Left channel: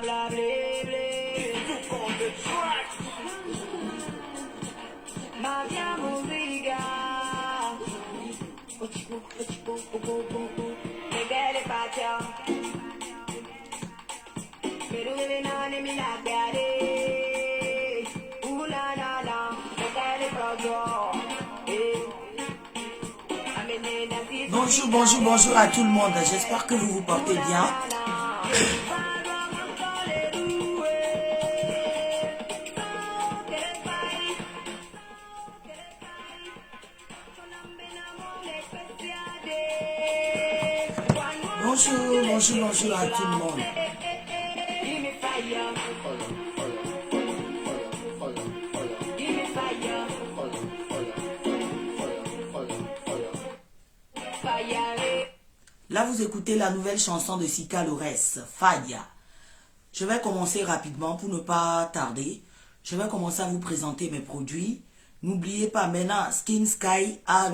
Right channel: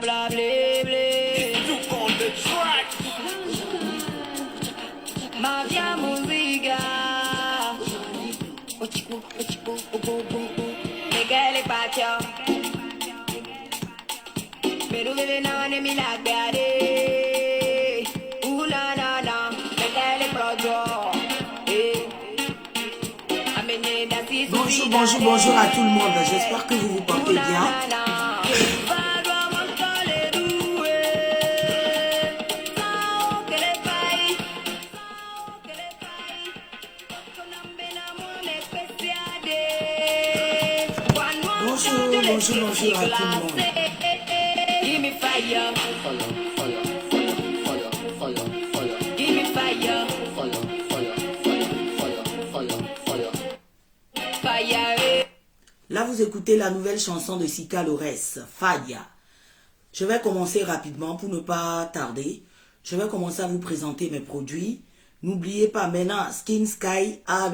Bla blé blé. Maria Musica. Miguel Pacho. Pero de no ne mi la gare. Ula na na. Miguel Projo. Bonjour, bonjour, bonjour à tout le monde. J'espère que vous vous portez bien. Bonjour, bonjour, bonjour à tout le monde. Là, vous écoutez la nouvelle chanson de Sika Lores, Fadia. Je vais commencer rapidement pour ne pas tarder. Je vais commencer à vous présenter mes produits. N'oubliez pas, maintenant, Skin Sky a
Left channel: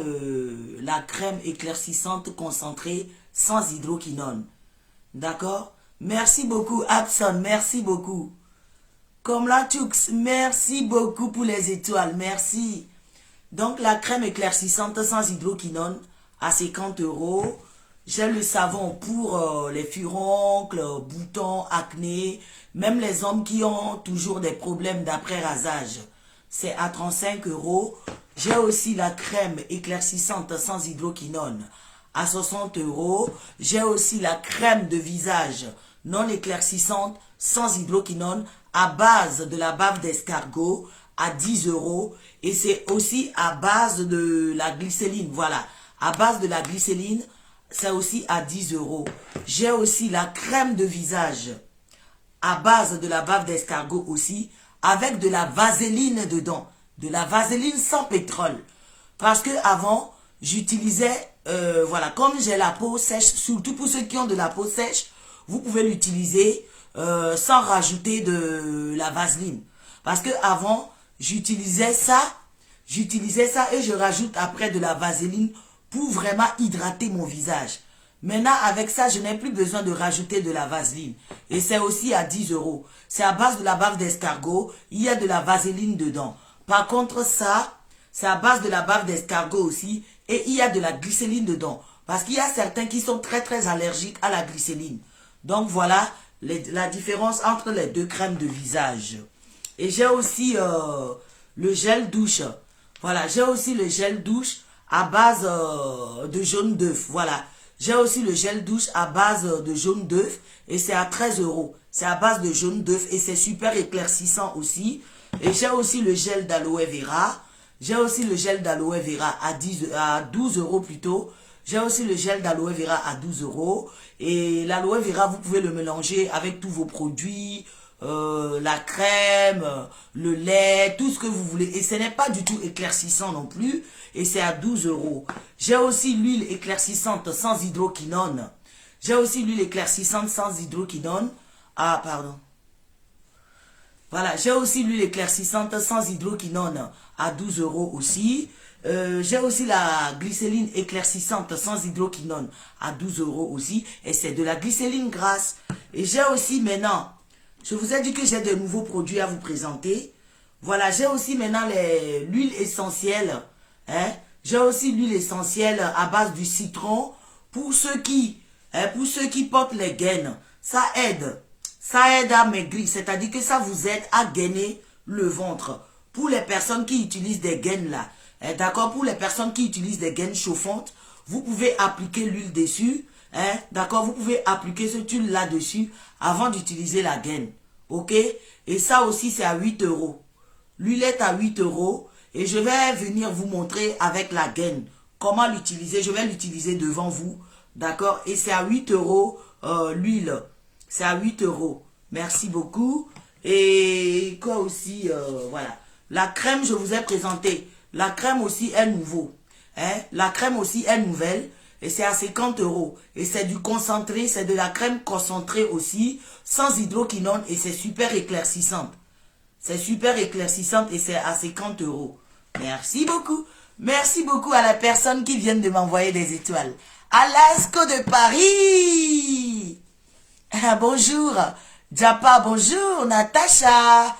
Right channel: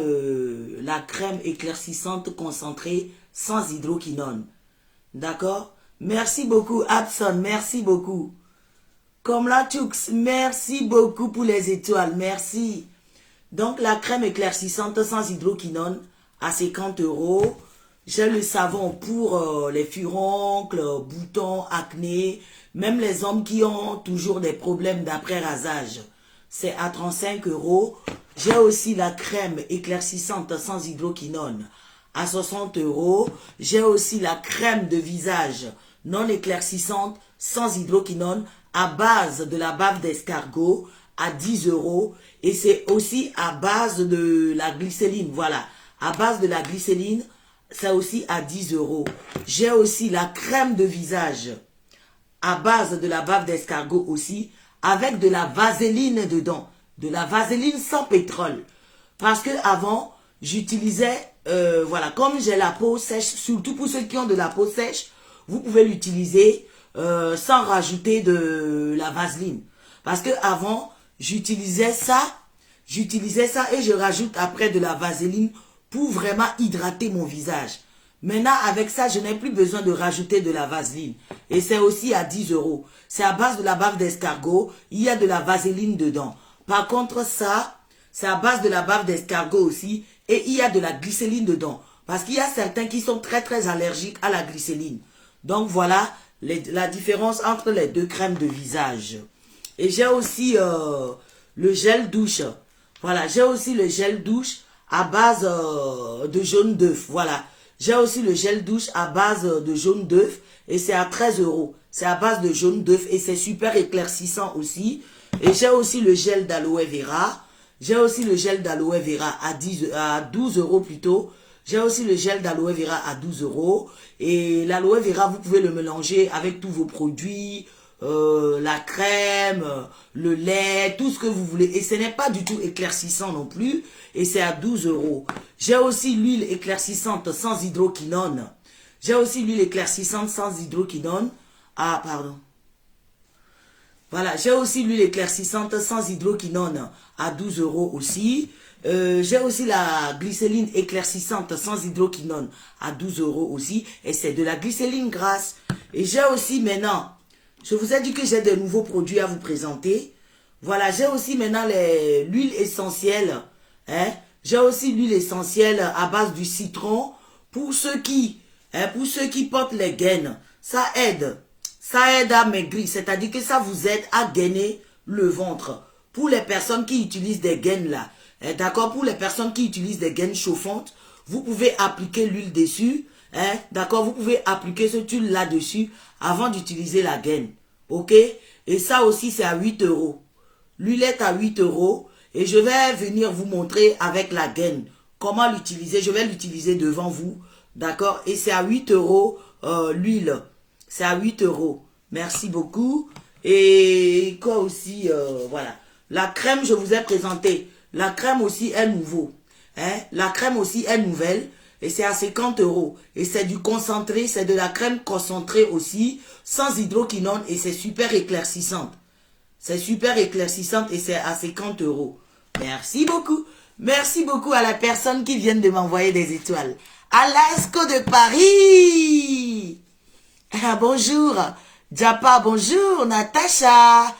la crème éclaircissante concentrée sans hydroquinone. D'accord? Merci beaucoup, Abson. Merci beaucoup. Comme la Tux, merci beaucoup pour les étoiles. Merci. Donc, la crème éclaircissante sans hydroquinone à 50 €. J'ai le savon pour les furoncles, boutons, acné, même les hommes qui ont toujours des problèmes d'après rasage. C'est à 35 €. J'ai aussi la crème éclaircissante sans hydroquinone à 60 €. J'ai aussi la crème de visage non éclaircissante sans hydroquinone à base de la bave d'escargot à 10 €. Et c'est aussi à base de la glycéline. Voilà, à base de la glycéline, c'est aussi à 10 €. J'ai aussi la crème de visage à base de la bave d'escargot aussi, avec de la vaseline dedans. De la vaseline sans pétrole. Parce que avant, j'utilisais, voilà, comme j'ai la peau sèche, surtout pour ceux qui ont de la peau sèche, vous pouvez l'utiliser sans rajouter de la vaseline. Parce que avant, j'utilisais ça et je rajoute après de la vaseline pour vraiment hydrater mon visage. Maintenant, avec ça, je n'ai plus besoin de rajouter de la vaseline. Et c'est aussi à 10 €. C'est à base de la bave d'escargot. Il y a de la vaseline dedans. Par contre, ça, c'est à base de la bave d'escargot aussi. Et il y a de la glycéline dedans. Parce qu'il y a certains qui sont très très allergiques à la glycéline. Donc voilà la différence entre les deux crèmes de visage. Et j'ai aussi le gel douche. Voilà, j'ai aussi le gel douche à base de jaune d'œuf. Voilà. J'ai aussi le gel douche à base de jaune d'œuf et c'est à 13 €. C'est à base de jaune d'œuf et c'est super éclaircissant aussi. Et j'ai aussi le gel d'aloe vera. J'ai aussi le gel d'aloe vera à 12 € plutôt. J'ai aussi le gel d'aloe vera à 12 €. Et l'aloe vera, vous pouvez le mélanger avec tous vos produits, la crème, le lait, tout ce que vous voulez. Et ce n'est pas du tout éclaircissant non plus. Et c'est à 12 €. J'ai aussi l'huile éclaircissante sans hydroquinone. J'ai aussi l'huile éclaircissante sans hydroquinone. Ah, pardon. Voilà, j'ai aussi l'huile éclaircissante sans hydroquinone à 12 € aussi. J'ai aussi la glycéline éclaircissante sans hydroquinone à 12 € aussi. Et c'est de la glycéline grasse. Et j'ai aussi maintenant, je vous ai dit que j'ai de nouveaux produits à vous présenter. Voilà, j'ai aussi maintenant l'huile essentielle. Hein? J'ai aussi l'huile essentielle à base du citron pour ceux qui portent les gaines. Ça aide à maigrir, c'est-à-dire que ça vous aide à gainer le ventre. Pour les personnes qui utilisent des gaines là, hein, d'accord, pour les personnes qui utilisent des gaines chauffantes, vous pouvez appliquer l'huile dessus, hein, d'accord, vous pouvez appliquer cette huile là-dessus avant d'utiliser la gaine, ok? Et ça aussi c'est à 8 €. L'huile est à 8 € et je vais venir vous montrer avec la gaine comment l'utiliser. Je vais l'utiliser devant vous, d'accord? Et c'est à 8 € l'huile. C'est à 8 €. Merci beaucoup. Et quoi aussi, voilà. La crème, je vous ai présenté. La crème aussi est nouveau. Hein? La crème aussi est nouvelle. Et c'est à 50 €. Et c'est du concentré, c'est de la crème concentrée aussi, sans hydroquinone. Et c'est super éclaircissante. C'est super éclaircissante et c'est à 50 €. Merci beaucoup. Merci beaucoup à la personne qui vient de m'envoyer des étoiles. Alasco de Paris. Ah, bonjour. Japa, bonjour. Natacha.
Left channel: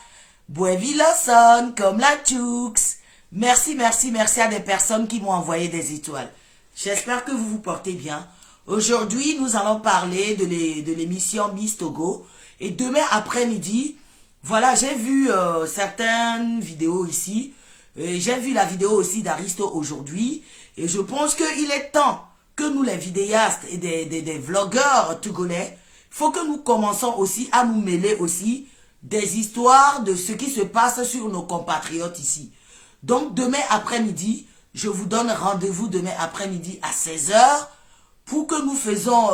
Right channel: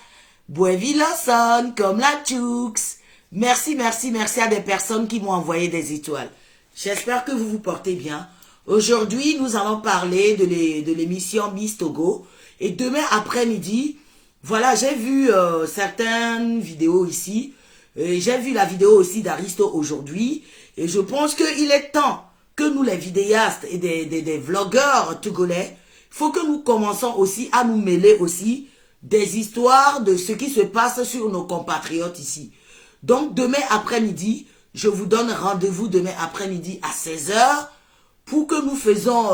Buevi Lawson, comme la Chooks. Merci, merci, merci à des personnes qui m'ont envoyé des étoiles. J'espère que vous vous portez bien. Aujourd'hui, nous allons parler de l'émission Miss Togo. Et demain après-midi, voilà, j'ai vu certaines vidéos ici. J'ai vu la vidéo aussi d'Aristo aujourd'hui. Et je pense qu'il est temps que nous, les vidéastes et des vlogueurs togolais, il faut que nous commençons aussi à nous mêler aussi des histoires de ce qui se passe sur nos compatriotes ici. Donc, demain après-midi, je vous donne rendez-vous demain après-midi à 16 h pour que nous faisons,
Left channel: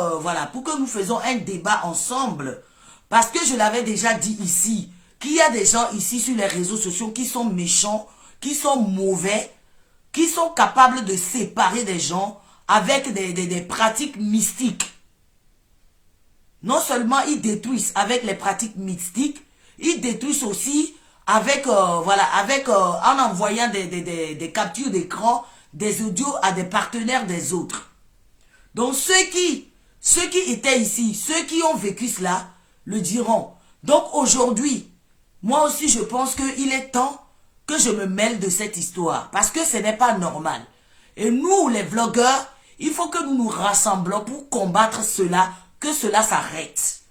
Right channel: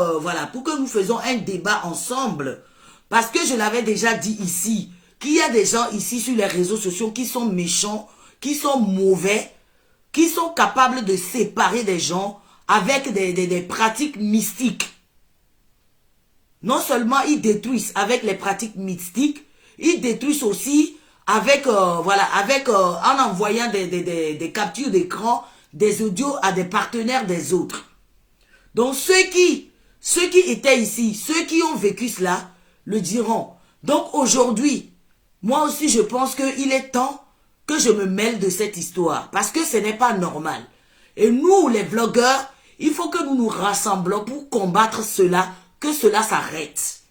pour que nous faisons un débat ensemble. Parce que je l'avais déjà dit ici, qu'il y a des gens ici sur les réseaux sociaux qui sont méchants, qui sont mauvais, qui sont capables de séparer des gens avec des pratiques mystiques. Non seulement ils détruisent avec les pratiques mystiques, ils détruisent aussi avec, en envoyant des captures d'écran, des audios à des partenaires des autres. Donc ceux qui étaient ici, ceux qui ont vécu cela, le diront. Donc aujourd'hui, moi aussi je pense qu'il est temps que je me mêle de cette histoire. Parce que ce n'est pas normal. Et nous, les vlogueurs, il faut que nous nous rassemblons pour combattre cela, que cela s'arrête.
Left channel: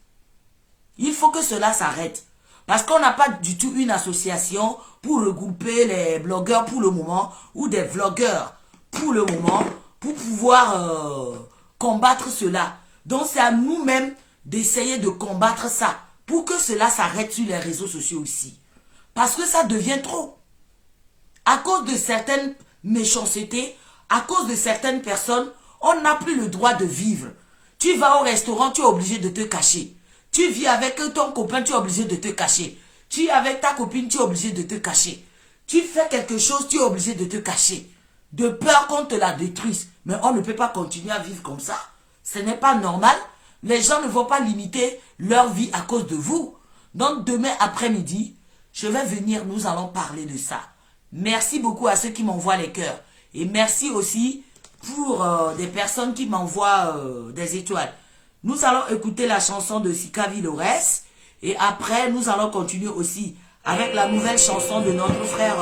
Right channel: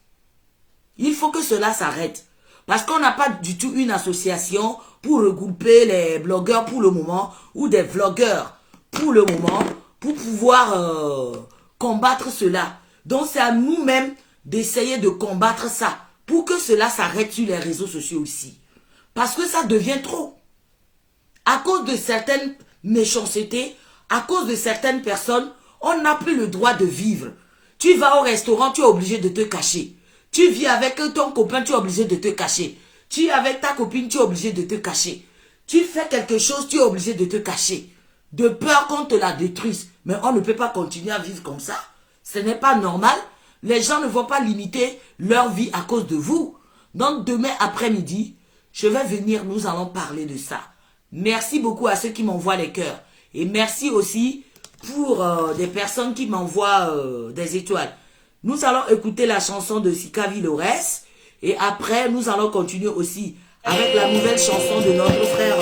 Il faut que cela s'arrête. Parce qu'on n'a pas du tout une association pour regrouper les blogueurs pour le moment, ou des vlogueurs pour le moment, pour pouvoir combattre cela. Donc c'est à nous-mêmes d'essayer de combattre ça, pour que cela s'arrête sur les réseaux sociaux aussi. Parce que ça devient trop. À cause de certaines méchancetés, à cause de certaines personnes, on n'a plus le droit de vivre. Tu vas au restaurant, tu es obligé de te cacher. Tu vis avec ton copain, tu es obligé de te cacher. Tu es avec ta copine, tu es obligé de te cacher. Tu fais quelque chose, tu es obligé de te cacher. De peur qu'on te la détruise. Mais on ne peut pas continuer à vivre comme ça. Ce n'est pas normal. Les gens ne vont pas limiter leur vie à cause de vous. Donc demain après-midi, je vais venir, nous allons parler de ça. Merci beaucoup à ceux qui m'envoient les cœurs. Et merci aussi pour des personnes qui m'envoient des étoiles. Nous allons écouter la chanson de Sika Villores. Et après, nous allons continuer aussi avec la nouvelle chanson de notre frère.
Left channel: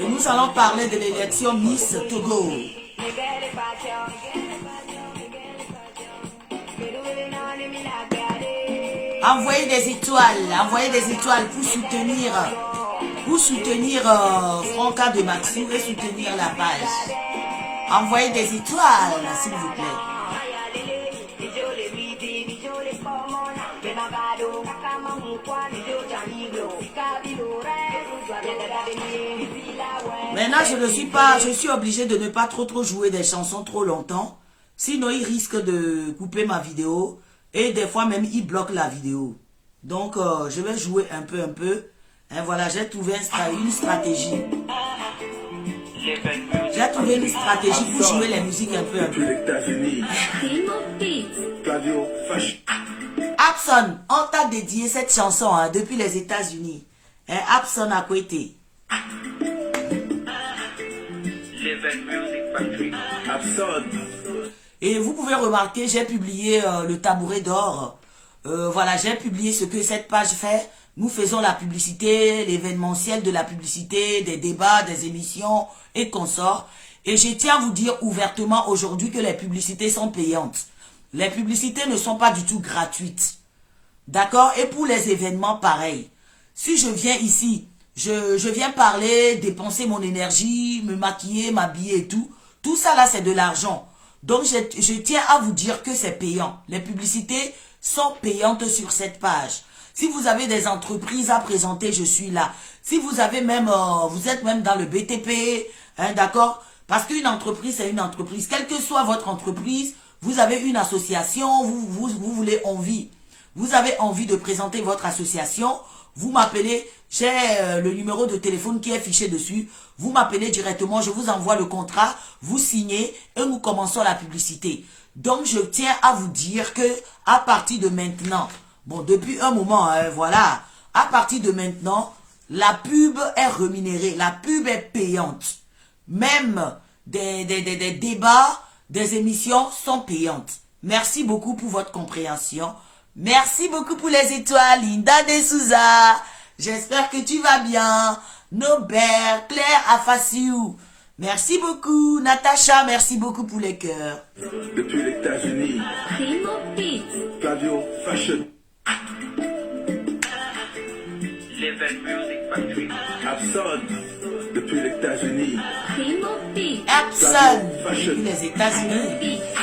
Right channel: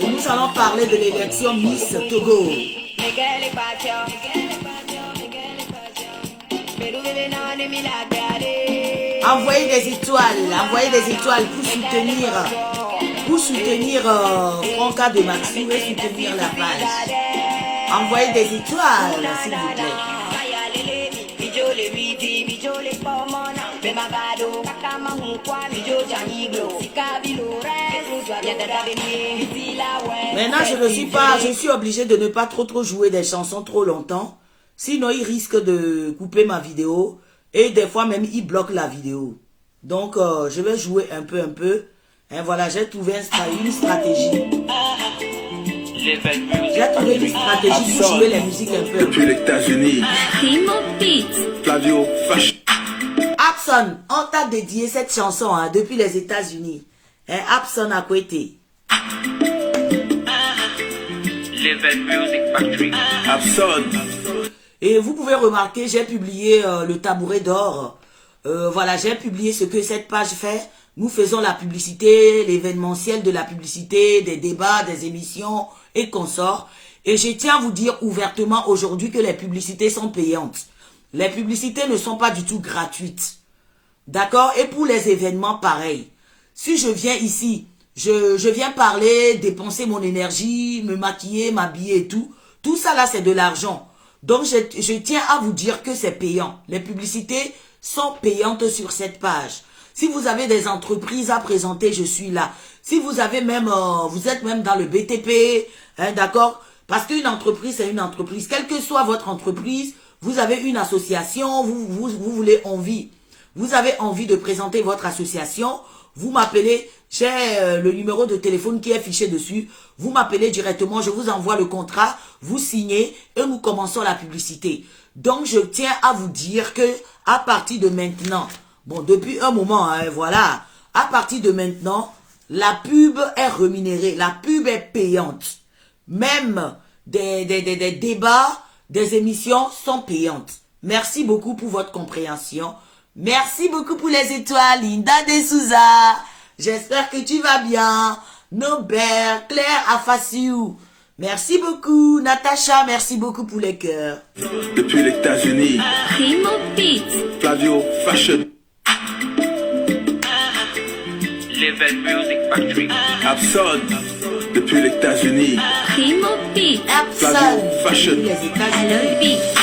Et nous allons parler de l'élection Miss Togo. Envoyez des étoiles pour soutenir Franca de Maxou et soutenir la page. Envoyez des étoiles, s'il vous plaît. Maintenant, je suis obligé de ne pas trop jouer des chansons trop longtemps. Sinon, il risque de couper ma vidéo. Et des fois même, il bloque la vidéo. Donc, je vais jouer un peu. Et voilà, j'ai trouvé une stratégie. J'ai trouvé une stratégie pour jouer la musique un peu. Depuis les États-Unis. Flavio Abson, on t'a dédié cette chanson depuis les États-Unis. Abson a côté. Abson. Et vous pouvez remarquer, j'ai publié le tabouret d'or. Voilà, j'ai publié ce que cette page fait. Nous faisons la publicité, l'événementiel de la publicité, des débats, des émissions et consorts. Et je tiens à vous dire ouvertement aujourd'hui que les publicités sont payantes. Les publicités ne sont pas du tout gratuites. D'accord? Et pour les événements, pareil. Si je viens ici, je viens parler, dépenser mon énergie, me maquiller, m'habiller et tout. Tout ça là, c'est de l'argent. Donc, je tiens à vous dire que c'est payant. Les publicités sont payantes sur cette page. Si vous avez des entreprises à présenter, je suis là. Si vous avez même, vous êtes même dans le BTP, hein, d'accord? Parce qu'une entreprise, c'est une entreprise. Quelle que soit votre entreprise, vous avez une association, vous avez envie de présenter votre association, vous m'appelez, j'ai le numéro de téléphone qui est fiché dessus, vous m'appelez directement, je vous envoie le contrat, vous signez et nous commençons la publicité. Donc, je tiens à vous dire que à partir de maintenant, bon, depuis un moment, voilà, à partir de maintenant, la pub est rémunérée, la pub est payante. Même des débats, des émissions sont payantes. Merci beaucoup pour votre compréhension. Merci beaucoup pour les étoiles. Linda De Souza. J'espère que tu vas bien. Nobert, Claire Afassiou. Merci beaucoup. Natacha, merci beaucoup pour les cœurs. Depuis les États-Unis. Primo Beats. Flavio Fashion. Live Music Factory. Abson. Depuis les États-Unis. Primo Beats. Epson. Fashion. Les États-Unis. Beats.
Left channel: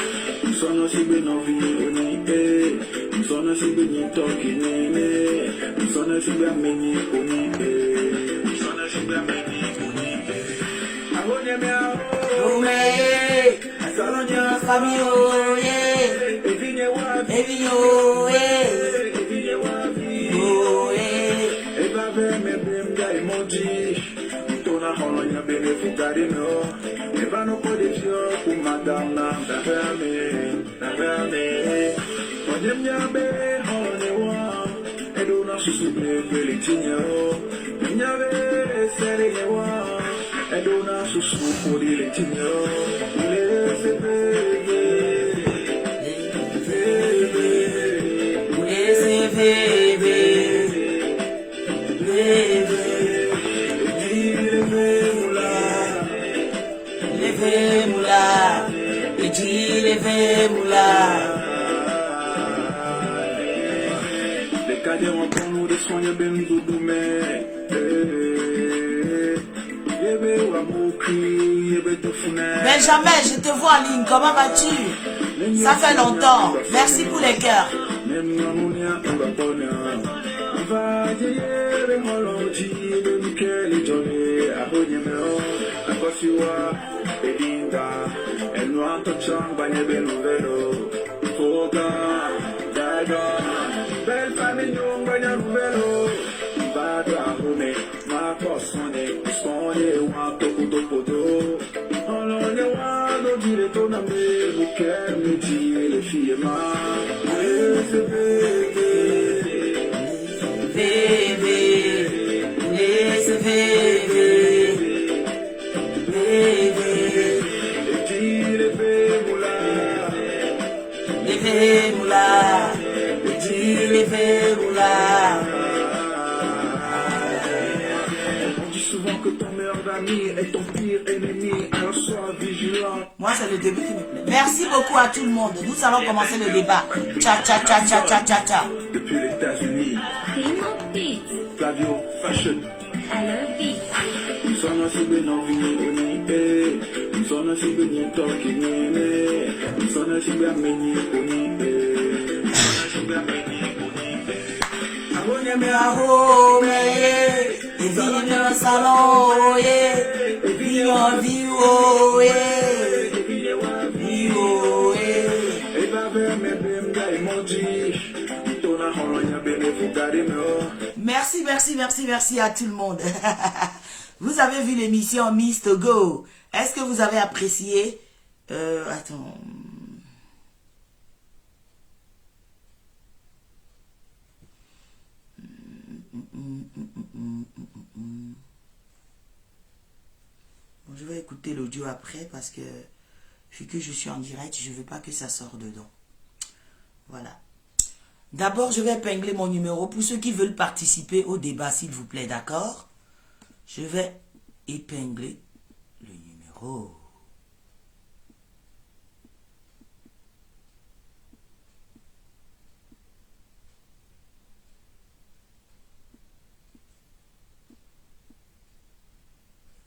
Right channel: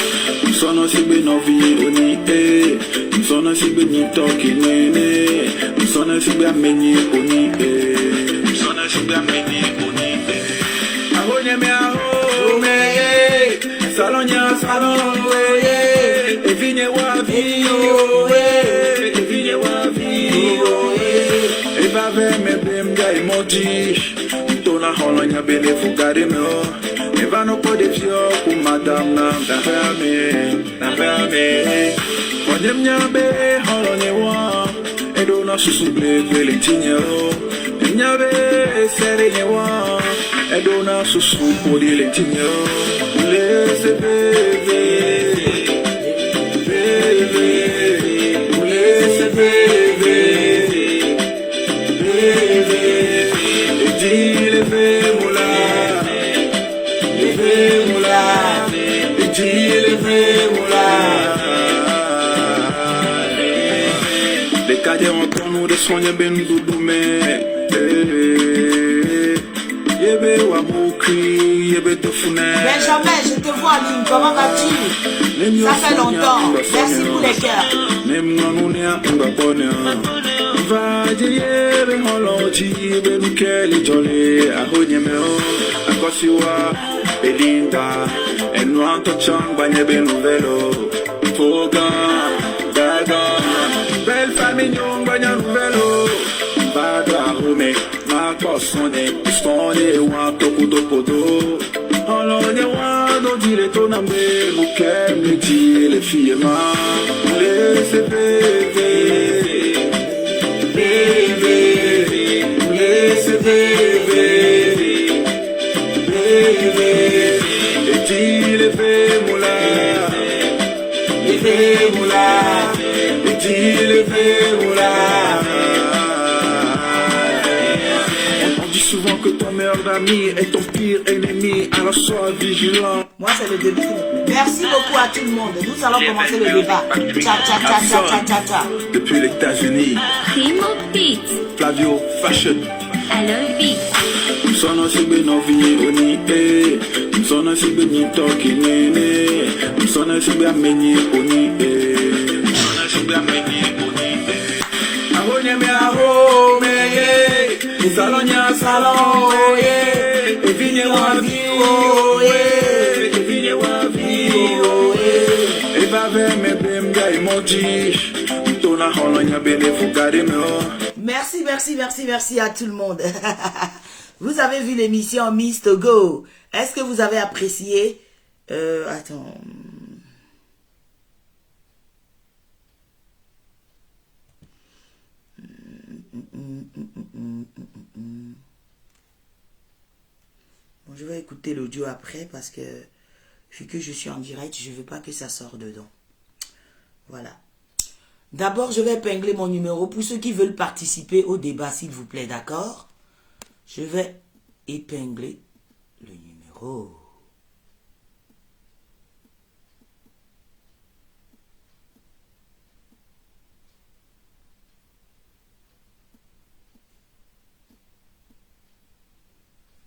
Sono si beno vi oni sono si beni toki nene sono si bia meni oni sono si bia meni oni ahonya me aho me salonya falo e vine wa video e vine wa video e va ve me bem ga emoji tona holonya bele fugare me Vano po de fio ku madam na fame Wadem nyabe holo ne wa Edo na susu ble tinyo Nyabe sere ne wa Edo na susu podi le tinyo Le se bebe Le se bebe E di le bebe Moula, les cadets entendent nous de soigner ben goudoume. Benjamin, je te vois en ligne. Comment vas-tu? Ça fait longtemps. Merci pour les cœurs. Belinda, e non facciamo bagne ben velo, foga, gaga, bel famignon bagna velo, vada home, ma posone, pistone, quanto kudo podo, allora quando diretto na me, che mi dice le figlie ma, le se beve, beve, le se beve. On dit souvent que ton meilleur ami est ton pire ennemi, alors sois vigilant. Moi, c'est le début. Merci beaucoup à tout le monde. Nous allons commencer le débat. Tcha, tcha, tcha, tcha, tcha, tcha, tcha. Depuis les États-Unis. Primo Beats. Flavio Fashion. I love beats. Sono si beno vi oni sono si beni toki nene sono si bia meni oni sono si bia meni oni ahonya me aho me salonya salon e vini wa viwo e vini wa viwo e va ve me bem ga emoji tona holonya bele fugare me. Merci, merci, merci, merci à tout le monde. Vous avez vu l'émission Miss Togo. Est-ce que vous avez apprécié? Attends. Bon, je vais écouter l'audio après parce que vu que je suis en direct, je ne veux pas que ça sorte dedans. Voilà. D'abord, je vais épingler mon numéro pour ceux qui veulent participer au débat, s'il vous plaît, d'accord? Je vais épingler le numéro.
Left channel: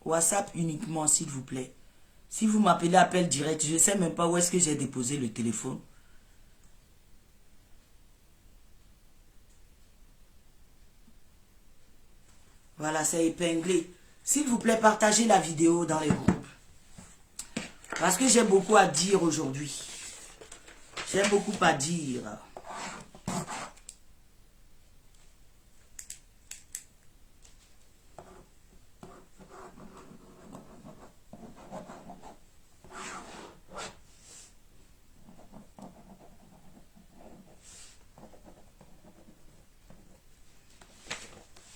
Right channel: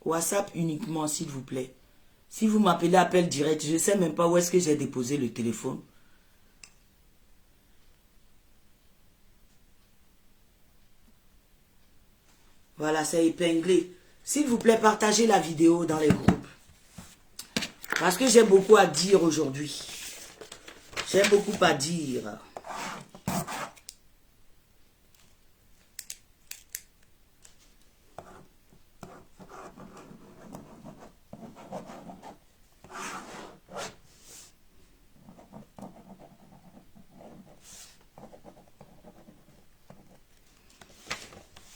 WhatsApp uniquement, s'il vous plaît. Si vous m'appelez appel direct, je ne sais même pas où est-ce que j'ai déposé le téléphone. Voilà, c'est épinglé. S'il vous plaît, partagez la vidéo dans les groupes. Parce que j'ai beaucoup à dire aujourd'hui. J'ai beaucoup à dire.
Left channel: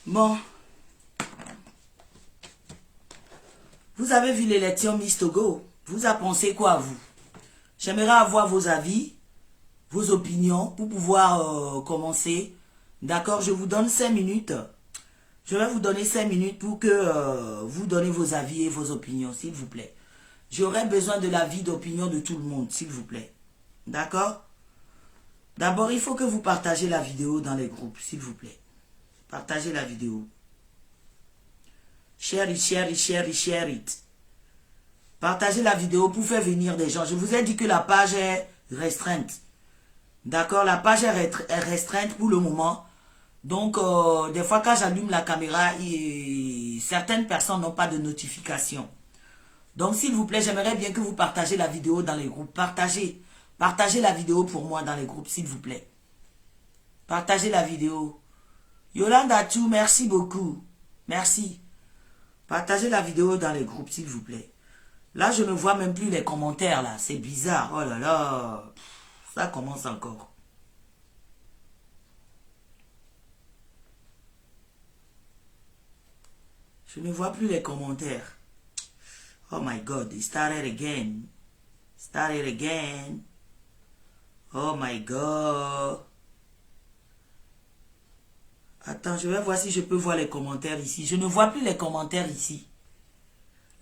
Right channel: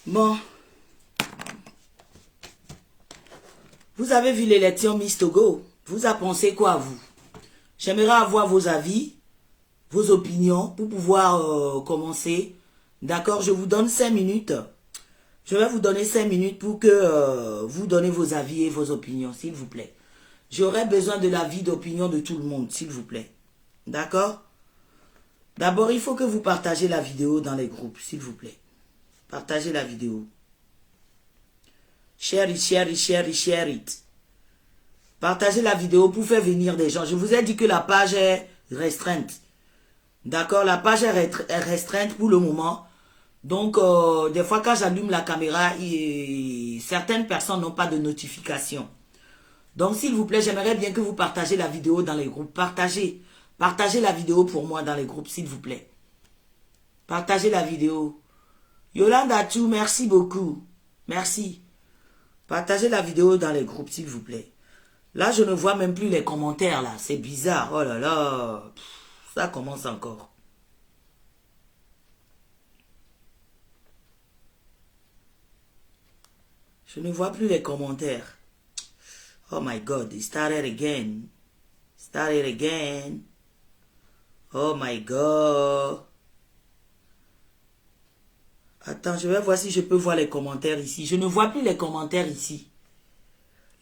Bon. Vous avez vu l'élection Miss Togo. Vous en pensez quoi, vous? J'aimerais avoir vos avis. vos opinions pour pouvoir commencer. D'accord, je vous donne 5 minutes. Je vais vous donner 5 minutes pour que vous donnez vos avis et vos opinions, s'il vous plaît. J'aurai besoin de l'avis d'opinion de tout le monde, s'il vous plaît. D'accord? D'abord, il faut que vous partagez la vidéo dans les groupes, s'il vous plaît. Partagez la vidéo. Share it, share it, share it, share it. Partagez la vidéo pour faire venir des gens. Je vous ai dit que la page est restreinte. D'accord? La page est restreinte pour le moment. Donc, des fois, quand j'allume la caméra, certaines personnes n'ont pas de notification. Donc, s'il vous plaît, j'aimerais bien que vous partagez la vidéo dans les groupes. Partagez. Partagez la vidéo pour moi dans les groupes, s'il vous plaît. Partagez la vidéo. Yolanda Chou, merci beaucoup. Merci. Partagez la vidéo dans les groupes, s'il vous plaît. Là, je ne vois même plus les commentaires, là. C'est bizarre. Oh là là. Ça commence encore. Je ne vois plus les commentaires. Oh my God, it started again. Started again. Oh my God. Attends, je vais voir si je peux voir les commentaires ici. Je ne vois plus les commentaires ici.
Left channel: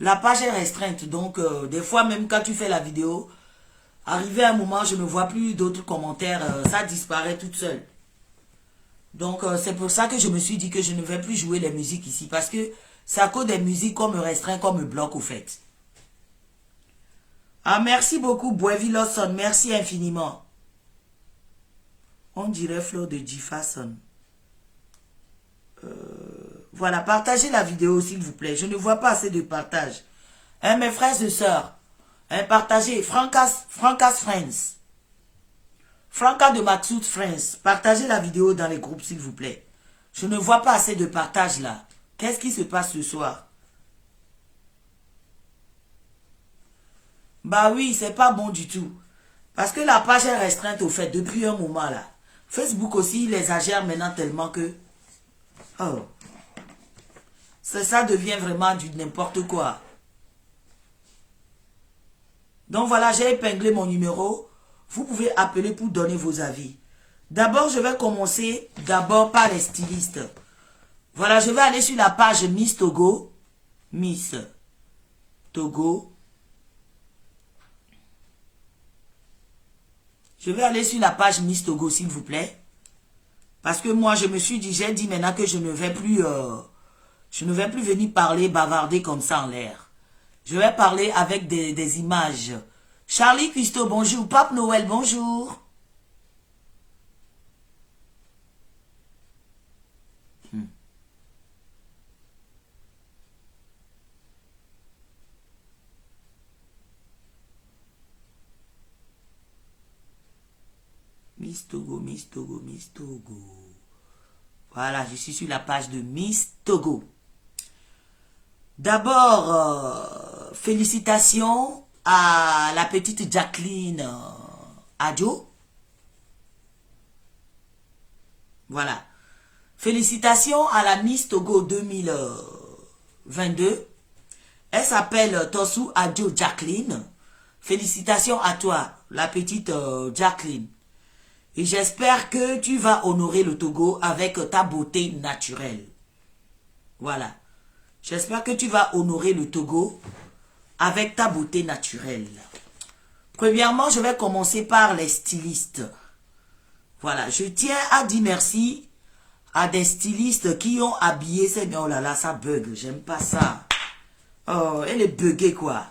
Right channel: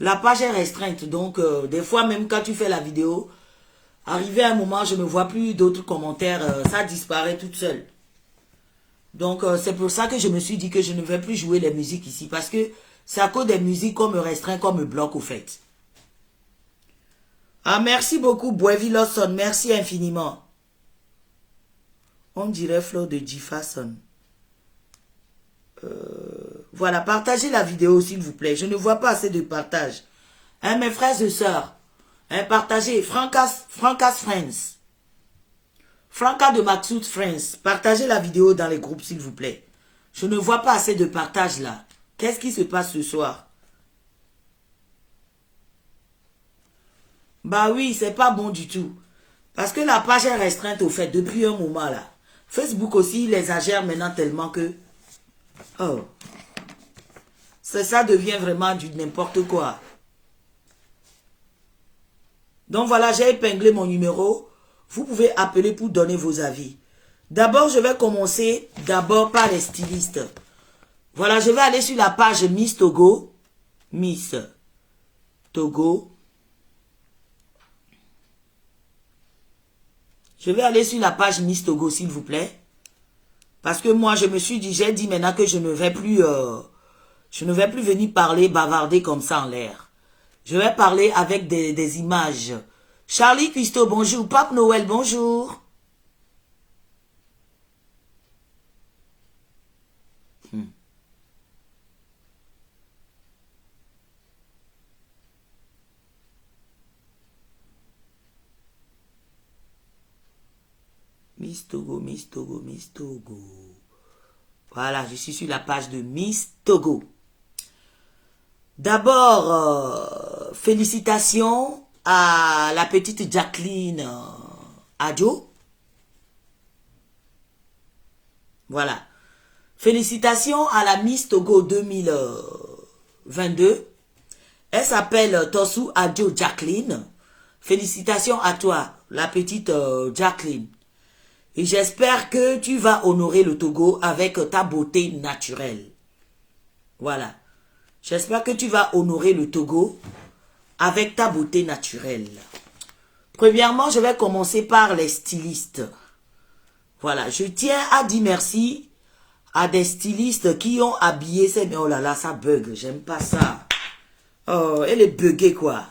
La page est restreinte, donc des fois même quand tu fais la vidéo, arrivé à un moment, je ne vois plus d'autres commentaires. Ça disparaît toute seule. Donc c'est pour ça que je me suis dit que je ne vais plus jouer les musiques ici. Parce que c'est à cause des musiques qu'on me restreint, qu'on me bloque au fait. Ah, merci beaucoup, Boevi Lawson. Merci infiniment. On dirait Flo de Jefferson. Voilà, partagez la vidéo, s'il vous plaît. Je ne vois pas assez de partage. Hein, mes frères et sœurs. Hein, partagez. Francas Friends. Franca de Maxoud Friends. Partagez la vidéo dans les groupes, s'il vous plaît. Je ne vois pas assez de partage là. Qu'est-ce qui se passe ce soir? Bah oui, c'est pas bon du tout. Parce que la page est restreinte au fait depuis un moment là. Facebook aussi, il exagère maintenant tellement que... Oh. Ça devient vraiment du n'importe quoi. Donc voilà, j'ai épinglé mon numéro. Vous pouvez appeler pour donner vos avis. D'abord, je vais commencer par les stylistes. Voilà, je vais aller sur la page Miss Togo. Miss Togo. Je vais aller sur la page Miss Togo, s'il vous plaît. Parce que moi, je me suis dit, j'ai dit maintenant que je ne vais plus venir parler, bavarder comme ça en l'air. Je vais parler avec des images. Charlie Pisto, bonjour. Pape Noël, bonjour. Miss Togo, Miss Togo, Miss Togo. Voilà, je suis sur la page de Miss Togo. D'abord, félicitations à la petite Jacqueline Adjo. Voilà. Félicitations à la Miss Togo 2022. Elle s'appelle Tosu Adjo Jacqueline. Félicitations à toi, la petite Jacqueline. Et j'espère que tu vas honorer le Togo avec ta beauté naturelle. Voilà. J'espère que tu vas honorer le Togo avec ta beauté naturelle. Premièrement, je vais commencer par les stylistes. Voilà. Je tiens à dire merci à des stylistes qui ont habillé ces... Oh là là, ça bug. J'aime pas ça. Oh, elle est buggée, quoi.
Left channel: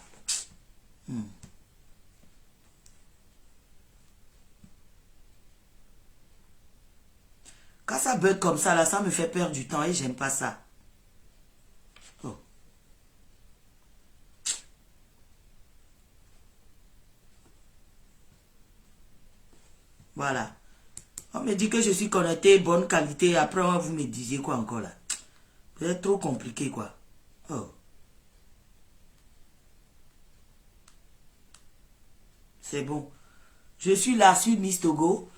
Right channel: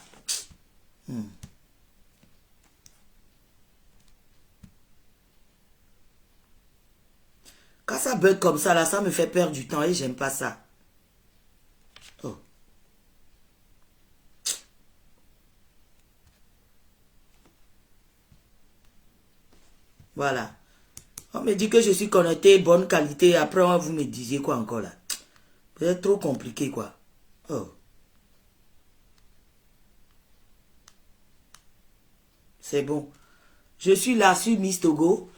Quand ça bug comme ça, là, ça me fait perdre du temps et j'aime pas ça. Oh. Voilà. On me dit que je suis connecté, bonne qualité. Après, vous me disiez quoi encore là? C'est trop compliqué, quoi. Oh. C'est bon. Je suis là sur Miss Togo.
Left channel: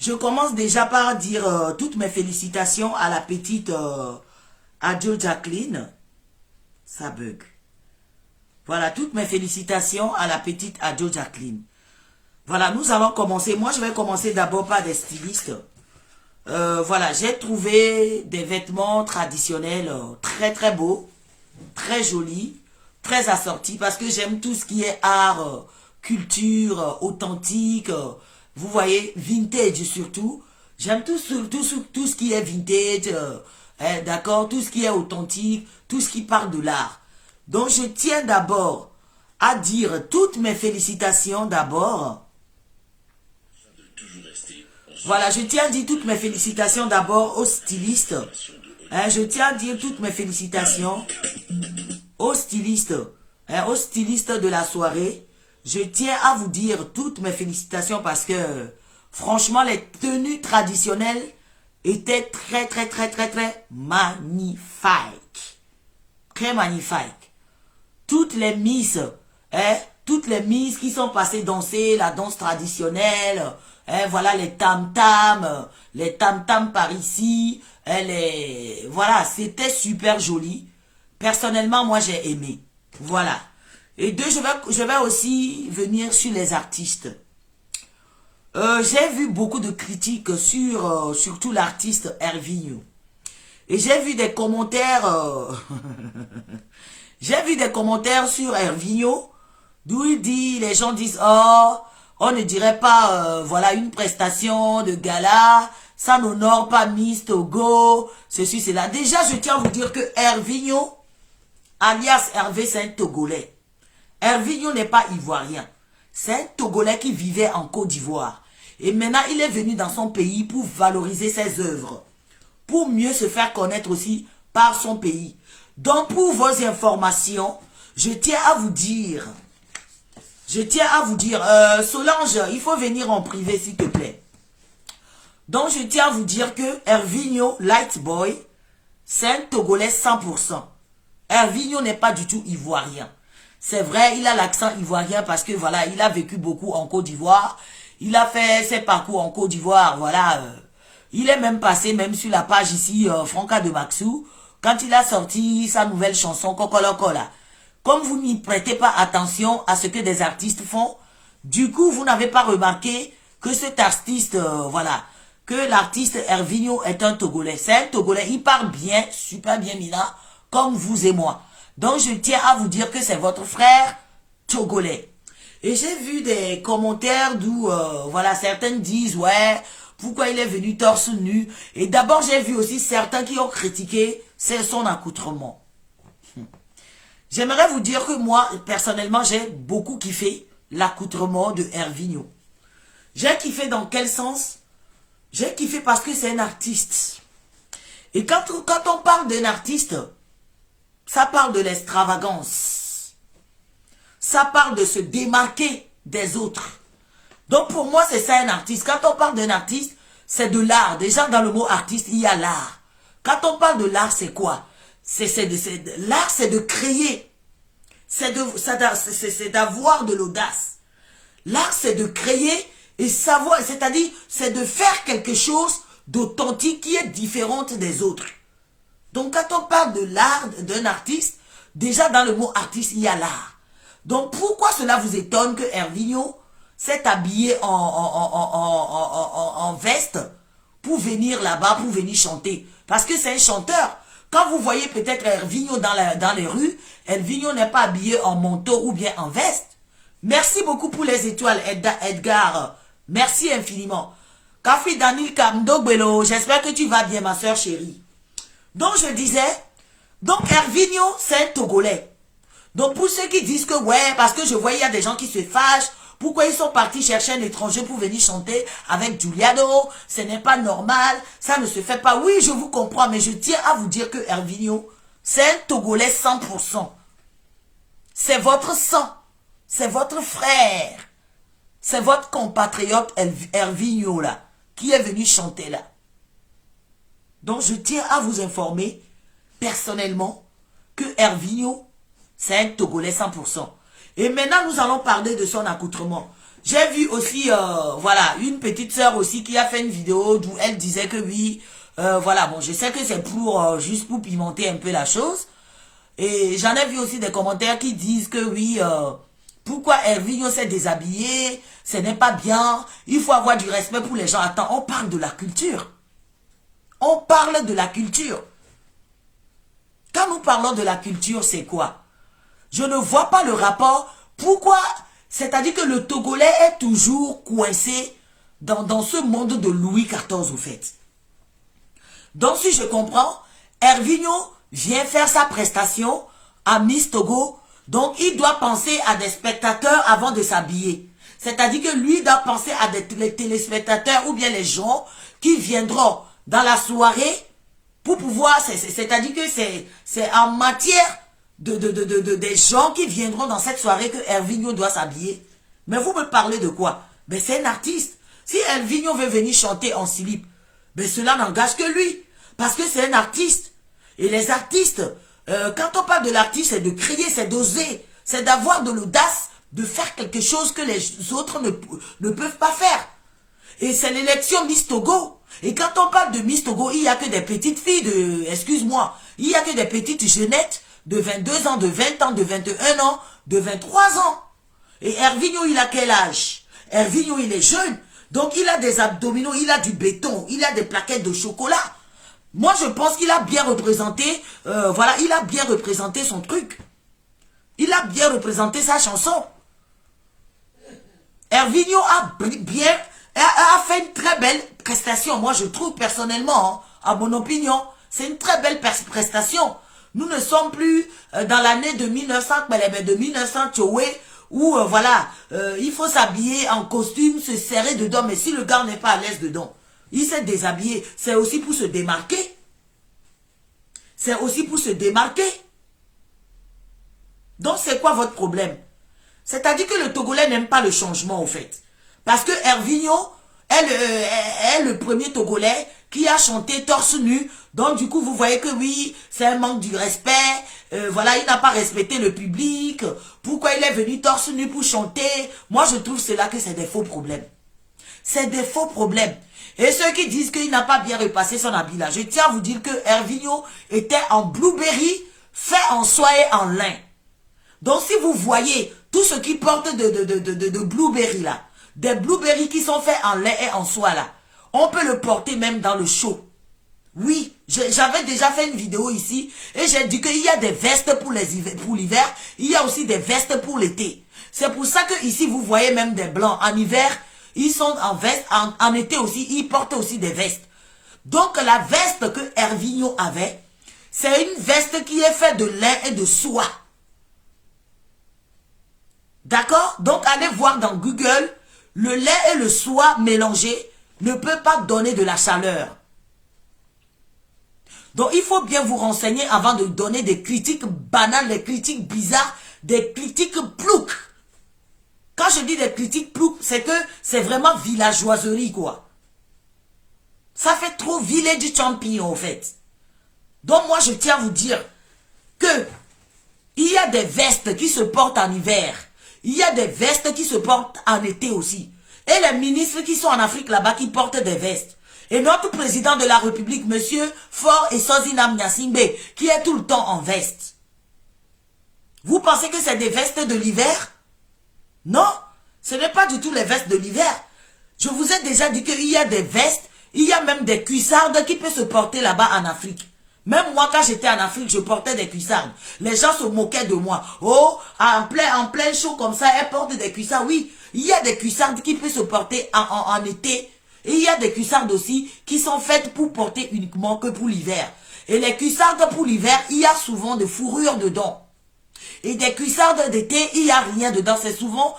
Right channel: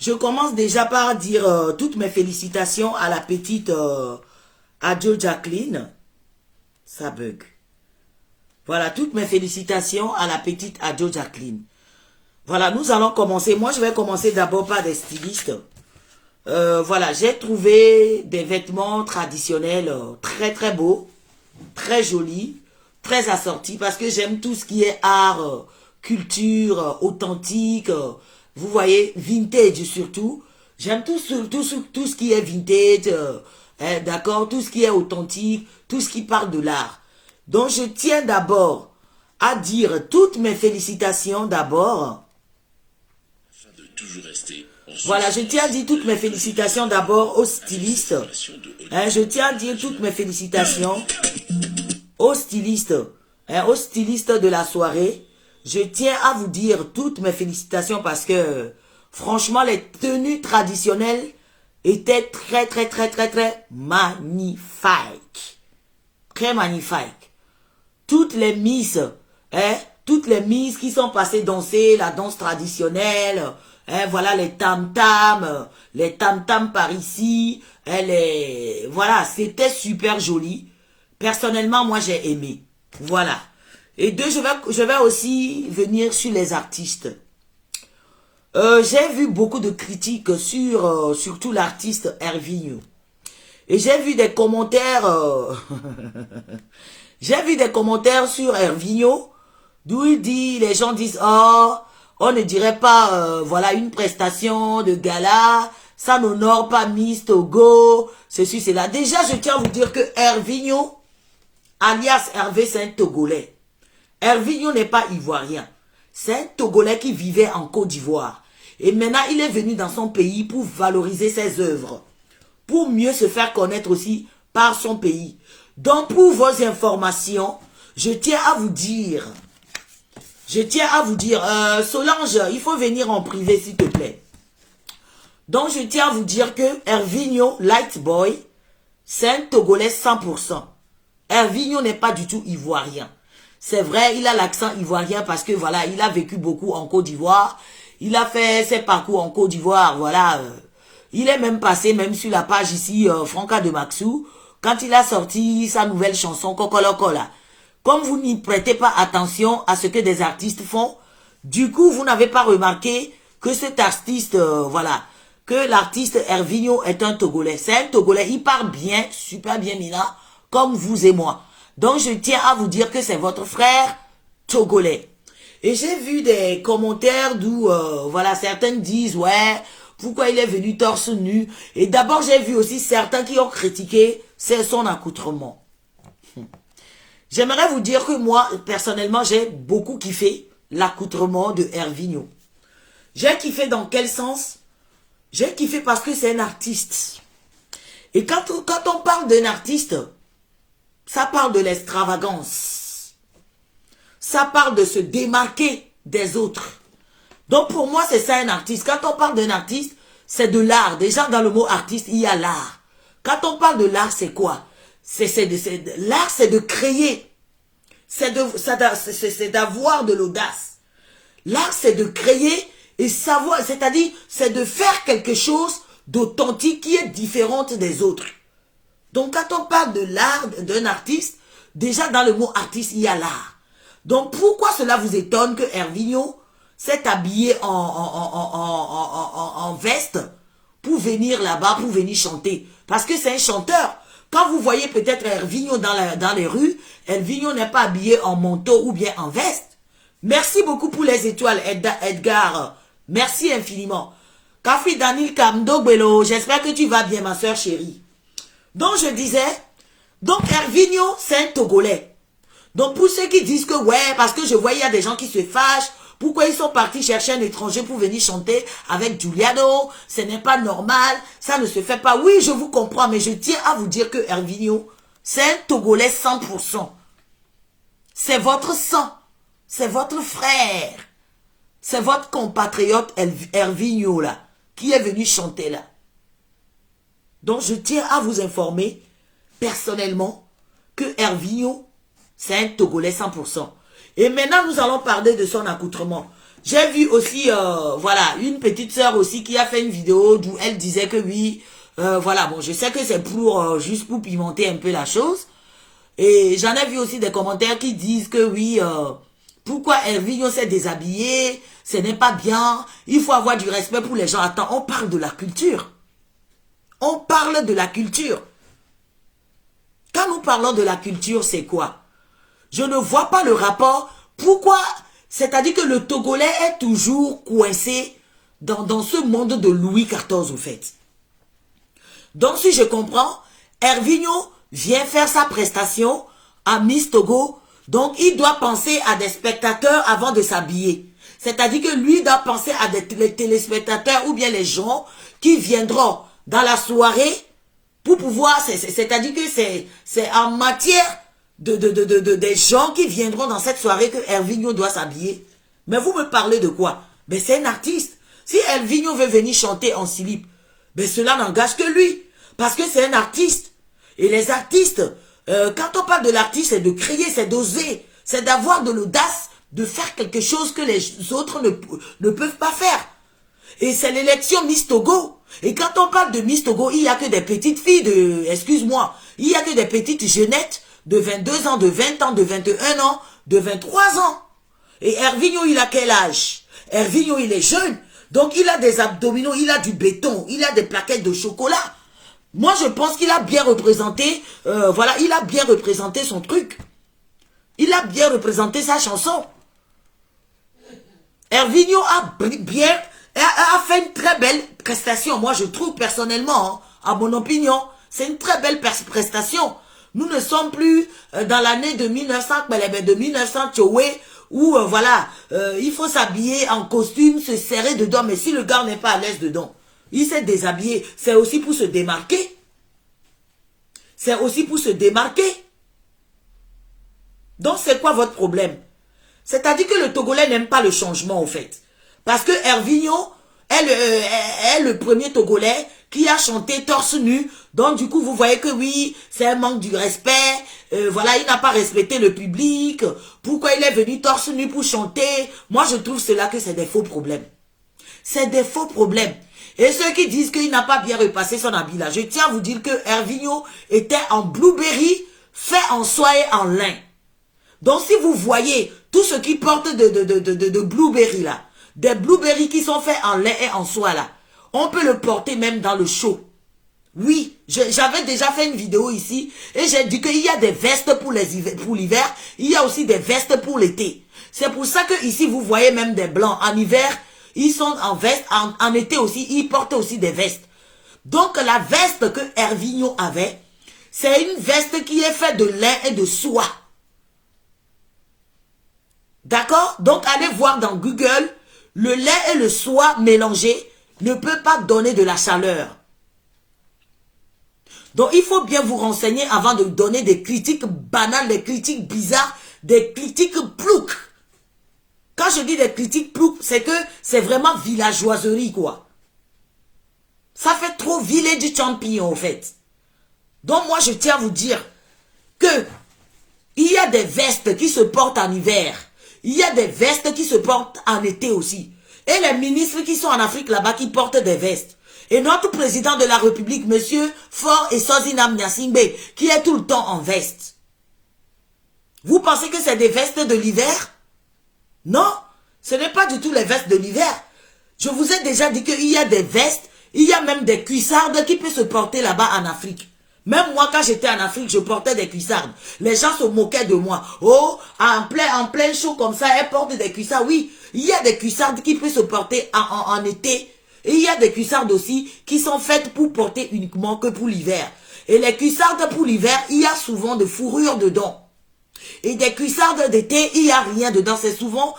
Je commence déjà par dire toutes mes félicitations à la petite Adjo Jacqueline. Ça bug. Voilà, toutes mes félicitations à la petite Adjo Jacqueline. Voilà, nous allons commencer. Moi, je vais commencer d'abord par des stylistes. Voilà, j'ai trouvé des vêtements traditionnels très très beaux, très jolis, très assortis parce que j'aime tout ce qui est art, culture, authentique, vous voyez, vintage surtout. J'aime tout ce qui est vintage, d'accord, tout ce qui est authentique, tout ce qui parle de l'art. Donc je tiens d'abord à dire toutes mes félicitations d'abord. Voilà, je tiens à dire toutes mes félicitations d'abord aux stylistes. Je tiens à dire toutes mes félicitations aux stylistes de la soirée. Je tiens à vous dire toutes mes félicitations parce que franchement, les tenues traditionnelles étaient très magnifiques. Très magnifiques. Toutes les misses qui sont passées danser la danse traditionnelle, voilà les tam-tam par ici, voilà, c'était super joli. Personnellement, moi j'ai aimé. Voilà. Et deux, je vais aussi venir sur les artistes. J'ai vu beaucoup de critiques sur surtout l'artiste Hervinho. Et j'ai vu des commentaires j'ai vu des commentaires sur Hervinho d'où les gens disent oh, on ne dirait pas voilà une prestation de gala, ça n'honore pas Miss Togo, ceci, cela. Déjà, je tiens à vous dire que Hervinho, alias Hervé, c'est un Togolais. Hervinho n'est pas ivoirien. C'est un Togolais qui vivait en Côte d'Ivoire. Et maintenant, il est venu dans son pays pour valoriser ses œuvres. Pour mieux se faire connaître aussi par son pays. Donc, pour vos informations, je tiens à vous dire, Solange, il faut venir en privé, s'il te plaît. Donc, je tiens à vous dire que Hervinho Lightboy, c'est un Togolais 100%. Hervinho n'est pas du tout ivoirien. C'est vrai, il a l'accent ivoirien parce que, voilà, il a vécu beaucoup en Côte d'Ivoire. Il a fait ses parcours en Côte d'Ivoire, voilà. Il est même passé, même sur la page ici, Franca de Maxou, quand il a sorti sa nouvelle chanson, Kokoloko, là. Comme vous n'y prêtez pas attention à ce que des artistes font, du coup, vous n'avez pas remarqué que cet artiste, voilà, que l'artiste Hervinho est un Togolais. C'est un Togolais, il parle bien, super bien, Mina, comme vous et moi. Donc, je tiens à vous dire que c'est votre frère Togolais. Et j'ai vu des commentaires d'où, voilà, certains disent, ouais, pourquoi il est venu torse nu. Et d'abord, j'ai vu aussi certains qui ont critiqué son accoutrement. J'aimerais vous dire que moi, personnellement, j'ai beaucoup kiffé l'accoutrement de Hervinho. J'ai kiffé dans quel sens? J'ai kiffé parce que c'est un artiste. Et quand on parle d'un artiste, ça parle de l'extravagance. Ça parle de se démarquer des autres. Donc pour moi, c'est ça un artiste. Quand on parle d'un artiste, c'est de l'art. Déjà dans le mot artiste, il y a l'art. Quand on parle de l'art, c'est quoi? L'art, c'est de créer. C'est d'avoir de l'audace. L'art, c'est de créer et savoir, c'est-à-dire, c'est de faire quelque chose d'authentique qui est différente des autres. Donc, quand on parle de l'art d'un artiste, déjà dans le mot artiste, il y a l'art. Donc, pourquoi cela vous étonne que Hervinho s'est habillé en veste pour venir là-bas, pour venir chanter? Parce que c'est un chanteur. Quand vous voyez peut-être Hervinho dans les rues, Hervinho n'est pas habillé en manteau ou bien en veste. Merci beaucoup pour les étoiles, Edgar. Merci infiniment. Kafi Daniel Kamdogbelo, j'espère que tu vas bien, ma soeur chérie. Donc, je disais, donc Hervinho, c'est un Togolais. Donc, pour ceux qui disent que, ouais, parce que je vois, il y a des gens qui se fâchent, pourquoi ils sont partis chercher un étranger pour venir chanter avec Giuliano? Ce n'est pas normal, ça ne se fait pas. Oui, je vous comprends, mais je tiens à vous dire que Hervinho, c'est un Togolais 100%. C'est votre sang, c'est votre frère, c'est votre compatriote Hervinho là, qui est venu chanter là. Donc, je tiens à vous informer, personnellement, que Hervinho, c'est un Togolais 100%. Et maintenant, nous allons parler de son accoutrement. J'ai vu aussi, voilà, une petite sœur aussi qui a fait une vidéo où elle disait que oui, voilà, bon, je sais que c'est pour, juste pour pimenter un peu la chose. Et j'en ai vu aussi des commentaires qui disent que oui, pourquoi Hervinho s'est déshabillé, ce n'est pas bien, il faut avoir du respect pour les gens. Attends, on parle de la culture. On parle de la culture. Quand nous parlons de la culture, c'est quoi? Je ne vois pas le rapport. Pourquoi? C'est-à-dire que le Togolais est toujours coincé dans ce monde de Louis XIV, au fait. Donc, si je comprends, Hervinho vient faire sa prestation à Miss Togo. Donc, il doit penser à des spectateurs avant de s'habiller. C'est-à-dire que lui doit penser à des téléspectateurs ou bien les gens qui viendront dans la soirée pour pouvoir... C'est-à-dire que c'est en matière des gens qui viendront dans cette soirée que Hervinho doit s'habiller. Mais vous me parlez de quoi? Ben, c'est un artiste. Si Hervinho veut venir chanter en slip, ben cela n'engage que lui. Parce que c'est un artiste. Et les artistes, quand on parle de l'artiste, c'est de crier, c'est d'oser. C'est d'avoir de l'audace, de faire quelque chose que les autres ne peuvent pas faire. Et c'est l'élection Miss Togo. Et quand on parle de Miss Togo, il n'y a que des petites filles excuse-moi, il n'y a que des petites jeunettes de 22 ans, de 20 ans, de 21 ans, de 23 ans. Et Hervinho, il a quel âge? Hervinho, il est jeune. Donc, il a des abdominaux, il a du béton, il a des plaquettes de chocolat. Moi, je pense qu'il a bien représenté, voilà, il a bien représenté son truc. Il a bien représenté sa chanson. Hervinho a fait une très belle prestation. Moi, je trouve personnellement, hein, à mon opinion, c'est une très belle prestation. Nous ne sommes plus dans l'année de 1900, de 1900 Tchoué, où, voilà, il faut s'habiller en costume, se serrer dedans. Mais si le gars n'est pas à l'aise dedans, il s'est déshabillé. C'est aussi pour se démarquer. C'est aussi pour se démarquer. Donc, c'est quoi votre problème? C'est-à-dire que le Togolais n'aime pas le changement, au fait. Parce que Hervinho est le premier Togolais qui a chanté torse nu. Donc, du coup, vous voyez que oui, c'est un manque du respect. Voilà, il n'a pas respecté le public. Pourquoi il est venu torse nu pour chanter? Moi, je trouve cela que c'est des faux problèmes. C'est des faux problèmes. Et ceux qui disent qu'il n'a pas bien repassé son habit là, je tiens à vous dire que Hervinho était en blueberry, fait en soie et en lin. Donc, si vous voyez tout ce qui porte de blueberry là, des blueberry qui sont faits en lin et en soie là, on peut le porter même dans le show. Oui, j'avais déjà fait une vidéo ici et j'ai dit qu'il y a des vestes pour l'hiver, il y a aussi des vestes pour l'été. C'est pour ça que ici vous voyez même des blancs. En hiver, ils sont en veste, en été aussi, ils portent aussi des vestes. Donc la veste que Hervinho avait, c'est une veste qui est faite de lin et de soie. D'accord? Donc allez voir dans Google, le lin et le soie mélangés ne peut pas donner de la chaleur. Donc, il faut bien vous renseigner avant de donner des critiques banales, des critiques bizarres, des critiques ploucs. Quand je dis des critiques ploucs, c'est que c'est vraiment villageoiserie, quoi. Ça fait trop village champion, en fait. Donc, moi, je tiens à vous dire que il y a des vestes qui se portent en hiver. Il y a des vestes qui se portent en été aussi. Et les ministres qui sont en Afrique là-bas qui portent des vestes. Et notre président de la République, monsieur Faure Essozinam Gnassingbé, qui est tout le temps en veste. Vous pensez que c'est des vestes de l'hiver? Non, ce n'est pas du tout les vestes de l'hiver. Je vous ai déjà dit qu'il y a des vestes, il y a même des cuissardes qui peuvent se porter là-bas en Afrique. Même moi, quand j'étais en Afrique, je portais des cuissardes. Les gens se moquaient de moi. Oh, en plein chaud comme ça, elle porte des cuissardes. Oui, il y a des cuissardes qui peuvent se porter en été. Et il y a des cuissardes aussi qui sont faites pour porter uniquement que pour l'hiver. Et les cuissardes pour l'hiver, il y a souvent de fourrure dedans. Et des cuissardes d'été, il n'y a rien dedans. C'est souvent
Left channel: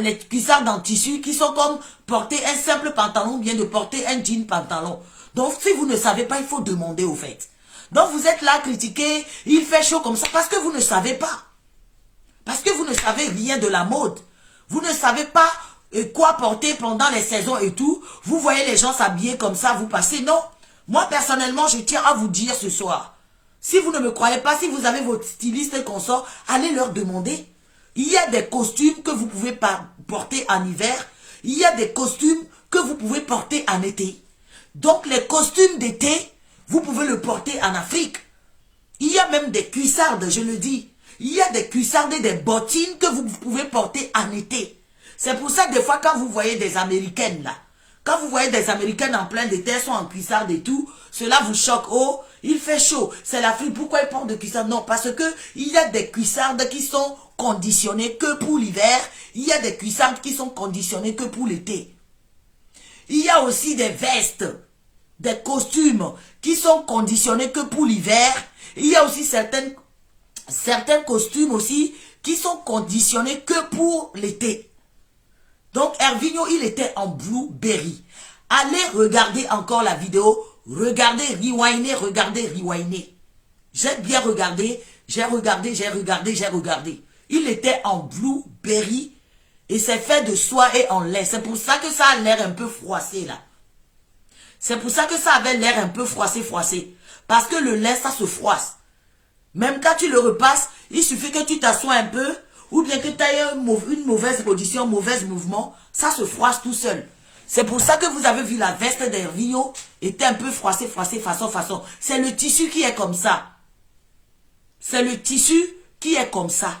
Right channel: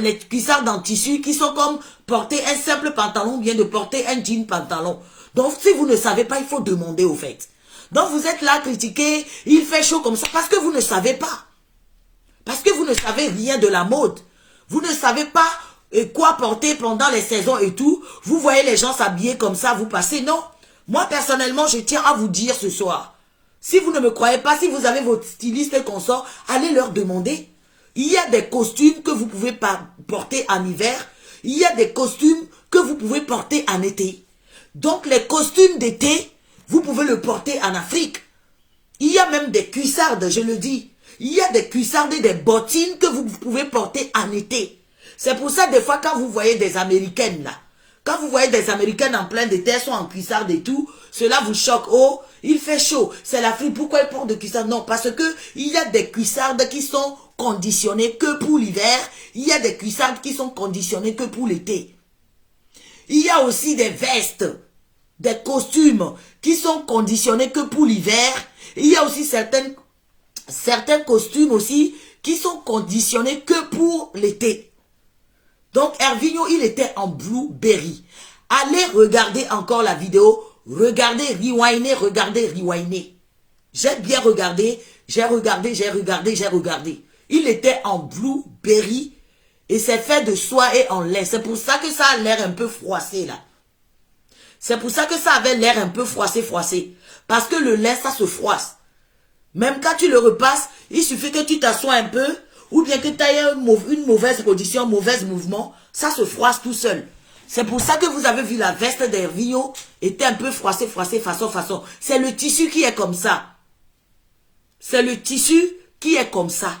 les cuissardes en tissu qui sont comme porter un simple pantalon ou bien de porter un jean pantalon. Donc, si vous ne savez pas, il faut demander au fait. Donc, vous êtes là à critiquer, il fait chaud comme ça, parce que vous ne savez pas. Parce que vous ne savez rien de la mode. Vous ne savez pas quoi porter pendant les saisons et tout. Vous voyez les gens s'habiller comme ça, vous passez. Non. Moi, personnellement, je tiens à vous dire ce soir. Si vous ne me croyez pas, si vous avez votre styliste consort, allez leur demander. Il y a des costumes que vous pouvez porter en hiver. Il y a des costumes que vous pouvez porter en été. Donc, les costumes d'été, vous pouvez le porter en Afrique. Il y a même des cuissardes, je le dis. Il y a des cuissardes et des bottines que vous pouvez porter en été. C'est pour ça, des fois, quand vous voyez des Américaines, là, quand vous voyez des Américaines en plein d'été, sont en cuissarde et tout, cela vous choque. Oh, il fait chaud. C'est l'Afrique. Pourquoi ils portent de cuissarde? Non, parce que il y a des cuissardes qui sont conditionnées que pour l'hiver. Il y a des cuissardes qui sont conditionnées que pour l'été. Il y a aussi des vestes, des costumes qui sont conditionnés que pour l'hiver. Il y a aussi certains costumes aussi qui sont conditionnés que pour l'été. Donc, Hervinho, il était en Blueberry. Allez regarder encore la vidéo. Regardez, rewindez, regardez, rewindez. J'ai bien regardé, j'ai regardé. Il était en Blueberry et c'est fait de soie et en lin. C'est pour ça que ça a l'air un peu froissé là. C'est pour ça que ça avait l'air un peu froissé. Parce que le lin, ça se froisse. Même quand tu le repasses, il suffit que tu t'assoies un peu ou bien que tu aies une mauvaise position, mauvais mouvement, ça se froisse tout seul. C'est pour ça que vous avez vu la veste d'Hervinho était un peu froissée, façon. C'est le tissu qui est comme ça. C'est le tissu qui est comme ça.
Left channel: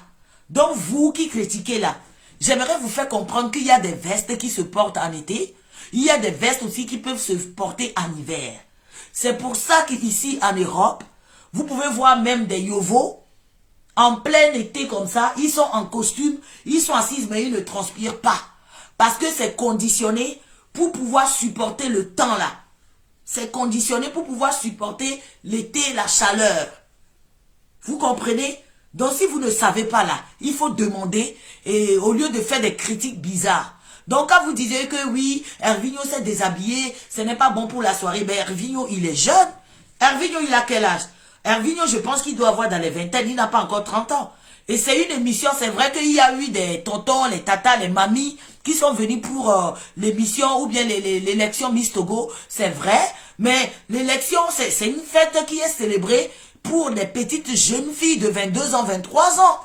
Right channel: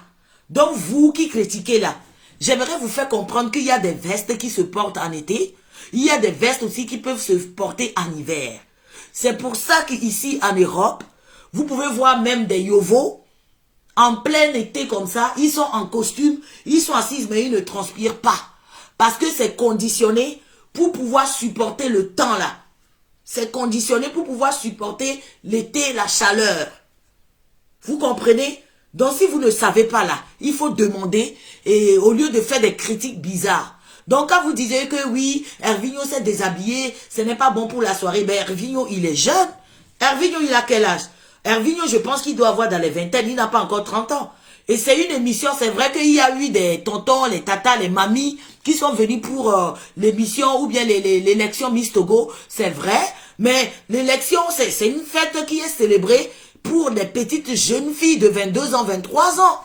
Donc vous qui critiquez là, j'aimerais vous faire comprendre qu'il y a des vestes qui se portent en été. Il y a des vestes aussi qui peuvent se porter en hiver. C'est pour ça qu'ici en Europe, vous pouvez voir même des yovos en plein été comme ça. Ils sont en costume, ils sont assis mais ils ne transpirent pas. Parce que c'est conditionné pour pouvoir supporter le temps là. C'est conditionné pour pouvoir supporter l'été, la chaleur. Vous comprenez? Donc si vous ne savez pas là, il faut demander et au lieu de faire des critiques bizarres. Donc quand vous disiez que oui, Hervinho s'est déshabillé, ce n'est pas bon pour la soirée, ben Hervinho il est jeune. Hervinho il a quel âge? Hervinho je pense qu'il doit avoir dans les vingtaines, il n'a pas encore 30 ans. Et c'est une émission, c'est vrai qu'il y a eu des tontons, les tatas, les mamies qui sont venus pour l'émission ou bien l'élection Miss Togo, c'est vrai. Mais l'élection, c'est une fête qui est célébrée pour les petites jeunes filles de 22 ans, 23 ans.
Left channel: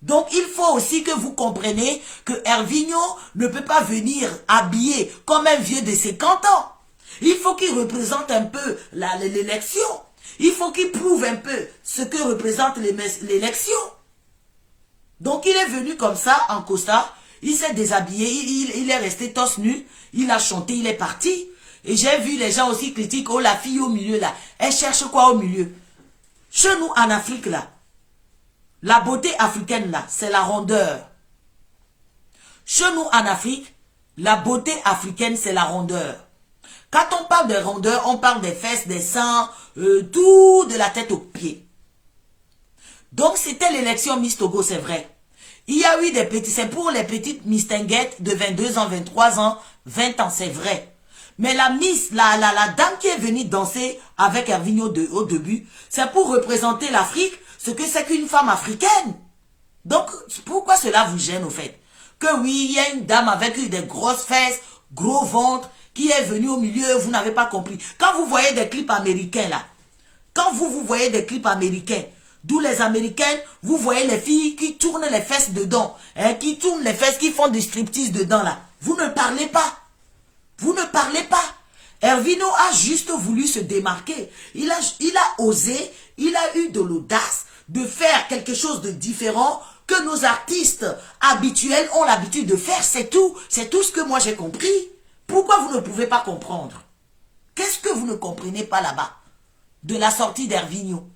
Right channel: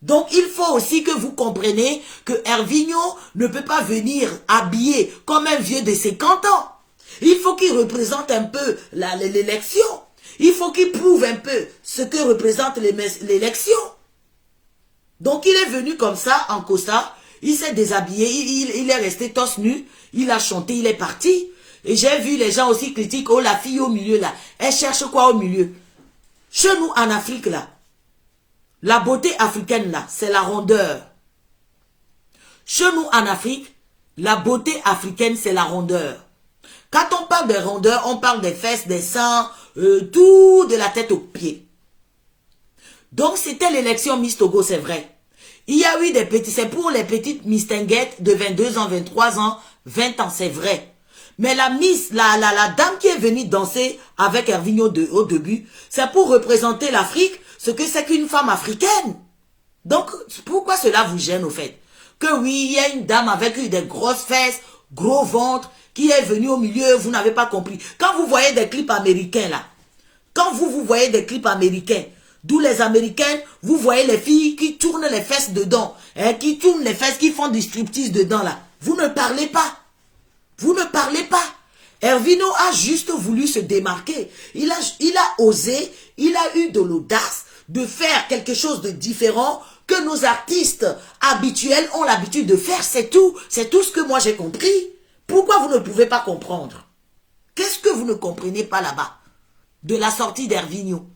Donc, il faut aussi que vous compreniez que Hervinho ne peut pas venir habillé comme un vieux de 50 ans. Il faut qu'il représente un peu l'élection. Il faut qu'il prouve un peu ce que représente l'élection. Donc, il est venu comme ça, en costard. Il s'est déshabillé, il est resté torse nu. Il a chanté, il est parti. Et j'ai vu les gens aussi critiquer, oh, la fille au milieu, là. Elle cherche quoi au milieu? Chez nous, en Afrique, là, la beauté africaine, là, c'est la rondeur. Chez nous, en Afrique, la beauté africaine, c'est la rondeur. Quand on parle de rondeur, on parle des fesses, des seins, tout de la tête aux pieds. Donc, c'était l'élection Miss Togo, c'est vrai. Il y a eu des petits, c'est pour les petites mistinguettes de 22 ans, 23 ans, 20 ans, c'est vrai. Mais la Miss, la dame qui est venue danser avec Hervinho au début, c'est pour représenter l'Afrique, ce que c'est qu'une femme africaine. Donc, pourquoi cela vous gêne au fait? Que oui, il y a une dame avec des grosses fesses, gros ventre, qui est venue au milieu, vous n'avez pas compris. Quand vous voyez des clips américains là, quand vous voyez des clips américains, d'où les Américaines, vous voyez les filles qui tournent les fesses dedans, hein, qui tournent les fesses, qui font du striptease dedans là. Vous ne parlez pas. Vous ne parlez pas. Hervinho a juste voulu se démarquer. Il a osé, il a eu de l'audace de faire quelque chose de différent que nos artistes habituels ont l'habitude de faire. C'est tout. C'est tout ce que moi j'ai compris. Pourquoi vous ne pouvez pas comprendre? Qu'est-ce que vous ne comprenez pas là-bas de la sortie d'Hervinho?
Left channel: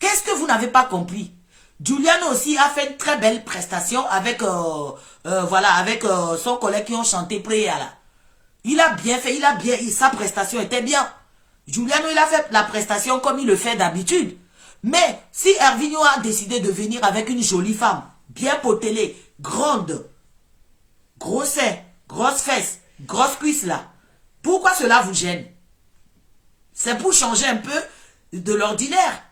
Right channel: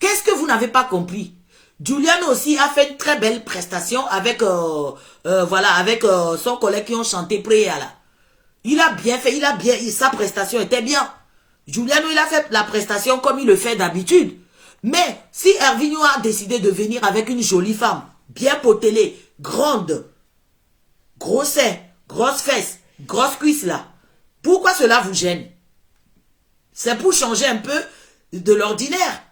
Qu'est-ce que vous n'avez pas compris? Giuliano aussi a fait une très belle prestation avec, avec son collègue qui ont chanté Préa là. Il a bien fait, sa prestation était bien. Giuliano, il a fait la prestation comme il le fait d'habitude. Mais si Hervinho a décidé de venir avec une jolie femme, bien potelée, grande, gros sein, grosses fesses, grosses cuisses là, pourquoi cela vous gêne? C'est pour changer un peu de l'ordinaire.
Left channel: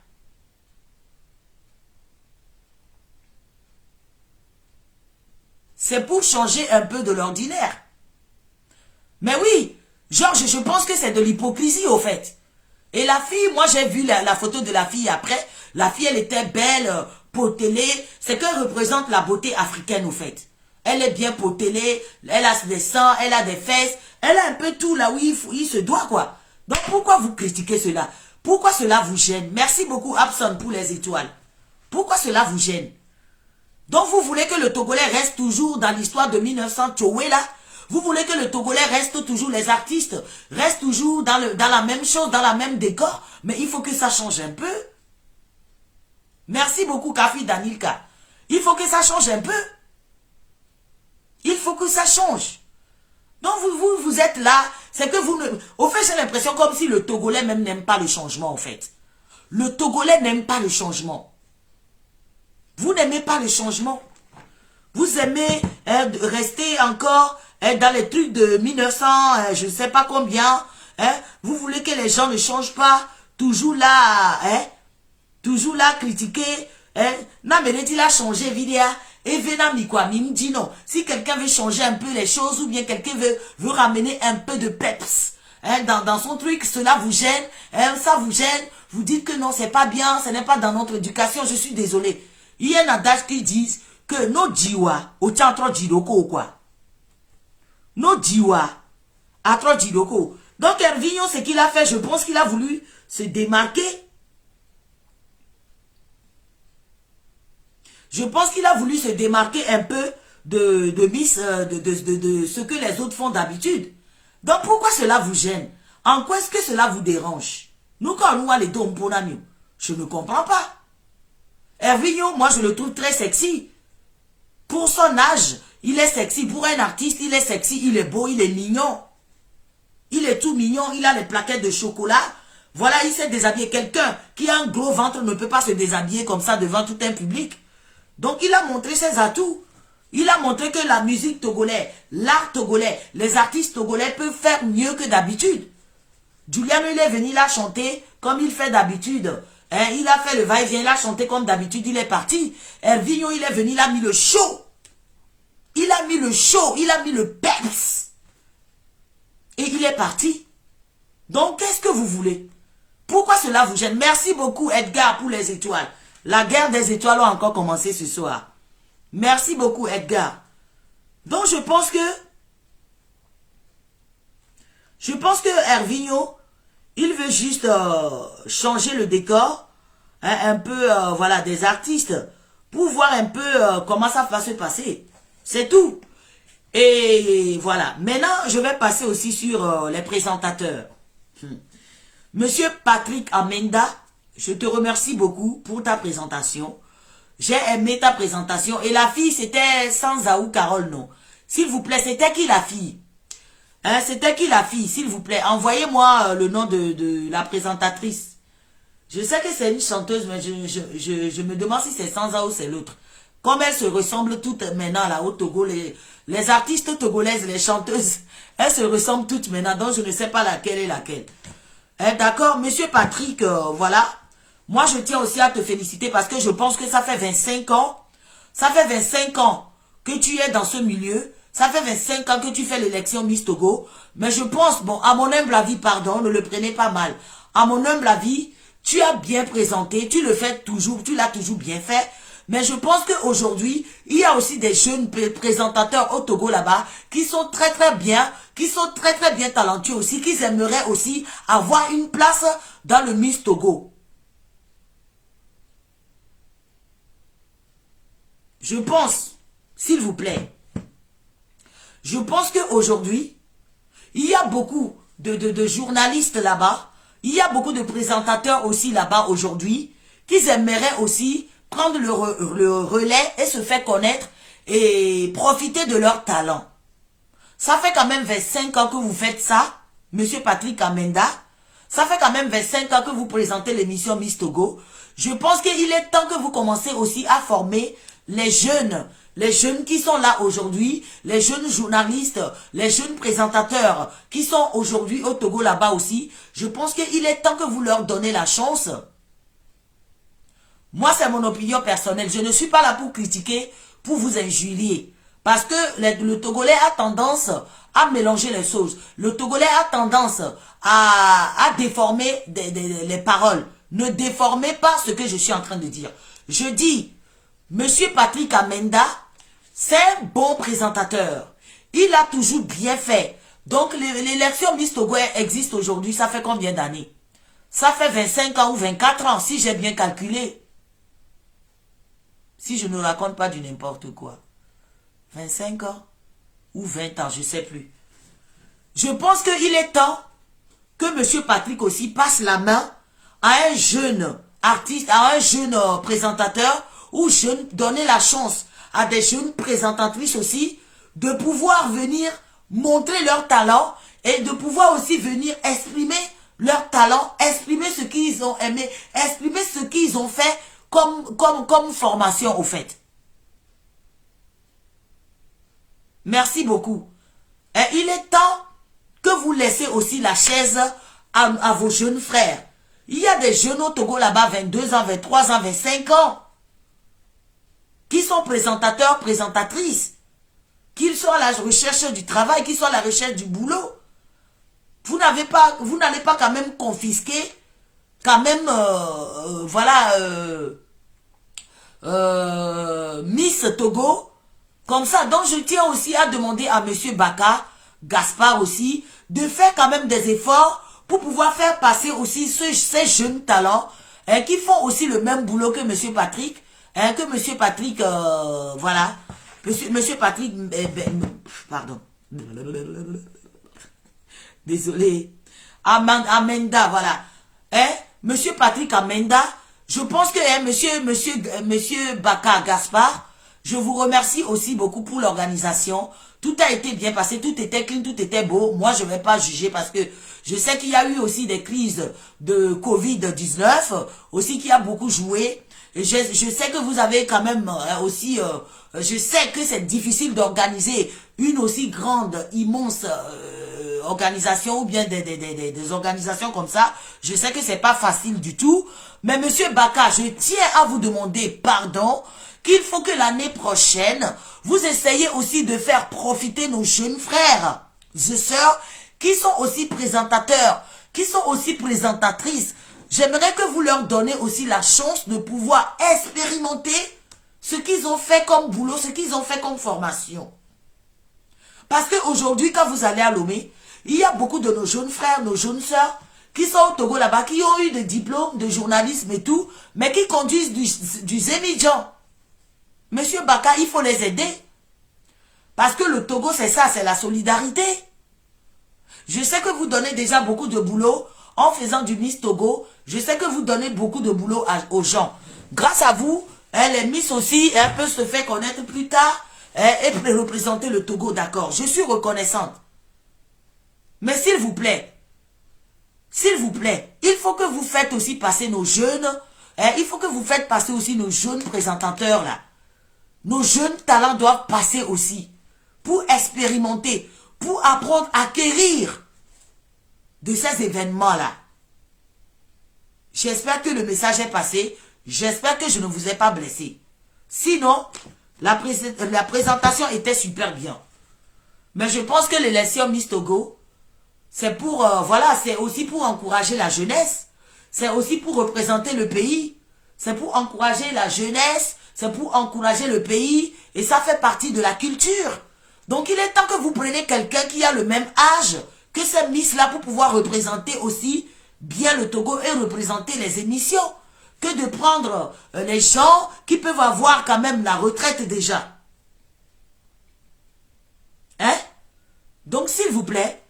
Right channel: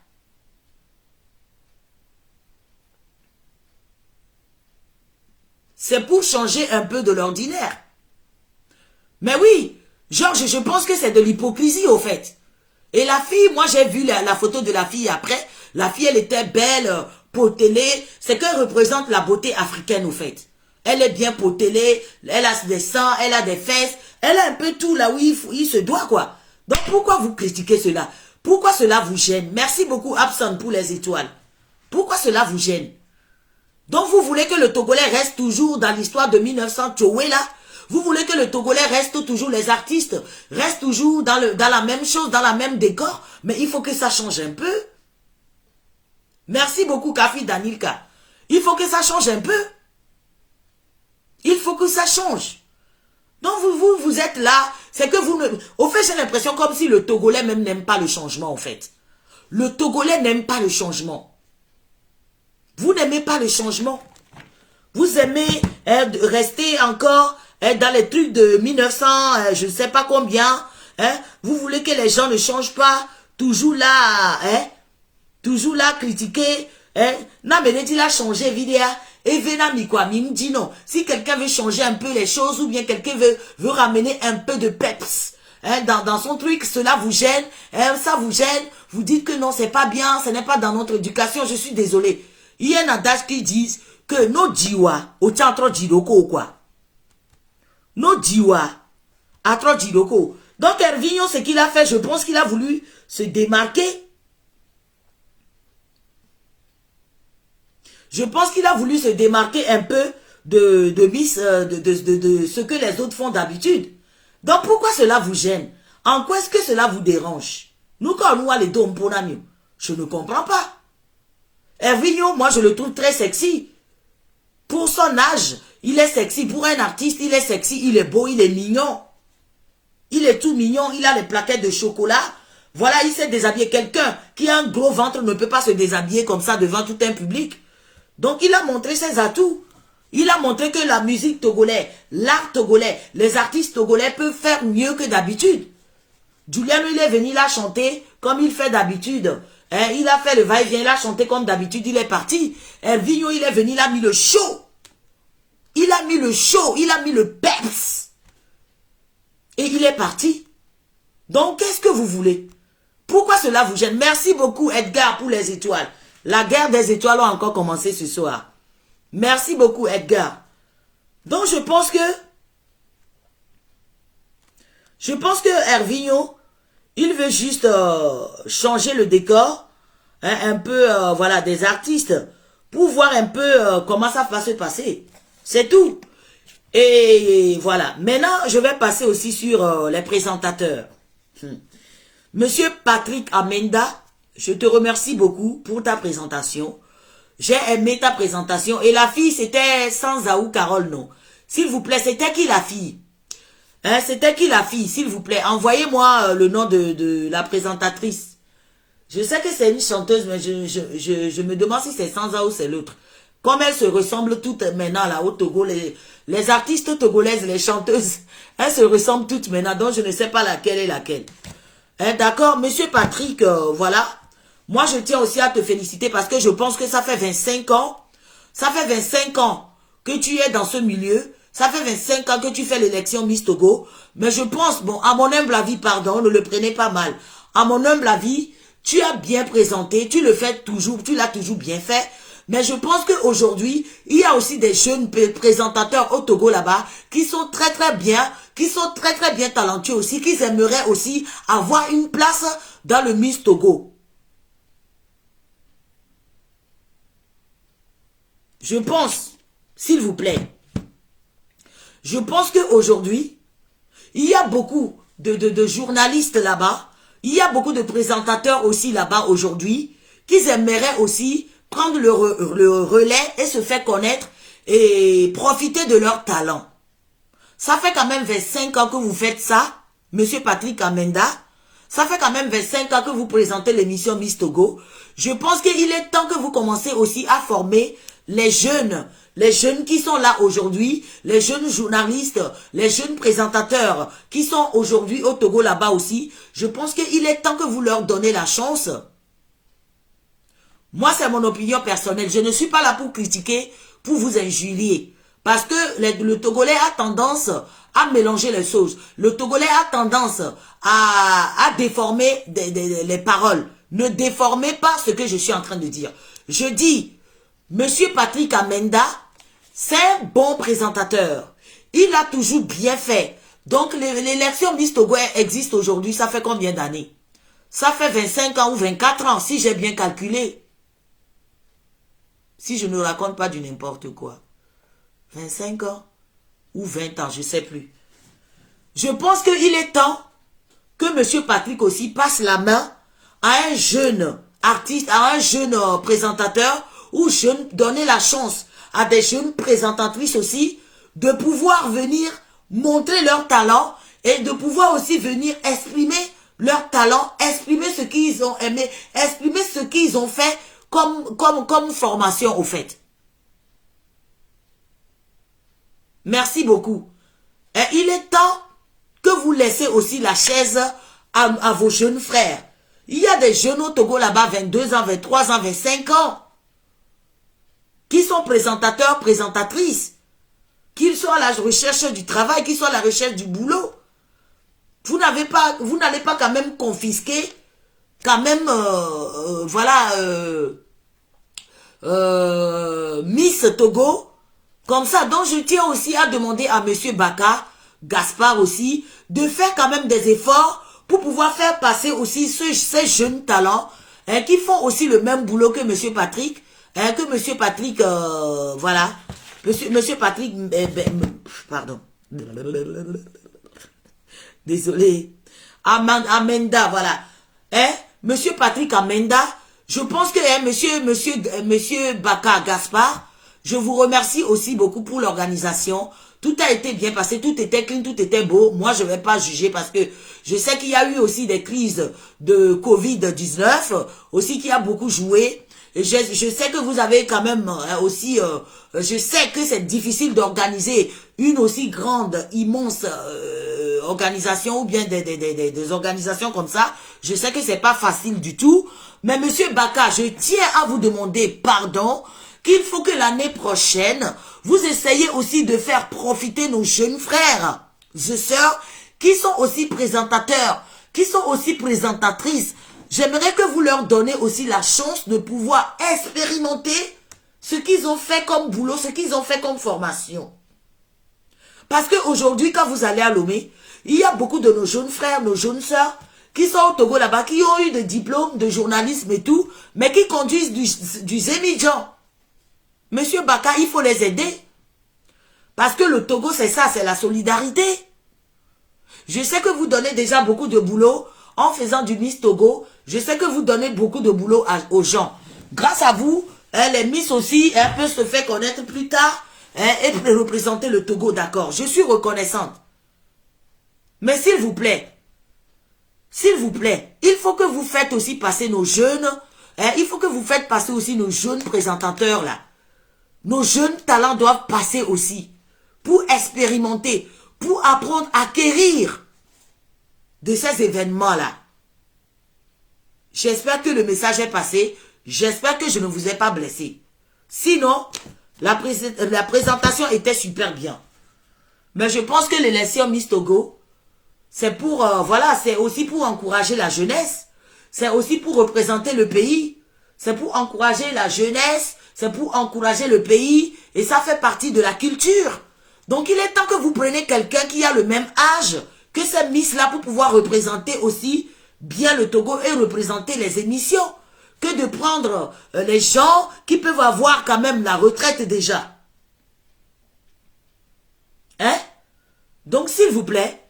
C'est pour changer un peu de l'ordinaire. Mais oui, Georges, je pense que c'est de l'hypocrisie au fait. Et la fille, moi j'ai vu la photo de la fille après. La fille, elle était belle, potelée. C'est qu'elle représente la beauté africaine au fait. Elle est bien potelée, elle a des seins, elle a des fesses. Elle a un peu tout là où il se doit quoi. Donc pourquoi vous critiquez cela? Pourquoi cela vous gêne? Merci beaucoup Abson pour les étoiles. Pourquoi cela vous gêne? Donc vous voulez que le Togolais reste toujours dans l'histoire de 1900 Tchoué là? Vous voulez que le Togolais reste toujours, les artistes restent toujours dans la même chose, dans la même décor? Mais il faut que ça change un peu. Merci beaucoup Kafi Danilka. Il faut que ça change un peu. Il faut que ça change. Donc vous êtes là, c'est que vous ne... Au fait, j'ai l'impression comme si le Togolais même n'aime pas le changement, en fait. Le Togolais n'aime pas le changement. Vous n'aimez pas le changement. Vous aimez rester encore dans les trucs de 1900, je ne sais pas combien. Vous voulez que les gens ne changent pas. Toujours là, toujours là, critiquer. Non, mais il a changé, vidéo. Et me dit non. Si quelqu'un veut changer un peu les choses ou bien quelqu'un veut ramener un peu de peps dans son truc, cela vous gêne, ça vous gêne. Vous dites que non, c'est pas bien, ce n'est pas dans notre éducation. Je suis désolé. Il y a un adage qui dit que nos jiwa, au tchantro jiroko ou quoi. Nos jiwa, à trop jiroko. Donc Hervinho, ce qu'il a fait, je pense qu'il a voulu se démarquer. Je pense qu'il a voulu se démarquer un peu de ce que les autres font d'habitude. Donc pourquoi cela vous gêne? En quoi est-ce que cela vous dérange? Nous, quand nous allons les deux, je ne comprends pas. Hervinho, moi je le trouve très sexy. Pour son âge, il est sexy. Pour un artiste, il est sexy, il est beau, il est mignon. Il est tout mignon, il a les plaquettes de chocolat. Voilà, il s'est déshabillé. Quelqu'un qui a un gros ventre ne peut pas se déshabiller comme ça devant tout un public. Donc il a montré ses atouts. Il a montré que la musique togolaise, l'art togolais, les artistes togolais peuvent faire mieux que d'habitude. Juliano, il est venu là chanter comme il fait d'habitude. Il a fait le va-et-vient, il a chanté comme d'habitude, il est parti. Hervinho, il est venu, il a mis le show. Il a mis le show, il a mis le peps. Et il est parti. Donc, qu'est-ce que vous voulez? Pourquoi cela vous gêne? Merci beaucoup, Edgar, pour les étoiles. La guerre des étoiles a encore commencé ce soir. Merci beaucoup, Edgar. Donc, je pense que Hervinho, il veut juste changer le décor, un peu, voilà, des artistes, pour voir un peu comment ça va se passer. C'est tout. Et voilà. Maintenant, je vais passer aussi sur les présentateurs. Monsieur Patrick Amenda, je te remercie beaucoup pour ta présentation. J'ai aimé ta présentation. Et la fille, c'était Sanzaou Carole, non? S'il vous plaît, c'était qui la fille? C'était qui la fille, s'il vous plaît? Envoyez-moi le nom de la présentatrice. Je sais que c'est une chanteuse, mais je me demande si c'est Sanza ou c'est l'autre. Comme elles se ressemblent toutes maintenant là au Togo, les artistes togolaises, les chanteuses, elles se ressemblent toutes maintenant, donc je ne sais pas laquelle est laquelle. D'accord, monsieur Patrick, voilà. Moi, je tiens aussi à te féliciter parce que je pense que ça fait 25 ans. Ça fait 25 ans que tu es dans ce milieu. Ça fait 25 ans que tu fais l'élection Miss Togo. Mais je pense, bon, à mon humble avis, pardon, ne le prenez pas mal. À mon humble avis, tu as bien présenté, tu le fais toujours, tu l'as toujours bien fait. Mais je pense qu'aujourd'hui, il y a aussi des jeunes présentateurs au Togo là-bas qui sont très bien, talentueux aussi, qui aimeraient aussi avoir une place dans le Miss Togo. Je pense, s'il vous plaît, je pense qu'aujourd'hui, il y a beaucoup de journalistes là-bas, il y a beaucoup de présentateurs aussi là-bas aujourd'hui, qui aimeraient aussi prendre le relais et se faire connaître et profiter de leur talent. Ça fait quand même 25 ans que vous faites ça, monsieur Patrick Amenda. Ça fait quand même 25 ans que vous présentez l'émission Miss Togo. Je pense qu'il est temps que vous commencez aussi à former les jeunes qui sont là aujourd'hui, les jeunes journalistes, les jeunes présentateurs qui sont aujourd'hui au Togo là-bas aussi. Je pense qu'il est temps que vous leur donnez la chance. Moi, c'est mon opinion personnelle. Je ne suis pas là pour critiquer, pour vous injurier. Parce que le Togolais a tendance à mélanger les choses. Le Togolais a tendance à déformer les paroles. Ne déformez pas ce que je suis en train de dire. Je dis, monsieur Patrick Amenda, c'est un bon présentateur. Il a toujours bien fait. Donc, l'élection Miss Togo existe aujourd'hui. Ça fait combien d'années? Ça fait 25 ans ou 24 ans, si j'ai bien calculé. Si je ne raconte pas du n'importe quoi. 25 ans ou 20 ans, je ne sais plus. Je pense qu'il est temps que M. Patrick aussi passe la main à un jeune artiste, à un jeune présentateur, ou donner la chance à des jeunes présentatrices aussi de pouvoir venir montrer leur talent et de pouvoir aussi venir exprimer leur talent, exprimer ce qu'ils ont aimé, exprimer ce qu'ils ont fait comme formation au fait. Merci beaucoup. Et il est temps que vous laissez aussi la chaise à vos jeunes frères. Il y a des jeunes au Togo là-bas, 22 ans, 23 ans, 25 ans, qui sont présentateurs, présentatrices, qu'ils soient à la recherche du travail, qu'ils soient à la recherche du boulot. Vous n'allez pas quand même confisquer, quand même, Miss Togo, comme ça. Donc je tiens aussi à demander à M. Baka, Gaspard aussi, de faire quand même des efforts pour pouvoir faire passer aussi ces jeunes talents qui font aussi le même boulot que M. Patrick, que M. Patrick, voilà, M. Patrick, pardon, désolé, Amenda, voilà, Monsieur Patrick Amenda, je pense que Monsieur Baka Gaspard, je vous remercie aussi beaucoup pour l'organisation. Tout a été bien passé, tout était clean, tout était beau. Moi, je ne vais pas juger parce que je sais qu'il y a eu aussi des crises de Covid-19, aussi qui a beaucoup joué. Et je sais que vous avez quand même aussi, je sais que c'est difficile d'organiser une aussi grande, immense organisation ou bien des organisations comme ça. Je sais que c'est pas facile du tout. Mais Monsieur Baka, je tiens à vous demander pardon qu'il faut que l'année prochaine, vous essayez aussi de faire profiter nos jeunes frères et sœurs qui sont aussi présentateurs, qui sont aussi présentatrices. J'aimerais que vous leur donnez aussi la chance de pouvoir expérimenter ce qu'ils ont fait comme boulot, ce qu'ils ont fait comme formation. Parce qu'aujourd'hui, quand vous allez à Lomé, il y a beaucoup de nos jeunes frères, nos jeunes sœurs, qui sont au Togo là-bas, qui ont eu des diplômes de journalisme et tout, mais qui conduisent du Zémidjan. Monsieur Baka, il faut les aider. Parce que le Togo, c'est ça, c'est la solidarité. Je sais que vous donnez déjà beaucoup de boulot en faisant du Miss Togo. Je sais que vous donnez beaucoup de boulot aux gens. Grâce à vous, les Miss aussi peuvent se faire connaître plus tard et représenter le Togo, d'accord. Je suis reconnaissante. Mais s'il vous plaît, il faut que vous faites aussi passer nos jeunes, il faut que vous faites passer aussi nos jeunes présentateurs là. Nos jeunes talents doivent passer aussi pour expérimenter, pour apprendre à acquérir de ces événements-là. J'espère que le message est passé. J'espère que je ne vous ai pas blessé. Sinon, la présentation était super bien. Mais je pense que l'élection Miss Togo, c'est pour, voilà, c'est aussi pour encourager la jeunesse. C'est aussi pour représenter le pays. C'est pour encourager la jeunesse. C'est pour encourager le pays. Et ça fait partie de la culture. Donc, il est temps que vous preniez quelqu'un qui a le même âge que cette Miss-là pour pouvoir représenter aussi bien le Togo et représenter les émissions. Que de prendre les gens qui peuvent avoir quand même la retraite déjà. Hein? Donc, s'il vous plaît,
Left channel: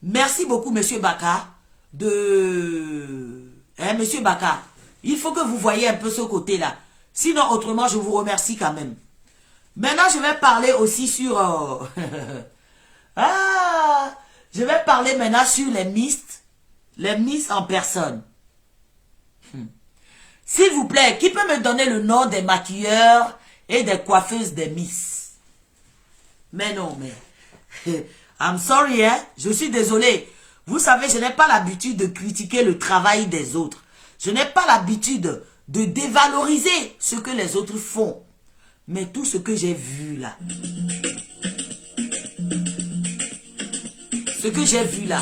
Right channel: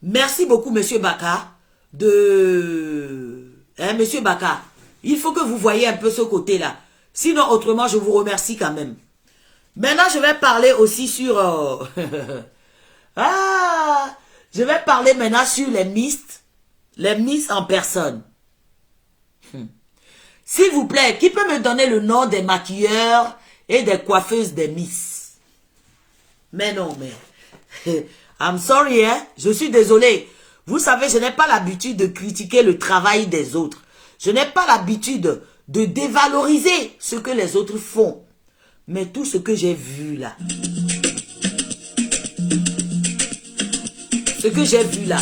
merci beaucoup, Monsieur Baka, Monsieur Baka, il faut que vous voyez un peu ce côté-là. Sinon, autrement, je vous remercie quand même. Maintenant, je vais parler aussi sur... je vais parler maintenant sur les Miss en personne. S'il vous plaît, qui peut me donner le nom des maquilleurs et des coiffeuses des Miss? Mais non, mais... I'm sorry, hein? Je suis désolé. Vous savez, je n'ai pas l'habitude de critiquer le travail des autres. Je n'ai pas l'habitude de dévaloriser ce que les autres font. Mais tout ce que j'ai vu là... Ce que j'ai vu là...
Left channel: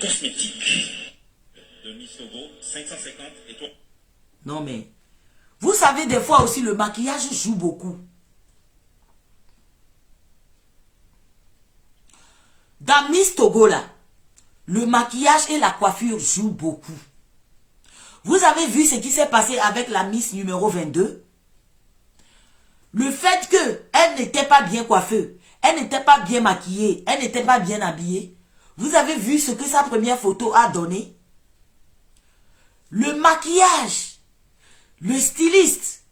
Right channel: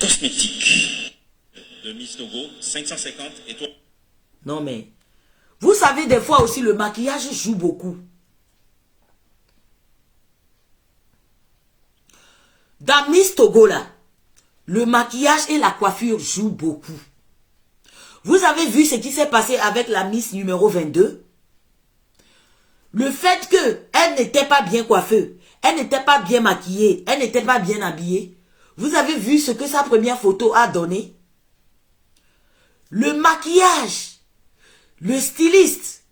Cosmétique de Miss Togo, 550 et toi. Non mais... Vous savez, des fois aussi, le maquillage joue beaucoup. Dans Miss Togo là, le maquillage et la coiffure jouent beaucoup. Vous avez vu ce qui s'est passé avec la Miss numéro 22? Le fait qu'elle n'était pas bien coiffée, elle n'était pas bien maquillée, elle n'était pas bien habillée. Vous avez vu ce que sa première photo a donné? Le maquillage, le styliste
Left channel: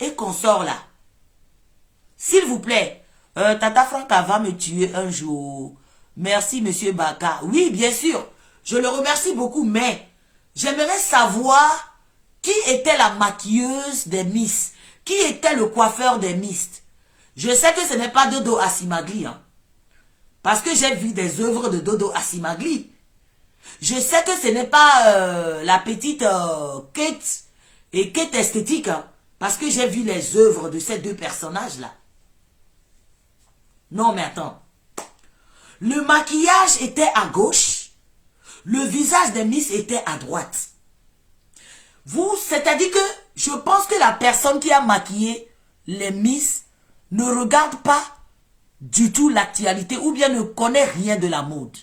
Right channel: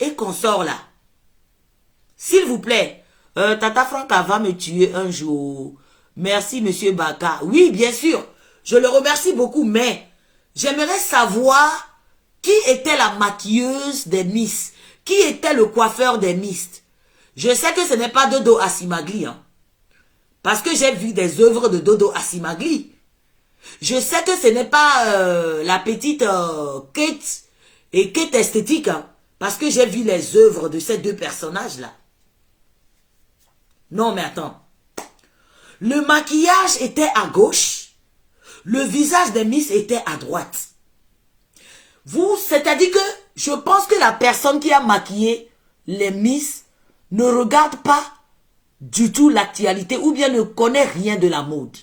et consort là. S'il vous plaît, Tata Franca va me tuer un jour. Merci, Monsieur Baka. Oui, bien sûr, je le remercie beaucoup, mais j'aimerais savoir qui était la maquilleuse des Miss, qui était le coiffeur des Miss. Je sais que ce n'est pas Dodo Asimagli, hein, parce que j'ai vu des œuvres de Dodo Asimagli. Je sais que ce n'est pas la petite Kate et Kate Esthétique, hein, parce que j'ai vu les œuvres de ces deux personnages-là. Non, mais attends. Le maquillage était à gauche, le visage des Miss était à droite. Vous, c'est-à-dire que je pense que la personne qui a maquillé les Miss ne regarde pas du tout l'actualité ou bien ne connaît rien de la mode.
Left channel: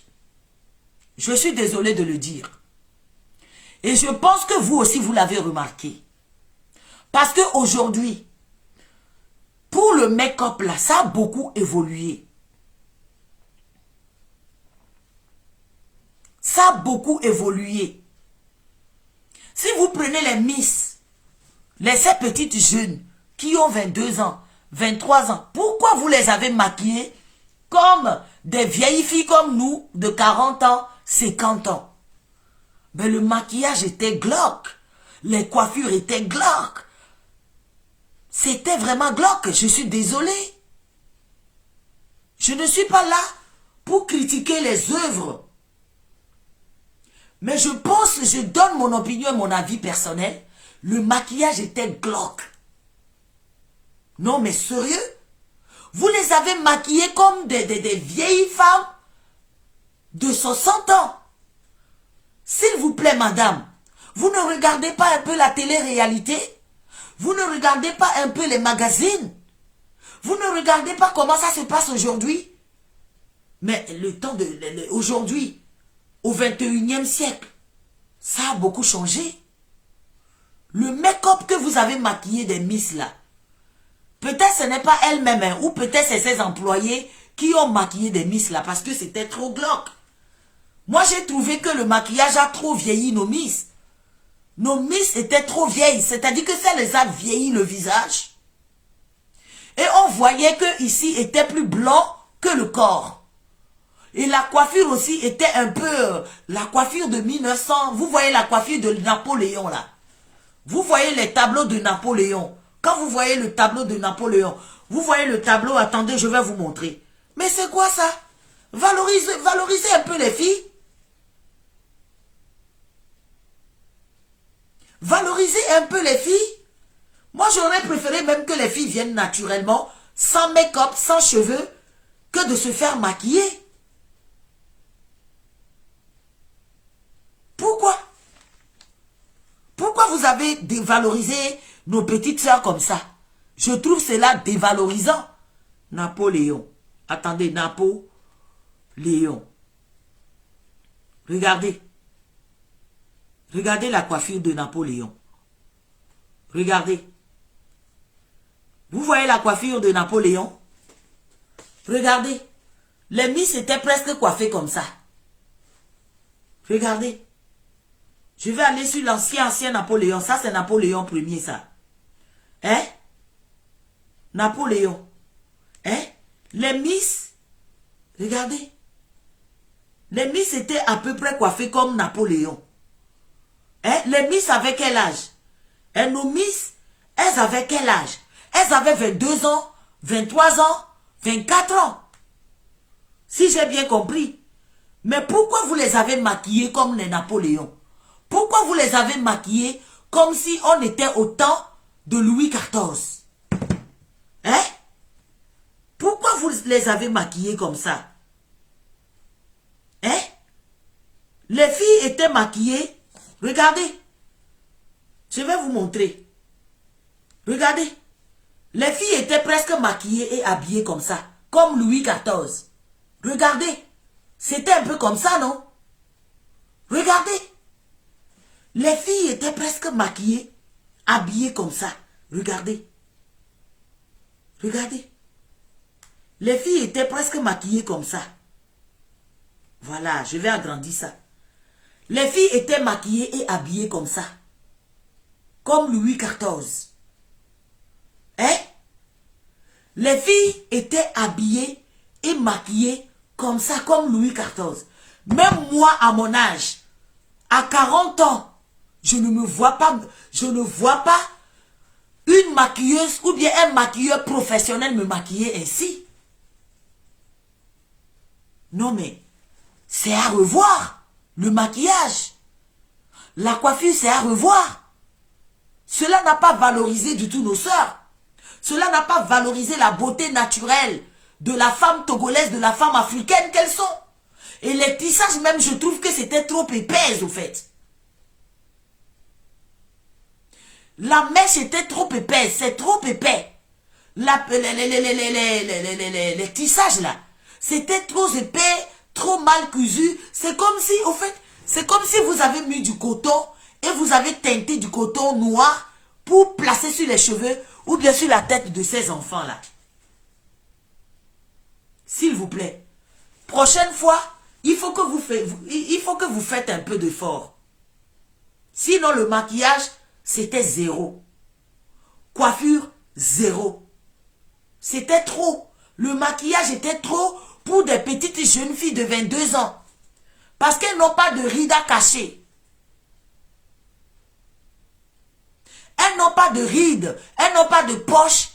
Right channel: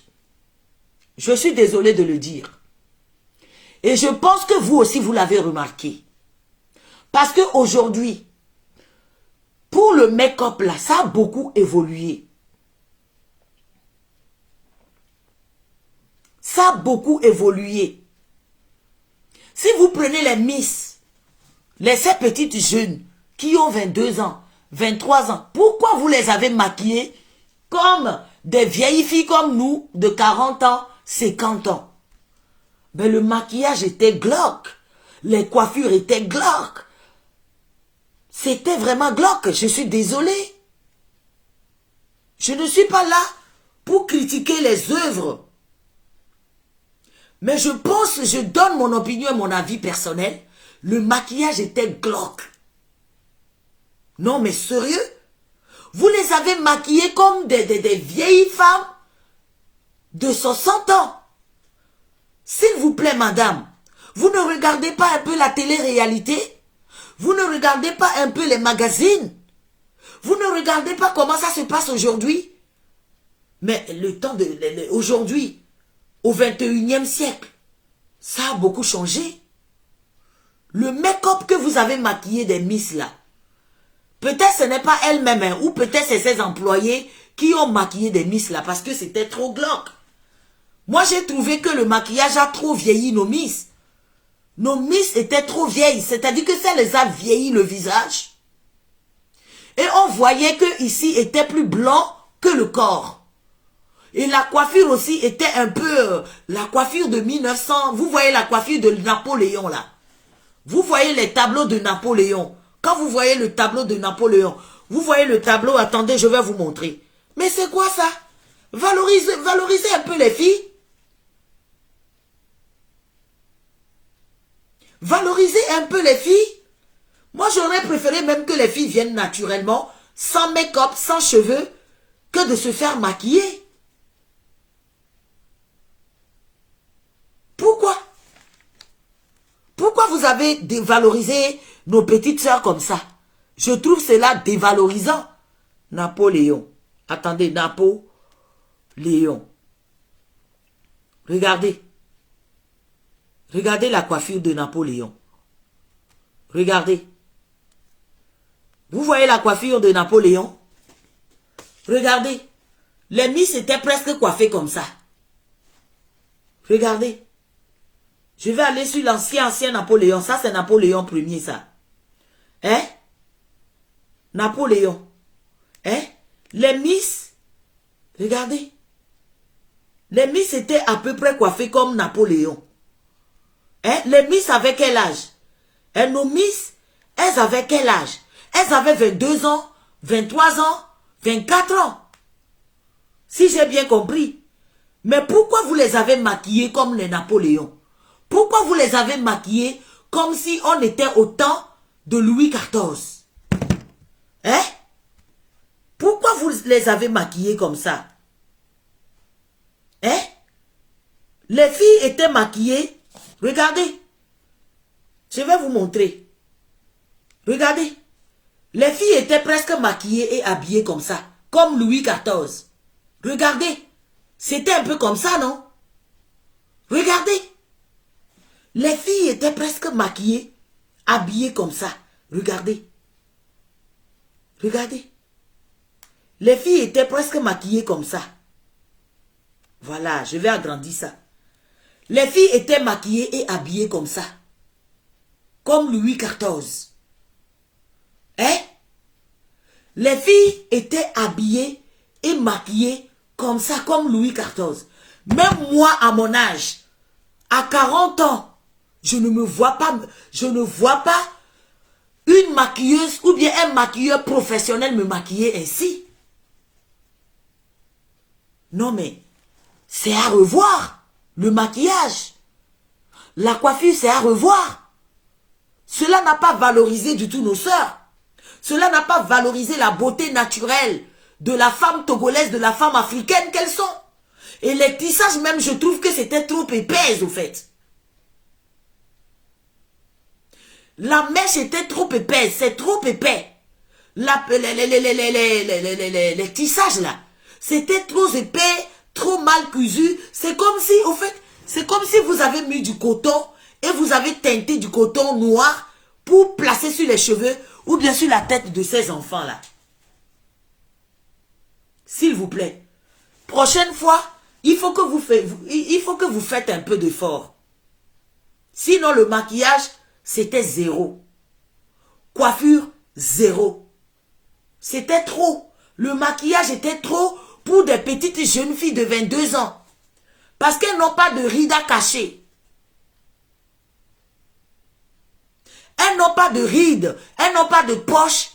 Je suis désolé de le dire. Et je pense que vous aussi, vous l'avez remarqué. Parce qu'aujourd'hui, pour le make-up là, ça a beaucoup évolué. Ça a beaucoup évolué. Si vous prenez les Miss, ces petites jeunes qui ont 22 ans, 23 ans, pourquoi vous les avez maquillées comme des vieilles filles comme nous de 40 ans, 50 ans? Ben, le maquillage était glauque. Les coiffures étaient glauques. C'était vraiment glauque. Je suis désolée. Je ne suis pas là pour critiquer les œuvres. Mais je pense, je donne mon opinion et mon avis personnel. Le maquillage était glauque. Non, mais sérieux? Vous les avez maquillées comme des vieilles femmes de 60 ans. S'il vous plaît, madame, vous ne regardez pas un peu la télé-réalité? Vous ne regardez pas un peu les magazines? Vous ne regardez pas comment ça se passe aujourd'hui? Mais le temps de... aujourd'hui, au 21e siècle, ça a beaucoup changé. Le make-up que vous avez maquillé des Miss là, peut-être ce n'est pas elle-même, hein, ou peut-être c'est ses employés qui ont maquillé des Miss là, parce que c'était trop glauque. Moi, j'ai trouvé que le maquillage a trop vieilli nos Miss. Nos Miss étaient trop vieilles, c'est-à-dire que ça les a vieilli le visage. Et on voyait que ici était plus blanc que le corps. Et la coiffure aussi était un peu la coiffure de 1900. Vous voyez la coiffure de Napoléon là. Vous voyez les tableaux de Napoléon. Quand vous voyez le tableau de Napoléon, vous voyez le tableau, attendez, je vais vous montrer. Mais c'est quoi ça? Valorisez un peu les filles. Valorisez un peu les filles. Moi, j'aurais préféré même que les filles viennent naturellement, sans make-up, sans cheveux, que de se faire maquiller. Pourquoi? Pourquoi vous avez dévalorisé nos petites sœurs comme ça? Je trouve cela dévalorisant. Napoléon. Attendez, Napoléon. Regardez. Regardez la coiffure de Napoléon. Regardez. Vous voyez la coiffure de Napoléon? Regardez. Les Miss étaient presque coiffées comme ça. Regardez. Je vais aller sur l'ancien Napoléon. Ça, c'est Napoléon Ier, ça. Hein? Napoléon. Hein? Les Miss. Regardez. Les Miss étaient à peu près coiffées comme Napoléon. Hein? Les Miss avaient quel âge? Et nos Miss, elles avaient quel âge? Elles avaient 22 ans, 23 ans, 24 ans. Si j'ai bien compris. Mais pourquoi vous les avez maquillées comme les Napoléons? Pourquoi vous les avez maquillées comme si on était au temps de Louis XIV? Hein? Pourquoi vous les avez maquillées comme ça? Hein? Les filles étaient maquillées. Regardez. Je vais vous montrer. Regardez. Les filles étaient presque maquillées et habillées comme ça. Comme Louis XIV. Regardez. C'était un peu comme ça, non? Regardez. Les filles étaient presque maquillées, habillées comme ça. Regardez. Regardez. Les filles étaient presque maquillées comme ça. Voilà, je vais agrandir ça. Les filles étaient maquillées et habillées comme ça. Comme Louis XIV. Hein? Les filles étaient habillées et maquillées comme ça, comme Louis XIV. Même moi, à mon âge, à 40 ans, je ne vois pas une maquilleuse ou bien un maquilleur professionnel me maquiller ainsi. Non mais, c'est à revoir, le maquillage. La coiffure, c'est à revoir. Cela n'a pas valorisé du tout nos sœurs. Cela n'a pas valorisé la beauté naturelle de la femme togolaise, de la femme africaine qu'elles sont. Et les tissages même, je trouve que c'était trop épais au fait. La mèche était trop épaisse, c'est trop épais. Les tissages là, c'était trop épais, trop mal cousu. C'est comme si, au fait, c'est comme si vous avez mis du coton et vous avez teinté du coton noir pour placer sur les cheveux ou bien sur la tête de ces enfants là. S'il vous plaît, prochaine fois, il faut que vous faites un peu d'effort. Sinon, le maquillage, c'était zéro. Coiffure, zéro. C'était trop. Le maquillage était trop pour des petites jeunes filles de 22 ans. Parce qu'elles n'ont pas de rides à cacher. Elles n'ont pas de rides. Elles n'ont pas de poches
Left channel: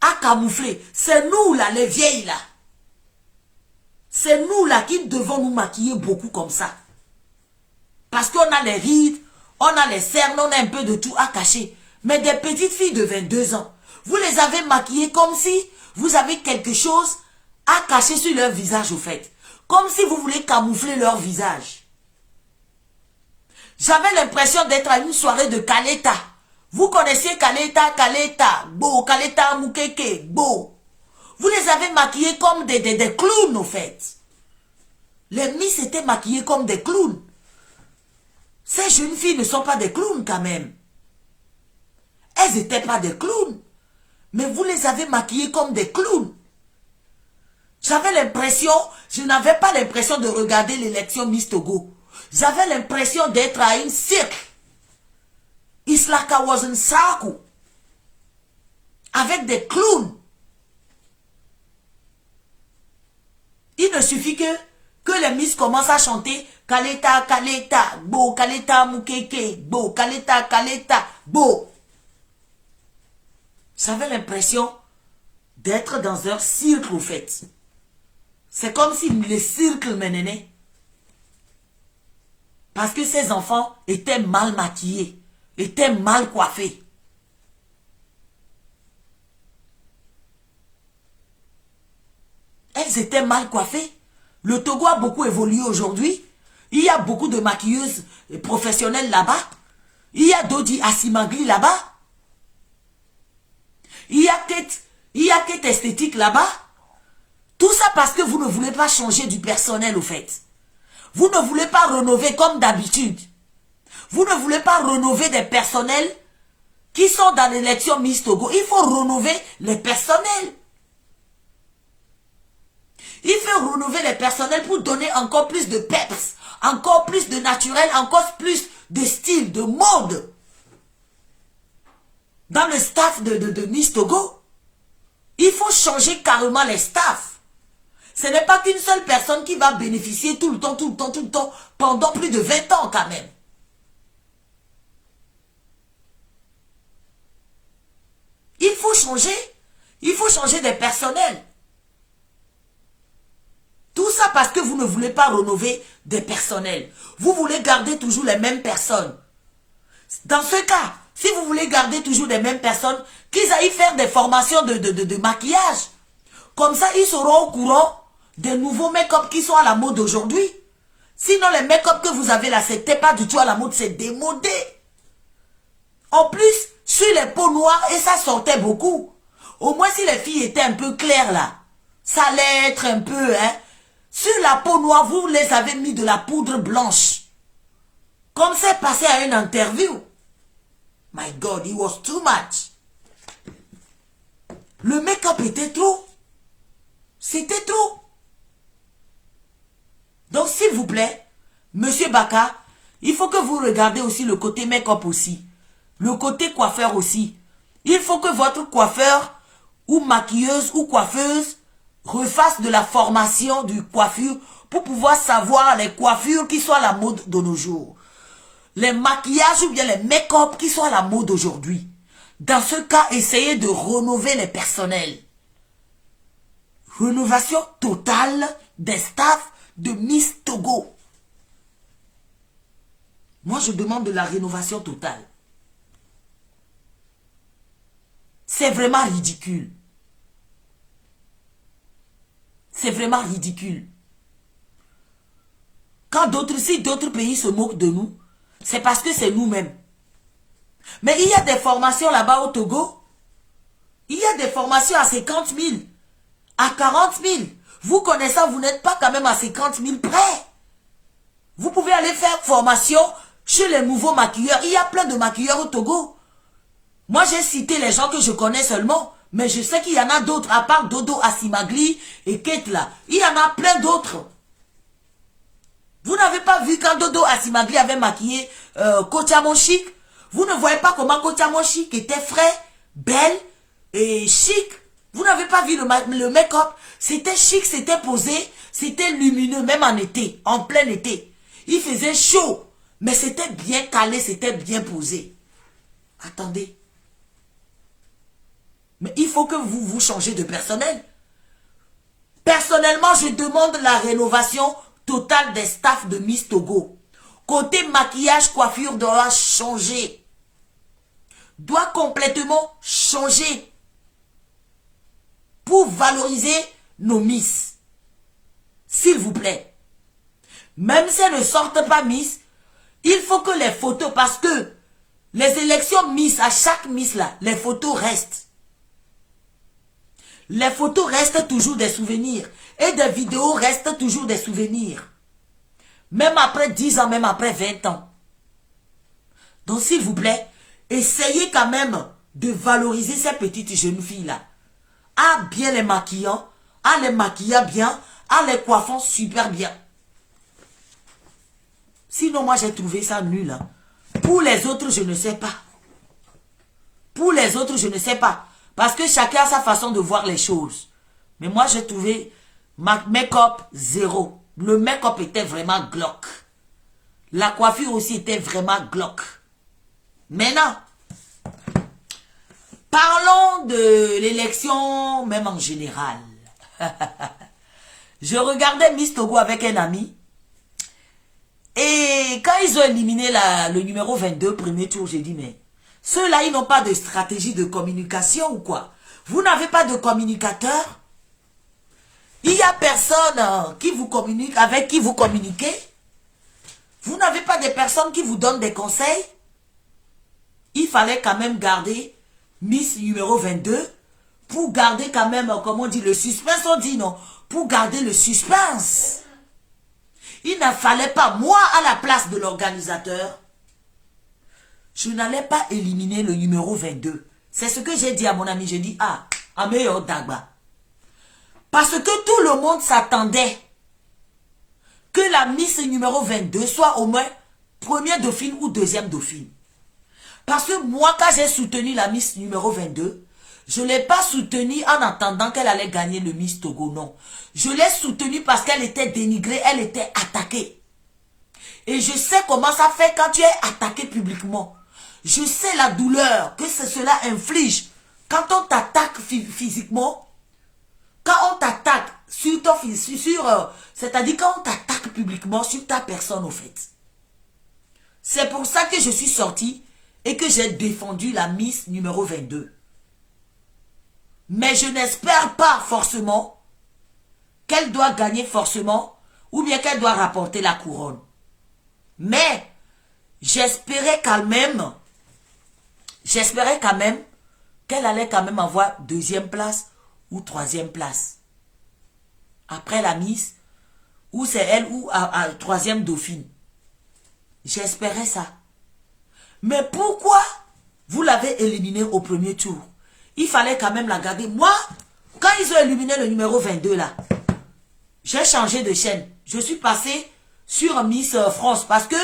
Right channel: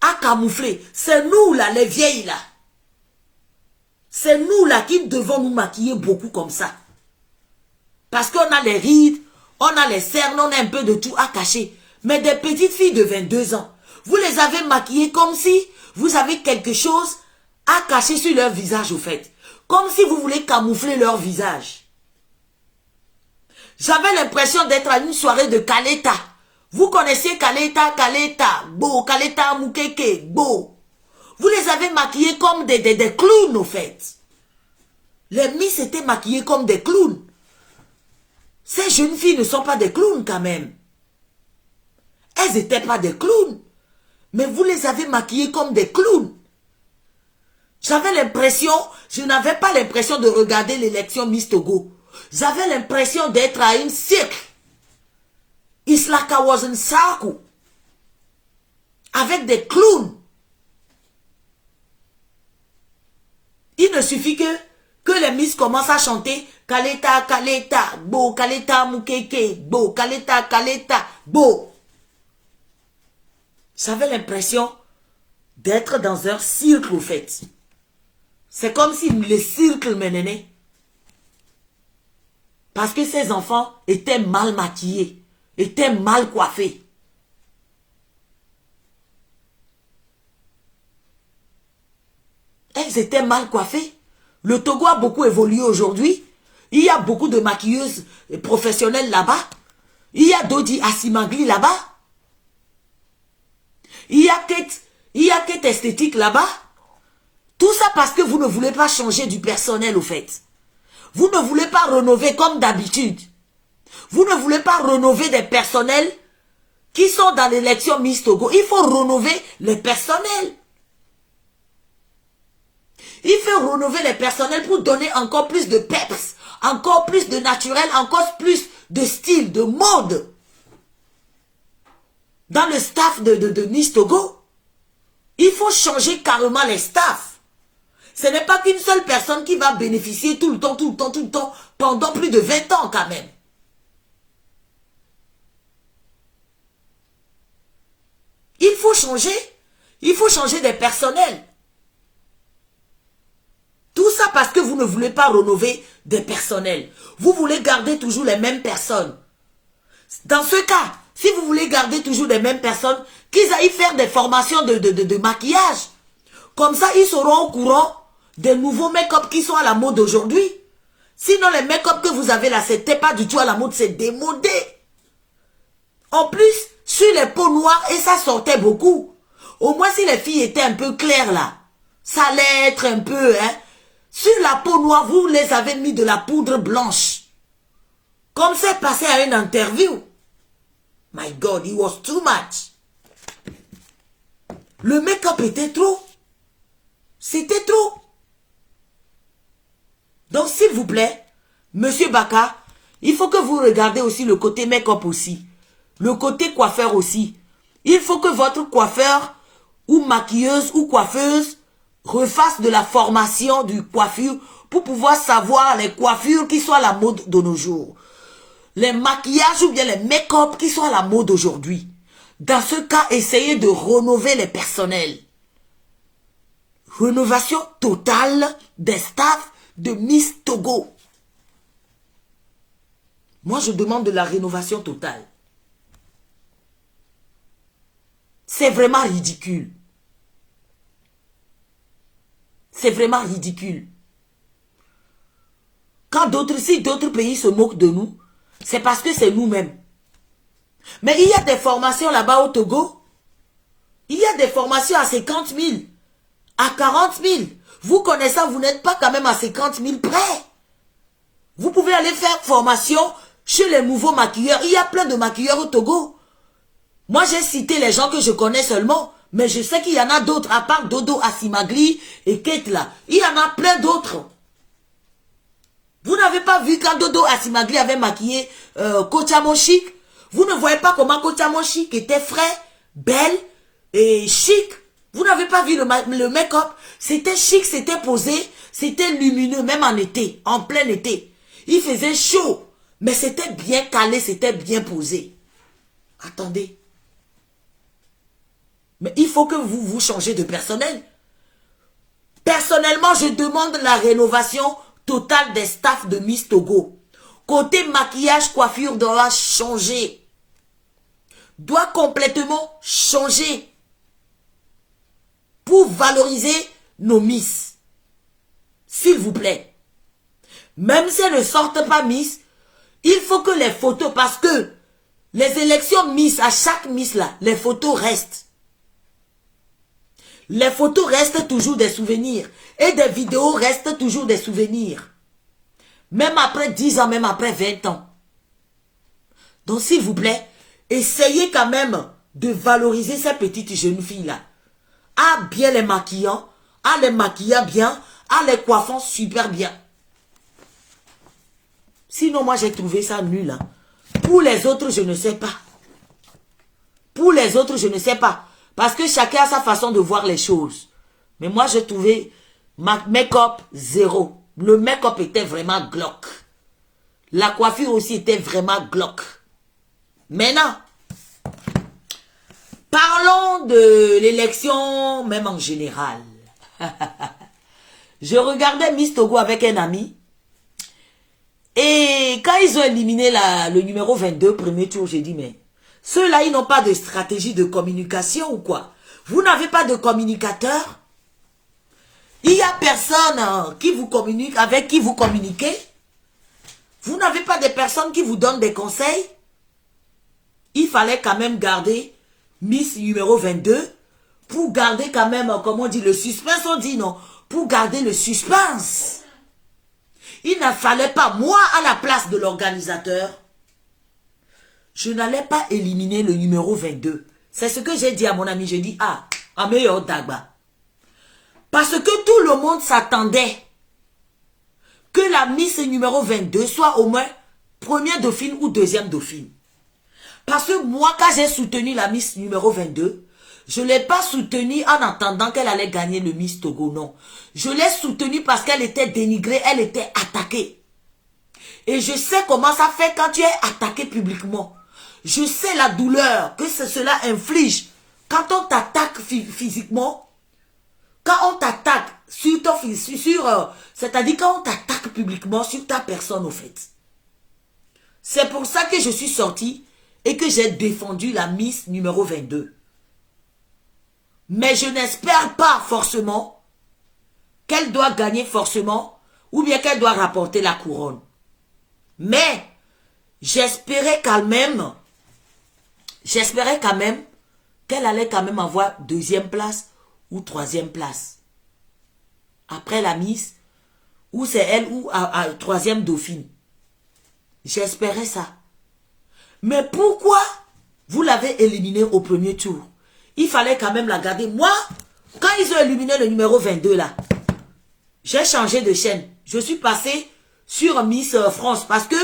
à camoufler. C'est nous là, les vieilles là. C'est nous là qui devons nous maquiller beaucoup comme ça. Parce qu'on a les rides, on a les cernes, on a un peu de tout à cacher. Mais des petites filles de 22 ans, vous les avez maquillées comme si vous avez quelque chose à cacher sur leur visage au fait. Comme si vous voulez camoufler leur visage. J'avais l'impression d'être à une soirée de Kaleta. Vous connaissez Kaleta, Bo, Kaleta Mukeke, Bo. Vous les avez maquillés comme des clowns, au fait. Les Miss étaient maquillées comme des clowns. Ces jeunes filles ne sont pas des clowns, quand même. Elles n'étaient pas des clowns. Mais vous les avez maquillées comme des clowns. J'avais l'impression, je n'avais pas l'impression de regarder l'élection Miss Togo. J'avais l'impression d'être à une cirque. It's like I was in circle. Avec des clowns. Il ne suffit que les Miss commencent à chanter Kaleta, Kaleta, Bo, Kaleta, Mukeke, Bo, Kaleta, Kaleta, Bo. J'avais l'impression d'être dans un cirque, au fait. C'est comme si le cirque menait. Parce que ces enfants étaient mal maquillés, étaient mal coiffés. Elles étaient mal coiffées. Le Togo a beaucoup évolué aujourd'hui. Il y a beaucoup de maquilleuses professionnelles là-bas. Il y a Dodi Asimagli là-bas. Il y a Kate Esthétique là-bas. Tout ça parce que vous ne voulez pas changer du personnel au fait. Vous ne voulez pas rénover comme d'habitude. Vous ne voulez pas rénover des personnels qui sont dans l'élection Miss Togo. Il faut rénover le personnel. Il faut rénover les personnels pour donner encore plus de peps, encore plus de naturel, encore plus de style, de mode. Dans le staff de Miss Togo, il faut changer carrément les staffs. Ce n'est pas qu'une seule personne qui va bénéficier tout le temps, pendant plus de 20 ans quand même. Il faut changer des personnels. Tout ça parce que vous ne voulez pas rénover des personnels. Vous voulez garder toujours les mêmes personnes. Dans ce cas, si vous voulez garder toujours les mêmes personnes, qu'ils aillent faire des formations de maquillage. Comme ça, ils seront au courant des nouveaux make-up qui sont à la mode aujourd'hui. Sinon, les make-up que vous avez là, c'était pas du tout à la mode, c'est démodé. En plus, sur les peaux noires, et ça sortait beaucoup. Au moins, si les filles étaient un peu claires là, ça allait être un peu, hein. Sur la peau noire, vous les avez mis de la poudre blanche. Comme c'est passé à une interview. My God, it was too much. Le make-up était trop. C'était trop. Donc, s'il vous plaît, Monsieur Baka, il faut que vous regardez aussi le côté make-up aussi. Le côté coiffeur aussi. Il faut que votre coiffeur ou maquilleuse ou coiffeuse refasse de la formation du coiffure pour pouvoir savoir les coiffures qui sont à la mode de nos jours. Les maquillages ou bien les make-up qui sont à la mode aujourd'hui. Dans ce cas, essayez de rénover les personnels. Rénovation totale des staffs de Miss Togo. Moi, je demande de la rénovation totale. C'est vraiment ridicule. C'est vraiment ridicule. Quand si d'autres pays se moquent de nous, c'est parce que c'est nous-mêmes. Mais il y a des formations là-bas au Togo. Il y a des formations à 50 000, à 40 000. Vous connaissant, vous n'êtes pas quand même à 50 000 près. Vous pouvez aller faire formation chez les nouveaux maquilleurs. Il y a plein de maquilleurs au Togo. Moi, j'ai cité les gens que je connais seulement. Mais je sais qu'il y en a d'autres, à part Dodo Asimagli et Kate là. Il y en a plein d'autres. Vous n'avez pas vu quand Dodo Asimagli avait maquillé Kochamo Chic? Vous ne voyez pas comment Kochamo Chic était frais, belle et chic? Vous n'avez pas vu le make-up? C'était chic, c'était posé, c'était lumineux, même en été, en plein été. Il faisait chaud, mais c'était bien calé, c'était bien posé. Attendez. Mais il faut que vous changez de personnel. Personnellement, je demande la rénovation totale des staffs de Miss Togo. Côté maquillage, coiffure doit changer. Doit complètement changer. Pour valoriser nos Miss. S'il vous plaît. Même si elles ne sortent pas Miss, il faut que les photos, parce que les élections Miss, à chaque Miss là, les photos restent. Les photos restent toujours des souvenirs. Et des vidéos restent toujours des souvenirs. Même après 10 ans, même après 20 ans. Donc s'il vous plaît, essayez quand même de valoriser ces petites jeunes filles-là. À bien les maquillant, à les maquillant bien, à les coiffant super bien. Sinon, moi j'ai trouvé ça nul. Hein. Pour les autres, je ne sais pas. Pour les autres, je ne sais pas. Parce que chacun a sa façon de voir les choses. Mais moi, j'ai trouvé make-up zéro. Le make-up était vraiment glauque. La coiffure aussi était vraiment glauque. Maintenant, parlons de l'élection, même en général. Je regardais Miss Togo avec un ami. Et quand ils ont éliminé le numéro 22, premier tour, j'ai dit, mais ceux-là, ils n'ont pas de stratégie de communication ou quoi? Vous n'avez pas de communicateur? Il n'y a personne qui vous communique, avec qui vous communiquez? Vous n'avez pas de personnes qui vous donnent des conseils? Il fallait quand même garder Miss numéro 22 pour garder quand même, comment on dit, le suspense, on dit non, pour garder le suspense. Il ne fallait pas, moi, à la place de l'organisateur, je n'allais pas éliminer le numéro 22. C'est ce que j'ai dit à mon ami. Je dis, à meilleur Dagba. Parce que tout le monde s'attendait que la Miss numéro 22 soit au moins première dauphine ou deuxième dauphine. Parce que moi, quand j'ai soutenu la Miss numéro 22, je ne l'ai pas soutenue en attendant qu'elle allait gagner le Miss Togo, non. Je l'ai soutenue parce qu'elle était dénigrée, elle était attaquée. Et je sais comment ça fait quand tu es attaqué publiquement. Je sais la douleur que cela inflige. Quand on t'attaque physiquement, quand on t'attaque sur ton c'est-à-dire quand on t'attaque publiquement sur ta personne, au fait. C'est pour ça que je suis sortie et que j'ai défendu la Miss numéro 22. Mais je n'espère pas forcément qu'elle doit gagner forcément ou bien qu'elle doit rapporter la couronne. Mais j'espérais quand même qu'elle allait quand même avoir deuxième place ou troisième place. Après la Miss, ou c'est elle ou à troisième dauphine. J'espérais ça. Mais pourquoi vous l'avez éliminé au premier tour? Il fallait quand même la garder. Moi, quand ils ont éliminé le numéro 22 là, j'ai changé de chaîne. Je suis passé sur Miss France parce que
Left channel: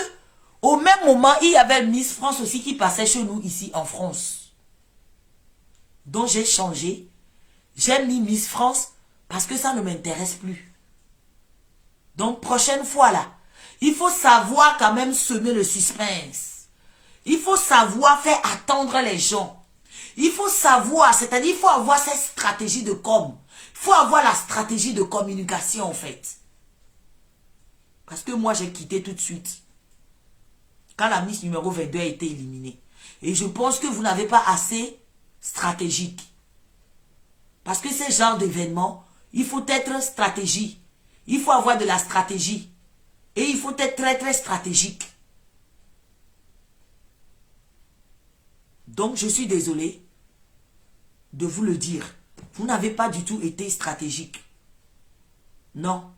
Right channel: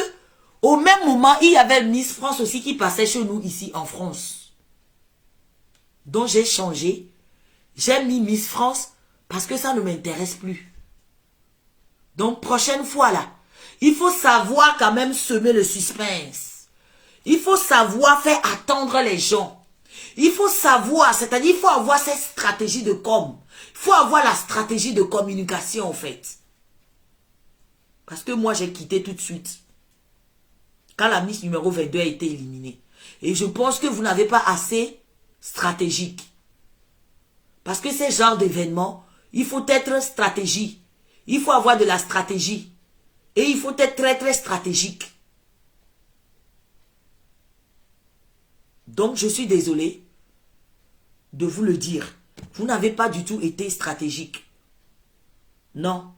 au même moment, il y avait Miss France aussi qui passait chez nous ici en France. Donc j'ai changé. J'ai mis Miss France parce que ça ne m'intéresse plus. Donc prochaine fois là, il faut savoir quand même semer le suspense. Il faut savoir faire attendre les gens. Il faut savoir, c'est-à-dire il faut avoir cette stratégie de com. Il faut avoir la stratégie de communication en fait. Parce que moi j'ai quitté tout de suite. Quand la Miss numéro 22 a été éliminée. Et je pense que vous n'avez pas assez stratégique. Parce que ces genres d'événements, il faut être stratégique. Il faut avoir de la stratégie. Et il faut être très très stratégique. Donc je suis désolé de vous le dire. Vous n'avez pas du tout été stratégique. Non.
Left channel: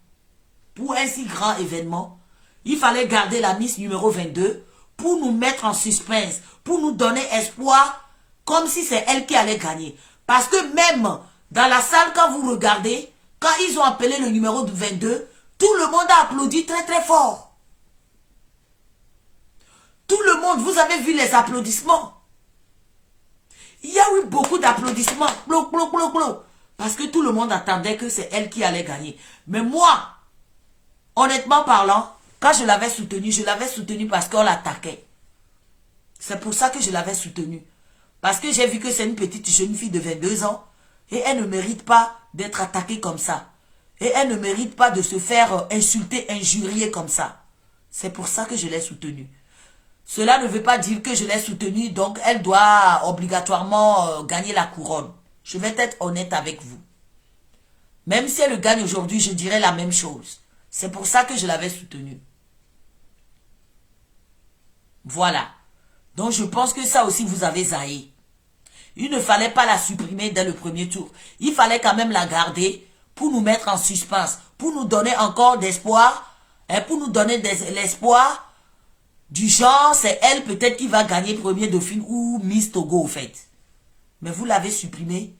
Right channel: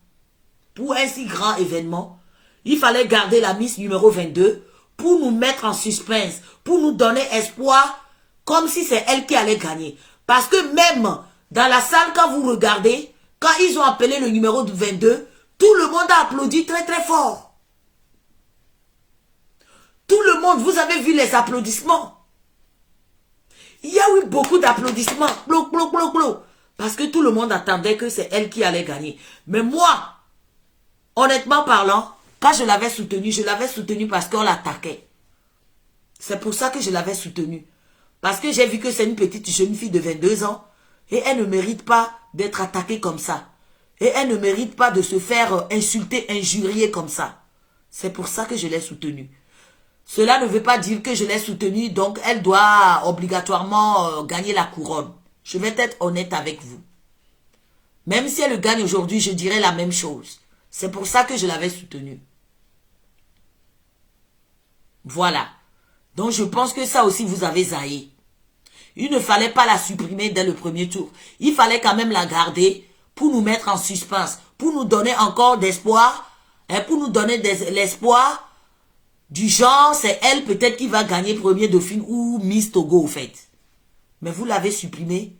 Pour un si grand événement, il fallait garder la Miss numéro 22 pour nous mettre en suspense, pour nous donner espoir, comme si c'est elle qui allait gagner. Parce que même dans la salle, quand vous regardez, quand ils ont appelé le numéro 22, tout le monde a applaudi très très fort. Tout le monde, vous avez vu les applaudissements. Il y a eu beaucoup d'applaudissements. Parce que tout le monde attendait que c'est elle qui allait gagner. Mais moi, honnêtement parlant, quand je l'avais soutenue parce qu'on l'attaquait. C'est pour ça que je l'avais soutenue. Parce que j'ai vu que c'est une petite jeune fille de 22 ans. Et elle ne mérite pas d'être attaquée comme ça. Et elle ne mérite pas de se faire insulter, injurier comme ça. C'est pour ça que je l'ai soutenue. Cela ne veut pas dire que je l'ai soutenue, donc elle doit obligatoirement gagner la couronne. Je vais être honnête avec vous. Même si elle gagne aujourd'hui, je dirais la même chose. C'est pour ça que je l'avais soutenue. Voilà. Donc je pense que ça aussi vous avez zaillé. Il ne fallait pas la supprimer dès le premier tour. Il fallait quand même la garder pour nous mettre en suspense, pour nous donner encore d'espoir, pour nous donner l'espoir du genre, c'est elle peut-être qui va gagner premier Dauphine ou Miss Togo au fait. Mais vous l'avez supprimé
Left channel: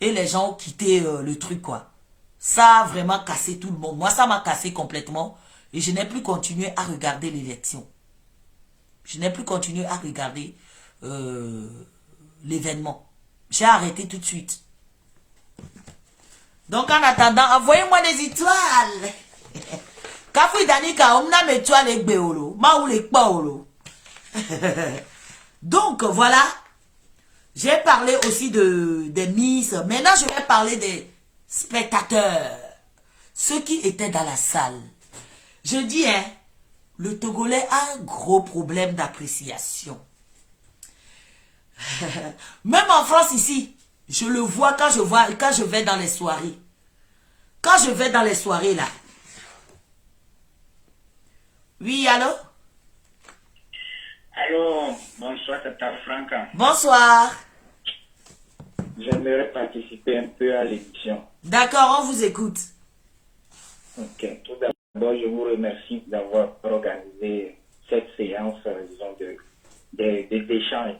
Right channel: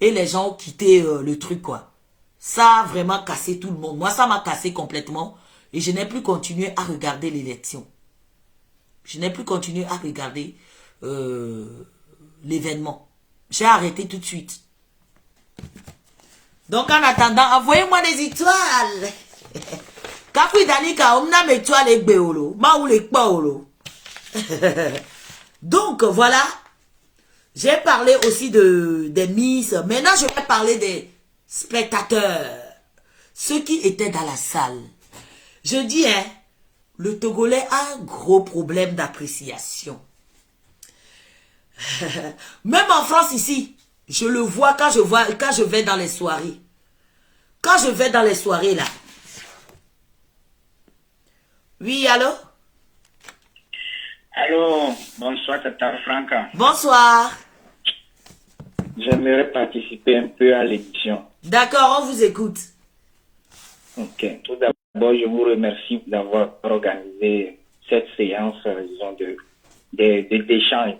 et les gens ont quitté le truc quoi. Ça a vraiment cassé tout le monde. Moi ça m'a cassé complètement et je n'ai plus continué à regarder l'élection. Je n'ai plus continué à regarder l'événement. J'ai arrêté tout de suite. Donc en attendant, envoyez-moi des étoiles. Donc voilà. J'ai parlé aussi des Miss. Maintenant je vais parler des spectateurs. Ceux qui étaient dans la salle. Je dis, le Togolais a un gros problème d'appréciation. Même en France ici, je le vois quand je vais dans les soirées. Quand je vais dans les soirées là. Oui, allô? Allô, bonsoir, Tata Franca. Bonsoir. J'aimerais participer un peu à l'émission. D'accord, on vous écoute. Ok, tout d'abord, je vous remercie d'avoir organisé cette séance, disons, d'échange.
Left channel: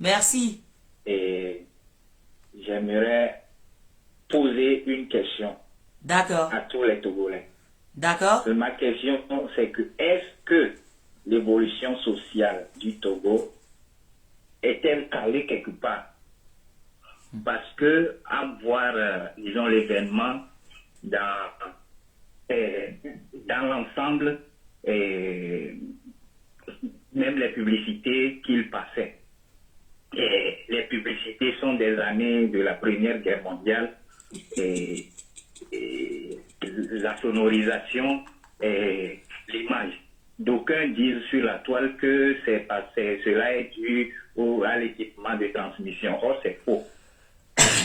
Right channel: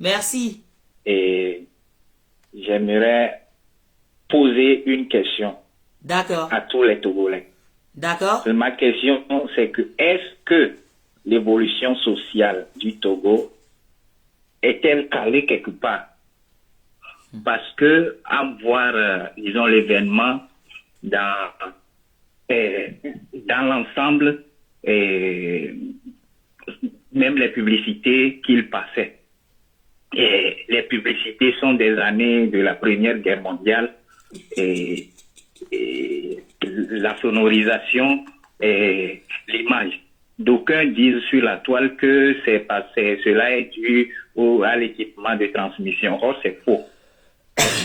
Merci. Et j'aimerais poser une question. D'accord. À tous les Togolais. D'accord. Ma question, c'est que est-ce que l'évolution sociale du Togo est-elle calée quelque part? Parce que, à voir, disons, l'événement dans l'ensemble, même les publicités qu'il passait. Et les publicités sont des années de la Première Guerre mondiale et la sonorisation et l'image. D'aucuns disent sur la toile que cela est dû à l'équipement de transmission. Or, c'est faux.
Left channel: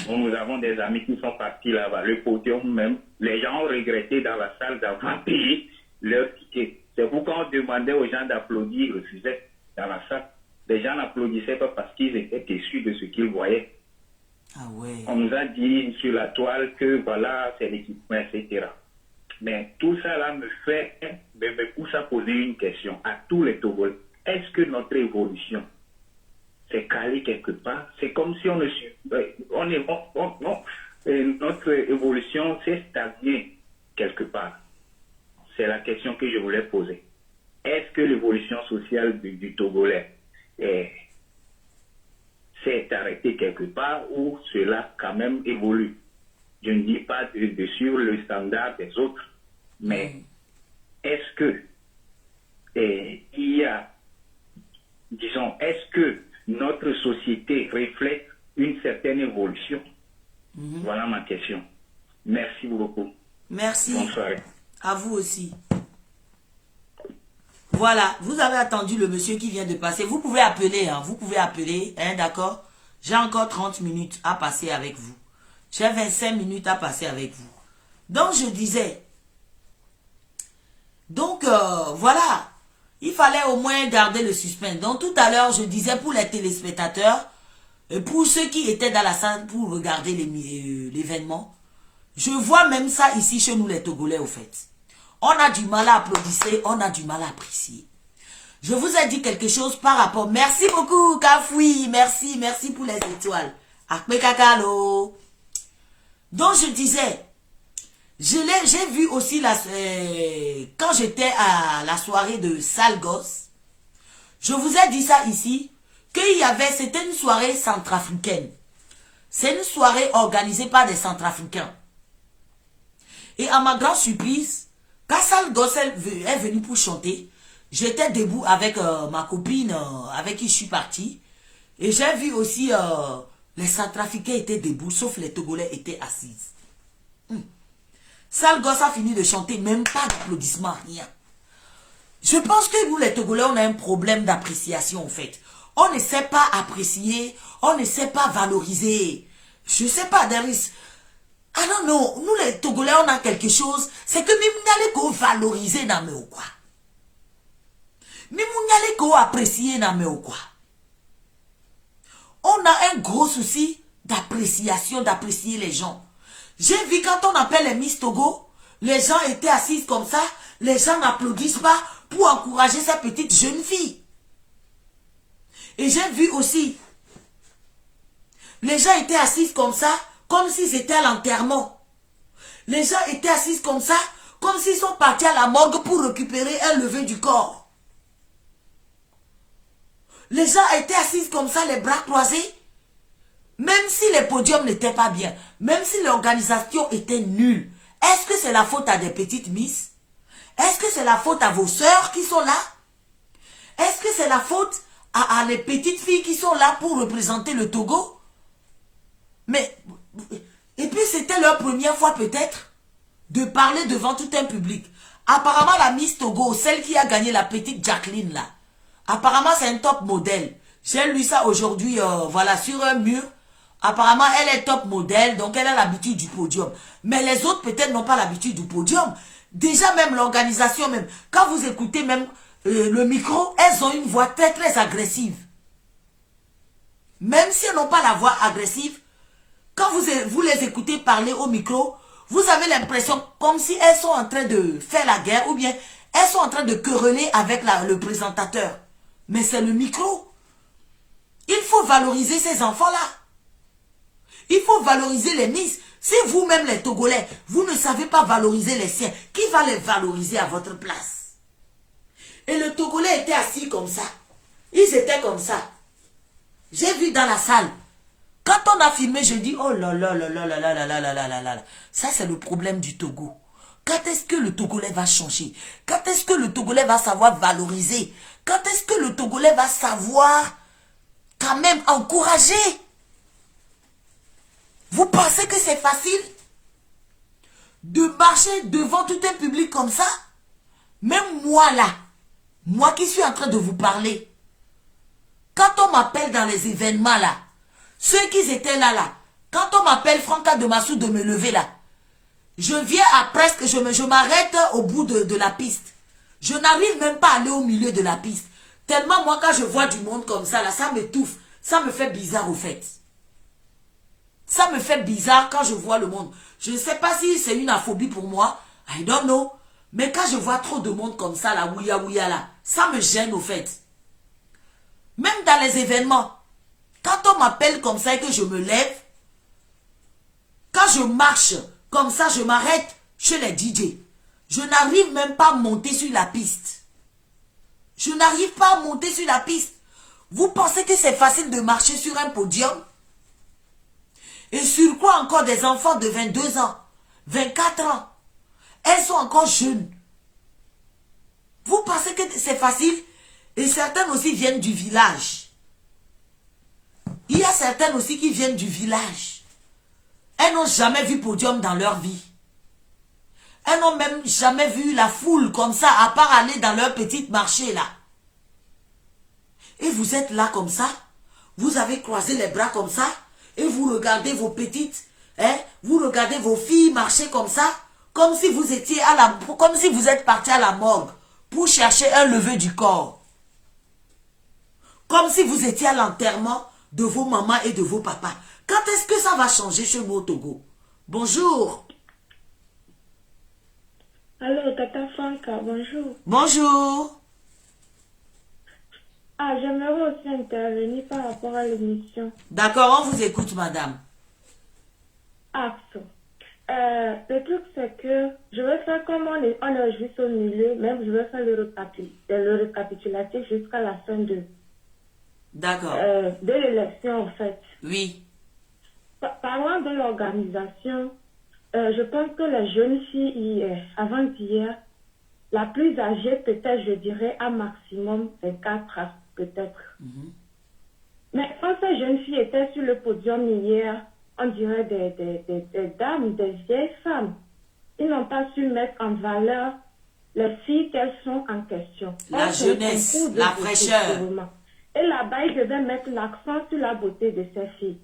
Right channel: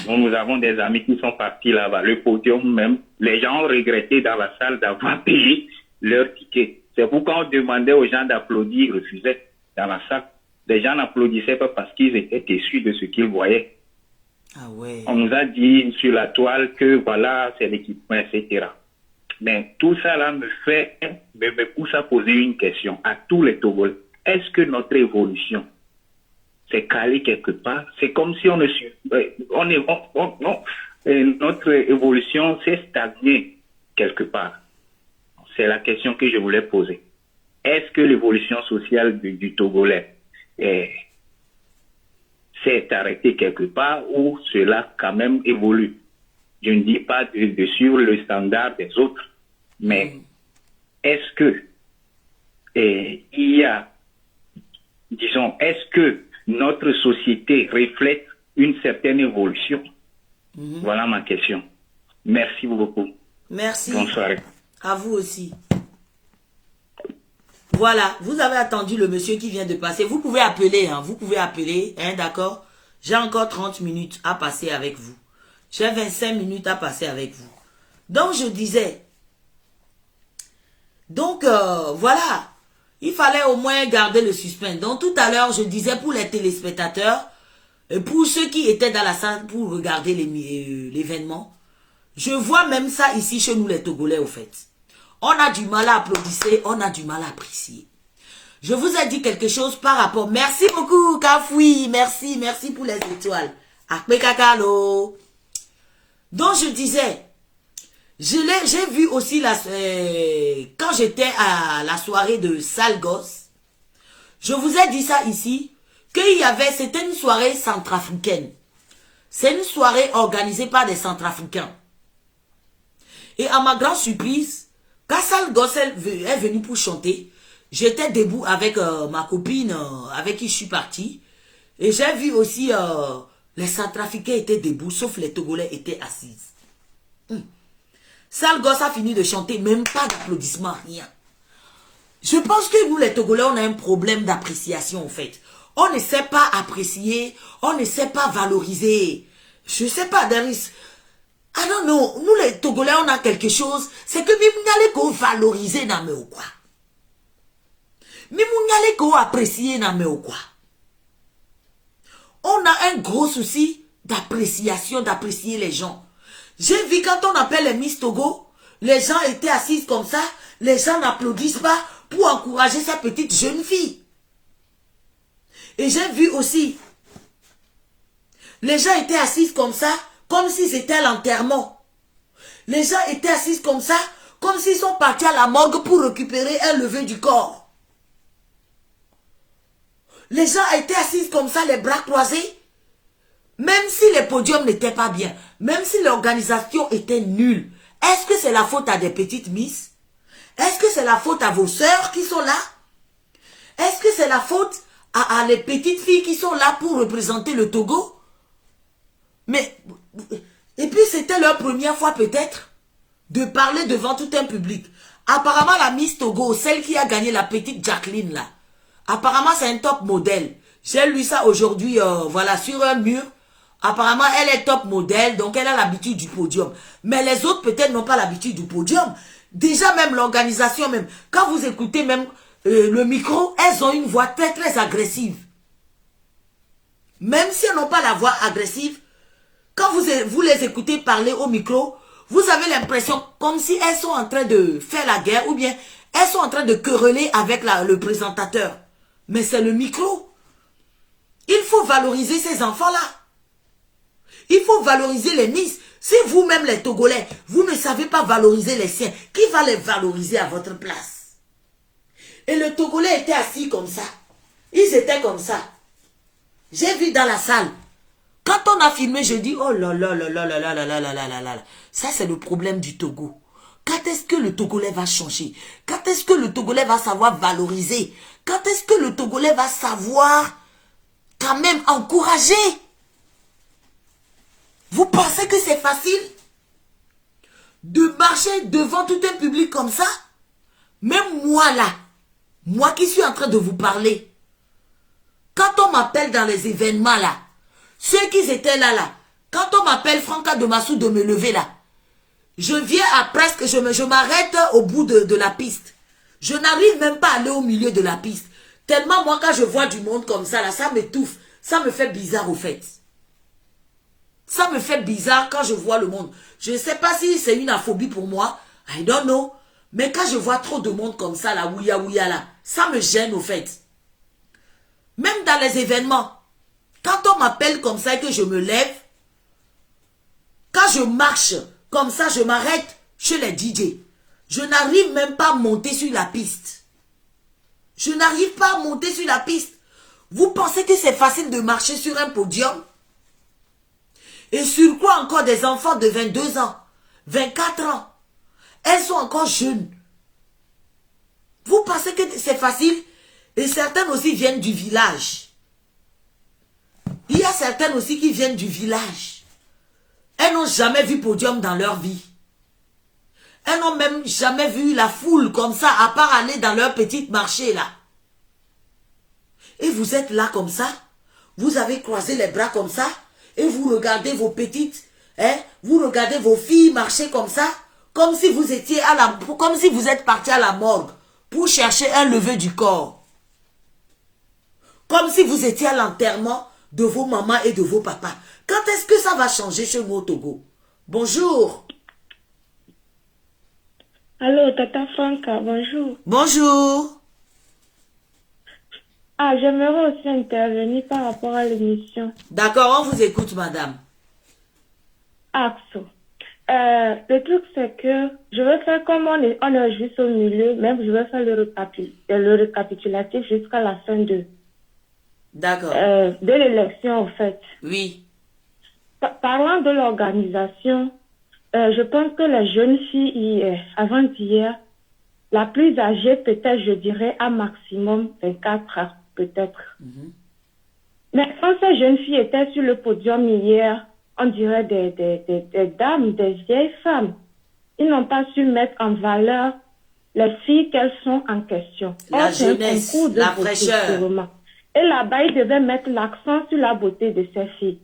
Nous avons des amis qui sont partis là-bas. Le podium même, les gens ont regretté dans la salle d'avoir payé leur ticket. C'est pourquoi on demandait aux gens d'applaudir, ils refusaient dans la salle. Les gens n'applaudissaient pas parce qu'ils étaient déçus de ce qu'ils voyaient. Ah ouais. On nous a dit sur la toile que voilà, c'est l'équipement, etc. Mais tout ça là me pousse à poser une question à tous les Togolais. Est-ce que notre évolution s'est calée quelque part? C'est comme si notre évolution s'est stagnée quelque part. C'est la question que je voulais poser. Est-ce que l'évolution sociale du Togolais s'est arrêtée quelque part ou cela quand même évolue? Je ne dis pas sur le standard des autres, mais est-ce que il y a, disons, est-ce que notre société reflète une certaine évolution? Voilà ma question. Merci beaucoup. Merci. Bonsoir. À vous aussi. Voilà, vous avez attendu le monsieur qui vient de passer. Vous pouvez appeler, hein, d'accord? J'ai encore 30 minutes à passer avec vous. J'ai 25 minutes à passer avec vous. Donc, je disais. Donc, voilà. Il fallait au moins garder le suspense. Donc, tout à l'heure, je disais pour les téléspectateurs, pour ceux qui étaient dans la salle pour regarder l'événement, je vois même ça ici chez nous les Togolais, au fait. On a du mal à applaudir, on a du mal à apprécier. Je vous ai dit quelque chose par rapport... Merci beaucoup, Kafoui. Merci pour les étoiles. Akme kakalo. Donc, je disais, j'ai vu aussi, quand j'étais à la soirée de Sale Gosse, je vous ai dit ça ici, c'était une soirée centrafricaine. C'est une soirée organisée par des centrafricains. Et à ma grande surprise, quand Sale Gosse est venu pour chanter, j'étais debout avec ma copine avec qui je suis partie. Et j'ai vu aussi les centrafricains étaient debout, sauf les Togolais étaient assis. Sale Gosse a fini de chanter, même pas d'applaudissements, rien. Je pense que nous les Togolais, on a un problème d'appréciation en fait. On ne sait pas apprécier, on ne sait pas valoriser. Je ne sais pas, Daris. Ah non, nous les Togolais, on a quelque chose, c'est que même n'allez qu'on valoriser dans ou quoi. Même n'allez qu'on apprécier dans ou quoi. On a un gros souci d'appréciation, d'apprécier les gens. J'ai vu quand on appelle les Miss Togo, les gens étaient assis comme ça, les gens n'applaudissent pas pour encourager ces petites jeunes filles. Et j'ai vu aussi, les gens étaient assis comme ça, comme s'ils étaient à l'enterrement. Les gens étaient assis comme ça, comme s'ils sont partis à la morgue pour récupérer un lever du corps. Les gens étaient assis comme ça, les bras croisés. Même si les podiums n'étaient pas bien, même si l'organisation était nulle, est-ce que c'est la faute à des petites miss? Est-ce que c'est la faute à vos sœurs qui sont là? Est-ce que c'est la faute à les petites filles qui sont là pour représenter le Togo? Mais, et puis c'était leur première fois peut-être de parler devant tout un public. Apparemment la Miss Togo, celle qui a gagné la petite Jacqueline là, apparemment c'est un top modèle. J'ai lu ça aujourd'hui, voilà, sur un mur. Apparemment elle est top modèle, donc elle a l'habitude du podium. Mais les autres peut-être n'ont pas l'habitude du podium. Déjà même l'organisation même, quand vous écoutez même le micro, elles ont une voix très très agressive. Même si elles n'ont pas la voix agressive, quand vous les écoutez parler au micro, vous avez l'impression comme si elles sont en train de faire la guerre ou bien elles sont en train de quereller avec le présentateur. Mais c'est le micro. Il faut valoriser ces enfants-là. Il faut valoriser les Miss. Si vous-même les Togolais, vous ne savez pas valoriser les siens, qui va les valoriser à votre place? Et le Togolais était assis comme ça. Ils étaient comme ça. J'ai vu dans la salle. Quand on a filmé, je dis, oh là là là là là là là là là là là là. Ça, c'est le problème du Togo. Quand est-ce que le Togolais va changer? Quand est-ce que le Togolais va savoir valoriser? Quand est-ce que le Togolais va savoir quand même encourager? Vous pensez que c'est facile de marcher devant tout un public comme ça? Même moi là, moi qui suis en train de vous parler, quand on m'appelle dans les événements là, ceux qui étaient là, quand on m'appelle Franca de Massou de me lever là, je viens à presque, je m'arrête au bout de la piste. Je n'arrive même pas à aller au milieu de la piste. Tellement moi quand je vois du monde comme ça là, ça m'étouffe. Ça me fait bizarre au fait. Ça me fait bizarre quand je vois le monde. Je ne sais pas si c'est une aphobie pour moi. I don't know. Mais quand je vois trop de monde comme ça, là, ouya ouya là, ça me gêne au fait. Même dans les événements, quand on m'appelle comme ça et que je me lève, quand je marche comme ça, je m'arrête chez les DJ. Je n'arrive même pas à monter sur la piste. Je n'arrive pas à monter sur la piste. Vous pensez que c'est facile de marcher sur un podium? Et sur quoi encore des enfants de 22 ans, 24 ans? Elles sont encore jeunes. Vous pensez que c'est facile? Et certaines aussi viennent du village. Il y a certaines aussi qui viennent du village. Elles n'ont jamais vu podium dans leur vie. Elles n'ont même jamais vu la foule comme ça, à part aller dans leur petit marché là. Et vous êtes là comme ça, vous avez croisé les bras comme ça, et vous regardez vos petites, vous regardez vos filles marcher comme ça, comme si vous étiez comme si vous êtes parti à la morgue pour chercher un lever du corps. Comme si vous étiez à l'enterrement de vos mamans et de vos papas. Quand est-ce que ça va changer chez nous au Togo? Bonjour. Allô, Tata Franca, bonjour. Bonjour. Ah, j'aimerais aussi intervenir par rapport à l'émission. D'accord, on vous écoute, madame. Axo. Le truc, c'est que je vais faire comme on est juste au milieu, même je vais faire le récapitulatif jusqu'à la fin de l'élection, en fait. Oui. Parlant de l'organisation, je pense que les jeunes filles, avant-hier, la plus âgée, peut-être, je dirais, à maximum 24 ans, peut-être. Mais quand ces jeunes filles étaient sur le podium hier, on dirait des dames, des vieilles femmes. Ils n'ont pas su mettre en valeur les filles qu'elles sont en question. La jeunesse, la fraîcheur. Et là-bas, ils devaient mettre l'accent sur la beauté de ces filles.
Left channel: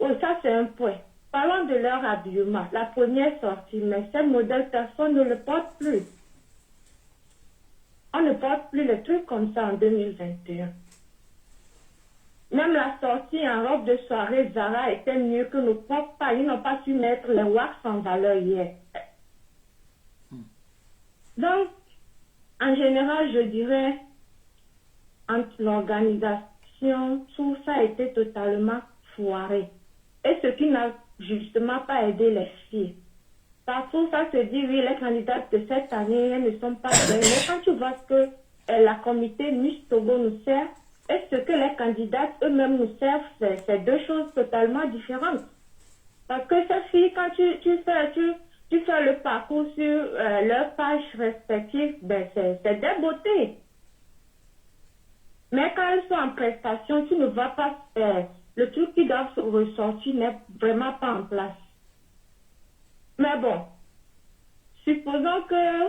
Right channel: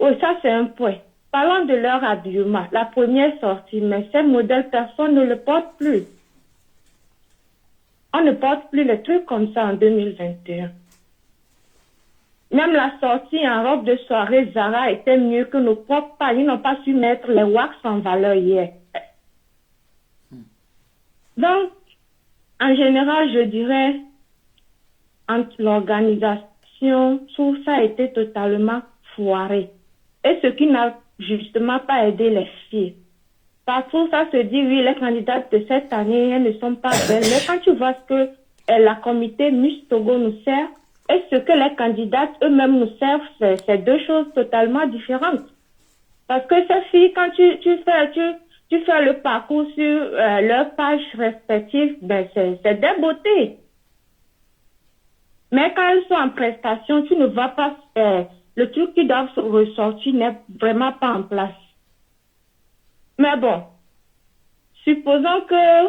Oui, ça c'est un point. Parlons de leur habillement. La première sortie, mais ces modèles, personne ne le porte plus. On ne porte plus les trucs comme ça en 2021. Même la sortie en robe de soirée Zara était mieux que nos propres pas. Ils n'ont pas su mettre les wax en valeur hier. Donc, en général, je dirais, entre l'organisation, tout ça a été totalement foiré. Et ce qui n'a justement pas aidé les filles. Parfois, ça se dit, oui, les candidates de cette année, elles ne sont pas belles. Mais quand tu vois ce que la comité Miss Togo nous sert, et ce que les candidates eux-mêmes nous servent, c'est deux choses totalement différentes. Parce que ces filles, quand tu fais le parcours sur leurs pages respectives, ben c'est des beautés. Mais quand elles sont en prestation, tu ne vois pas, le truc qui doit ressortir n'est vraiment pas en place. Mais bon, supposons que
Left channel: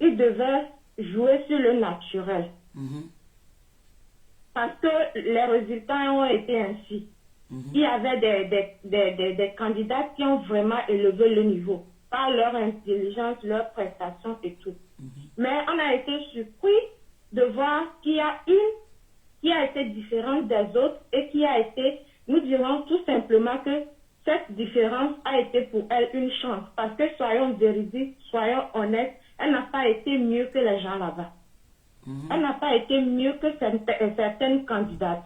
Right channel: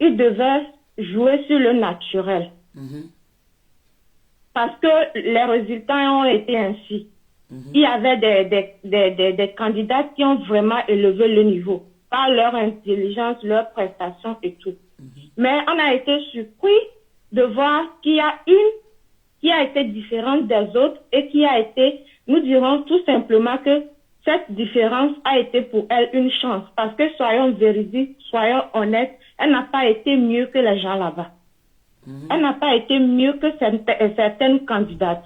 ils devaient jouer sur le naturel. Parce que les résultats ont été ainsi. Il y avait des candidats qui ont vraiment élevé le niveau par leur intelligence, leur prestation et tout. Mais on a été surpris de voir qu'il y a une qui a été différente des autres et qui a été, nous dirons tout simplement que cette différence a été pour elle une chance. Parce que soyons véridiques, soyons honnêtes, elle n'a pas été mieux que les gens là-bas. Elle n'a pas été mieux que certaines candidates.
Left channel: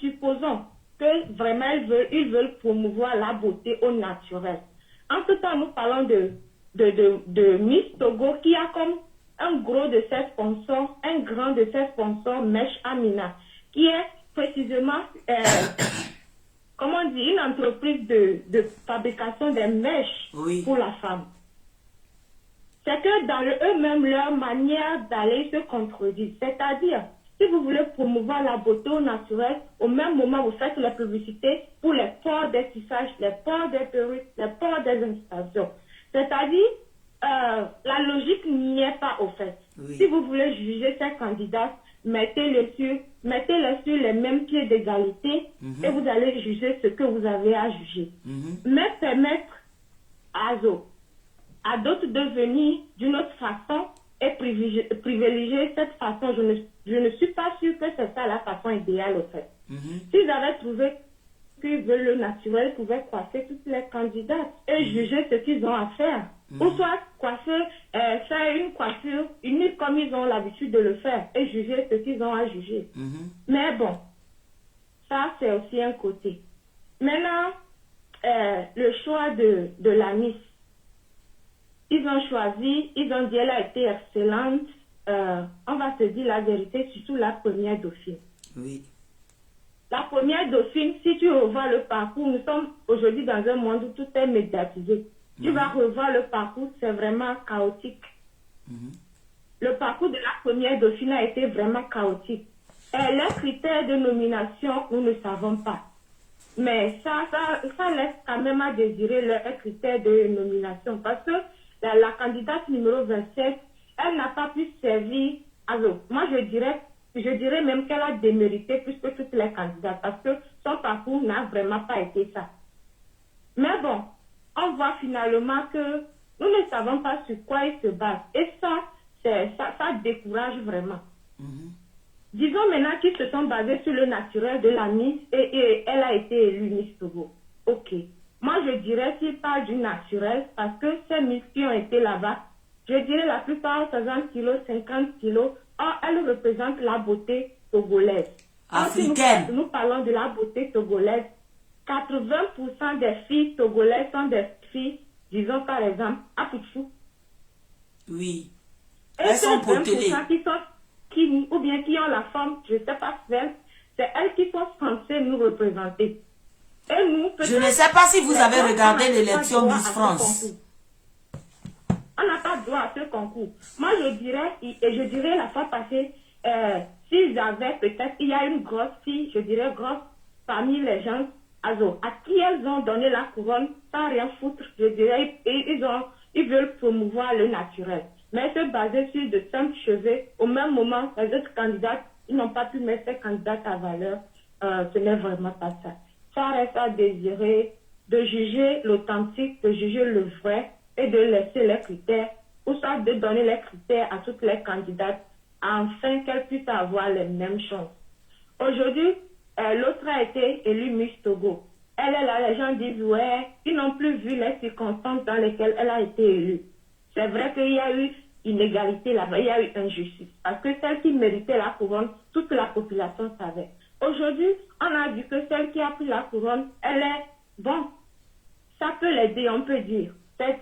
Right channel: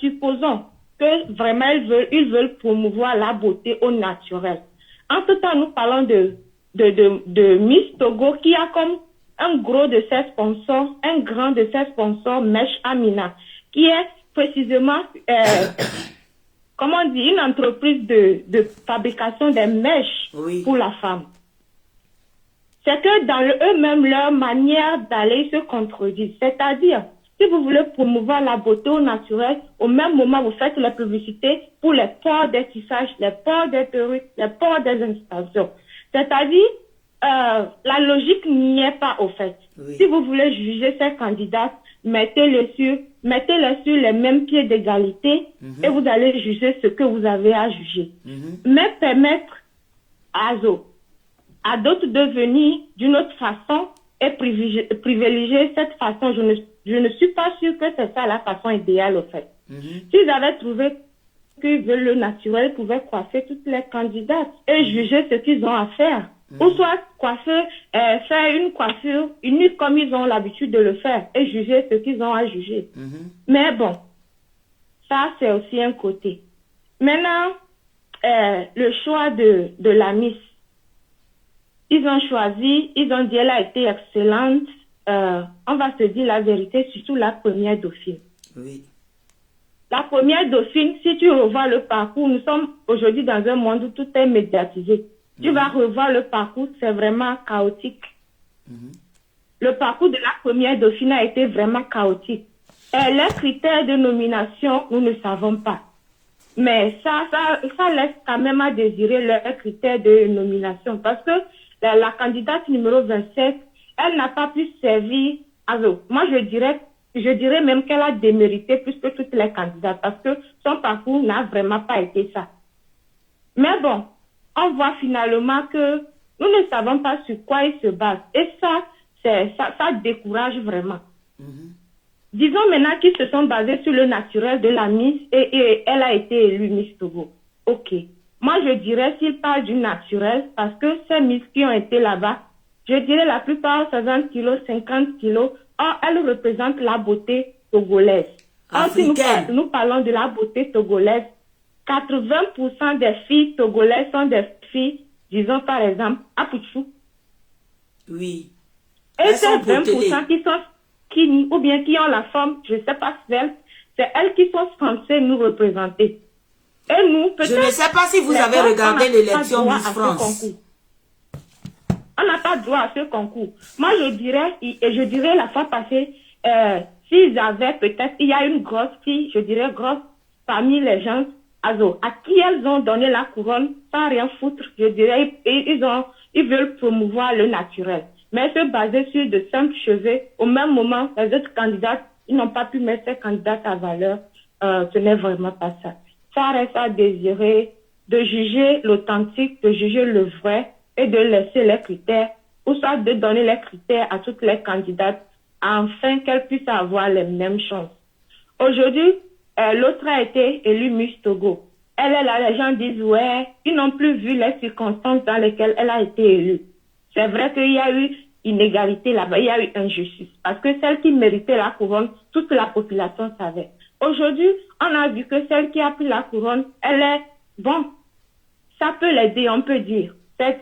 Supposons que vraiment ils veulent promouvoir la beauté au naturel. En tout temps, nous parlons de Miss Togo qui a comme un gros de ses sponsors, un grand de ses sponsors, Mèche Amina, qui est précisément, comment on dit, une entreprise de fabrication des mèches pour la femme. C'est que dans eux-mêmes, leur manière d'aller se contredire. C'est-à-dire, si vous voulez promouvoir la beauté au naturel, au même moment, vous faites la publicité pour les ports des tissages, les ports des perruques, les ports des installations. C'est-à-dire, la logique n'y est pas au fait. Si vous voulez juger ces candidats, mettez-les sur les mêmes pieds d'égalité et vous allez juger ce que vous avez à juger. Mais permettre à d'autres de venir d'une autre façon et privilégier cette façon, je ne suis pas sûre que c'est ça la façon idéale au fait. S'ils avaient trouvé qu'ils veulent le naturel, pouvaient coiffer toutes les candidates et juger ce qu'ils ont à faire. Ou soit coiffer, faire une coiffure unique comme ils ont l'habitude de le faire et juger ce qu'ils ont à juger. Mais bon, ça c'est aussi un côté. Maintenant, le choix de la Miss. Ils ont choisi, ils ont dit elle a été excellente. On va se dire la vérité, surtout la première dauphine. Oui. La première dauphine, si tu revois le parcours, nous sommes aujourd'hui dans un monde où tout est médiatisé. Tu vas revoir le parcours, c'est vraiment chaotique. Le parcours de la première dauphine a été vraiment chaotique. Et les critères de nomination, nous ne savons pas. Mais ça laisse quand même à désirer les critères de nomination. Parce que la candidate numéro 27, elle n'a pas pu servir. Alors, moi, je dirais même qu'elle a démérité plus que toutes les candidates. Parce que son parcours n'a vraiment pas été ça. Mais bon, on voit finalement que nous ne savons pas sur quoi ils se basent. Et ça décourage vraiment. Disons maintenant qu'ils se sont basés sur le naturel de la Miss et elle a été élue Miss Togo. Ok. Moi, je dirais s'ils parlent du naturel, parce que ces Miss qui ont été là-bas, je dirais la plupart 60 kilos, 50 kilos, elles représentent la beauté togolaise. Africaine. Si nous parlons de la beauté togolaise, 80% des filles togolaises sont des filles, disons par exemple, Apuchou. Oui. Et c'est 20% qui sont Kini, ou bien qui ont la forme, je ne sais pas si c'est elles qui sont censées nous représenter. Et nous, je ne sais pas si vous avez regardé l'élection Miss France. On n'a pas droit à ce concours. Moi, je dirais la fois passée, s'ils avaient peut-être, il y a une grosse fille, je dirais grosse, parmi les gens, à qui elles ont donné la couronne sans rien foutre, je dirais, et ils veulent promouvoir le naturel. Mais se baser sur de simples cheveux, au même moment, les autres candidates, ils n'ont pas pu mettre ces candidates à valeur. Ce n'est vraiment pas ça. Ça reste à désirer de juger l'authentique, de juger le vrai et de laisser les critères, ou soit de donner les critères à toutes les candidates afin qu'elles puissent avoir les mêmes chances. Aujourd'hui, l'autre a été élue Miss Togo. Elle est là, les gens disent, ouais, ils n'ont plus vu les circonstances dans lesquelles elle a été élue. C'est vrai qu'il y a eu inégalité là-bas, il y a eu injustice. Parce que celle qui méritait la couronne, toute la population savait. Aujourd'hui, on a vu que celle qui a pris la couronne, elle est, bon, ça peut l'aider, on peut dire.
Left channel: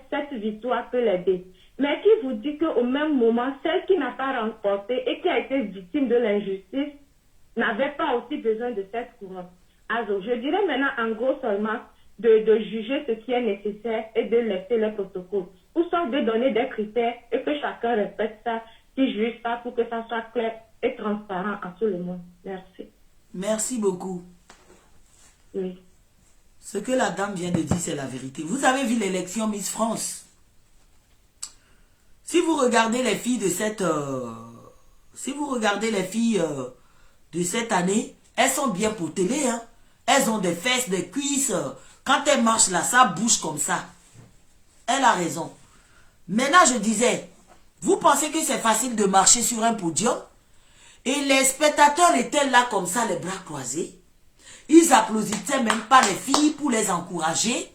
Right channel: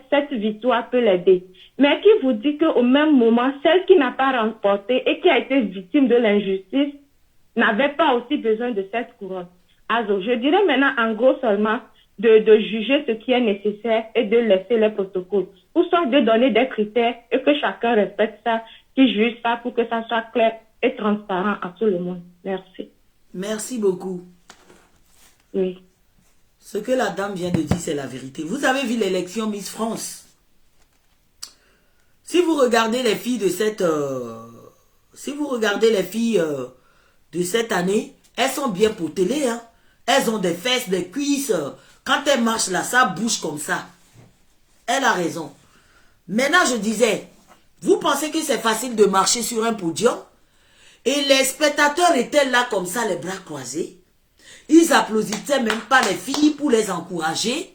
Cette victoire peut l'aider. Mais qui vous dit qu'au même moment, celle qui n'a pas remporté et qui a été victime de l'injustice n'avait pas aussi besoin de cette couronne. Alors, je dirais maintenant en gros seulement de juger ce qui est nécessaire et de laisser les protocoles. Ou soit de donner des critères et que chacun respecte ça, qui juge ça pour que ça soit clair et transparent à tout le monde. Merci. Merci beaucoup. Oui. Ce que la dame vient de dire, c'est la vérité. Vous avez vu l'élection Miss France. Si vous regardez les filles de cette... de cette année, elles sont bien pour télé. Hein? Elles ont des fesses, des cuisses. Quand elles marchent là, ça bouge comme ça. Elle a raison. Maintenant, je disais, vous pensez que c'est facile de marcher sur un podium? Et les spectateurs étaient là comme ça, les bras croisés. Ils applaudissaient même pas les filles pour les encourager.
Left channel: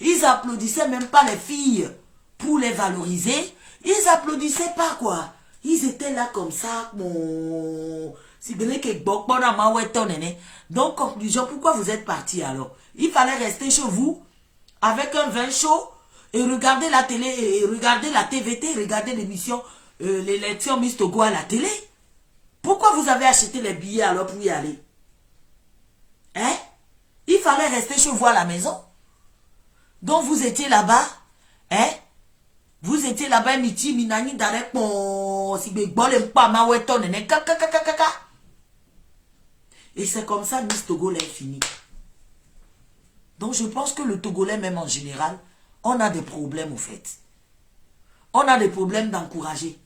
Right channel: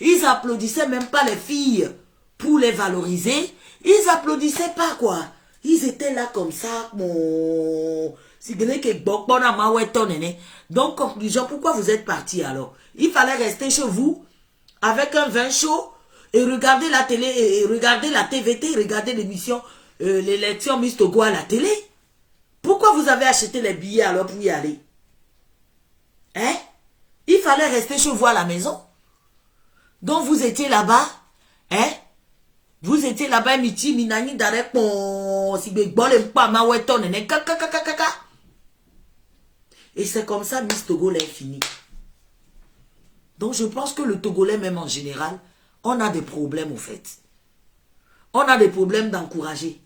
Ils applaudissaient même pas les filles pour les valoriser. Ils applaudissaient pas quoi. Ils étaient là comme ça. Donc, conclusion, pourquoi vous êtes partis alors? Il fallait rester chez vous avec un vin chaud et regarder la télé, et regarder la TVT, regarder l'émission, l'élection Miss Togo à la télé. Pourquoi vous avez acheté les billets alors pour y aller? Hein? Il fallait rester chez vous à la maison. Donc vous étiez là-bas. Hein? Vous étiez là-bas, miti, minani, d'arrêt, et c'est comme ça, Miss Togolais est fini. Donc je pense que le Togolais, même en général, on a des problèmes au fait. On a des problèmes d'encourager.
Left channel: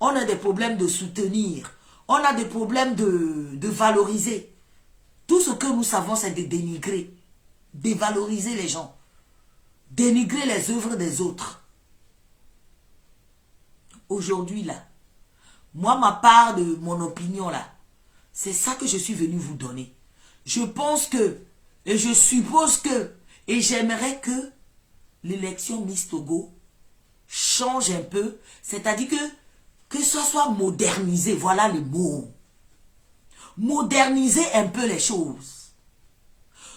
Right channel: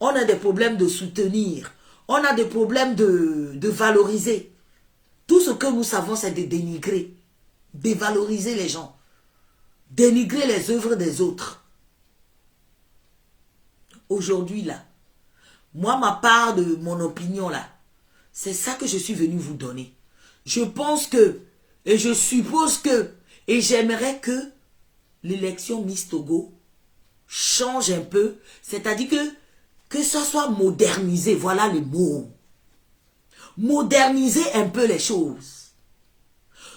On a des problèmes de soutenir. On a des problèmes de valoriser. Tout ce que nous savons, c'est de dénigrer. Dévaloriser les gens. Dénigrer les œuvres des autres. Aujourd'hui, là, moi, ma part de mon opinion, là, c'est ça que je suis venu vous donner. Je pense que Et je suppose que, et j'aimerais que l'élection Miss Togo change un peu, c'est-à-dire que ça soit modernisé, voilà le mot. Moderniser un peu les choses.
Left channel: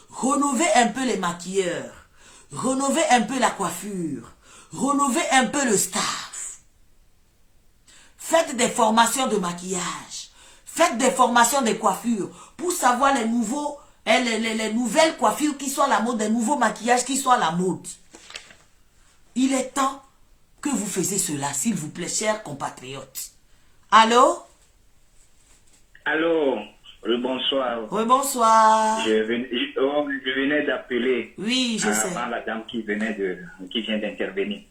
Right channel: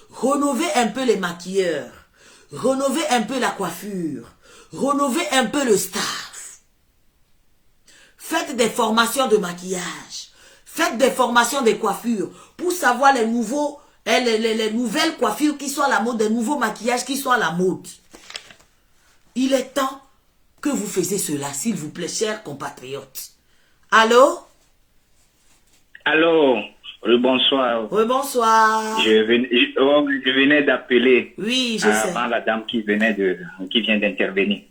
Rénover un peu les maquilleurs. Rénover un peu la coiffure. Rénover un peu le staff. Faites des formations de maquillage. Faites des formations de coiffure pour savoir les nouvelles coiffures qui sont à la mode, des nouveaux maquillages qui sont à la mode. Il est temps que vous faisiez cela, s'il vous plaît, chers compatriotes. Allô? Alors, bonsoir. Rebonsoir. Je venais d'appeler. Oui, je sais. Avant la dame qui vient d'intervenir.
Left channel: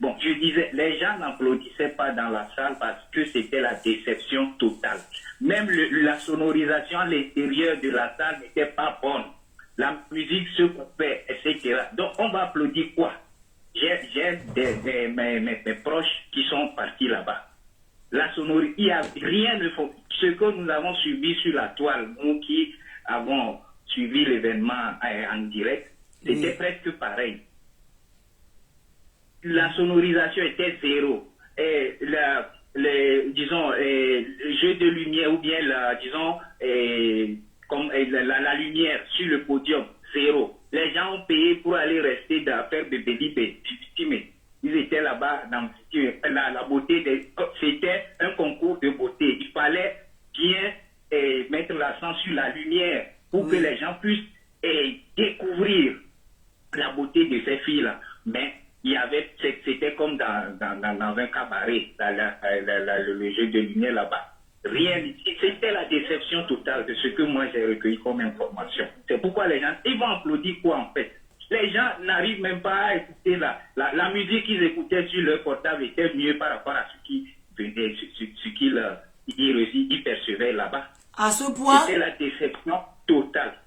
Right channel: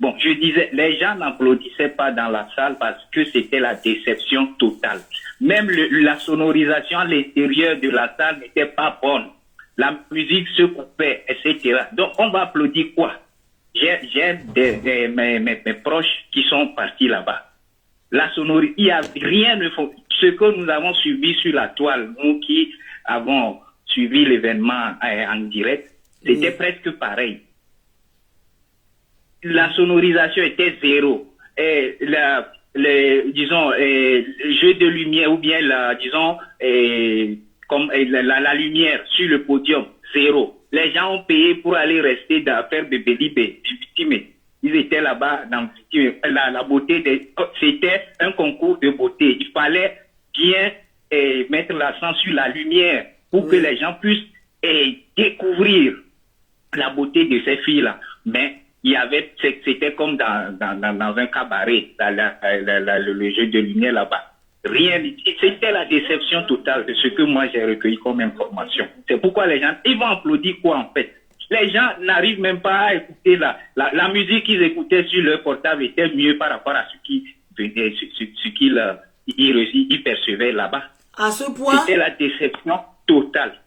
Bon, je disais, les gens n'applaudissaient pas dans la salle parce que c'était la déception totale. Même la sonorisation à l'intérieur de la salle n'était pas bonne. La musique se coupait, etc. Donc, on va applaudir quoi? J'ai mes proches qui sont partis là-bas. La sonorité, il n'y a rien de faux. Ce que nous avons suivi sur la toile, nous qui avons suivi l'événement en direct, c'était presque pareil. La sonorisation était zéro. Et disons, le jeu de lumière ou bien la lumière sur le podium, zéro. Les gens ont payé pour aller rester dans faire bébé victime. Ils étaient là-bas dans la beauté. C'était un concours de beauté. Il fallait bien mettre l'accent sur la lumière pour que les gens puissent découvrir la beauté de ces filles-là. Mais c'était comme dans un cabaret, le jeu de lumière là-bas. Rien, c'était la déception totale de ce que moi j'ai recueilli comme information. C'est pourquoi les gens, ils vont applaudir quoi en fait? Les gens n'arrivent même pas à écouter la musique qu'ils écoutaient sur leur portable était mieux par rapport à ce qu'ils percevaient là-bas. À ce point? C'était la déception totale.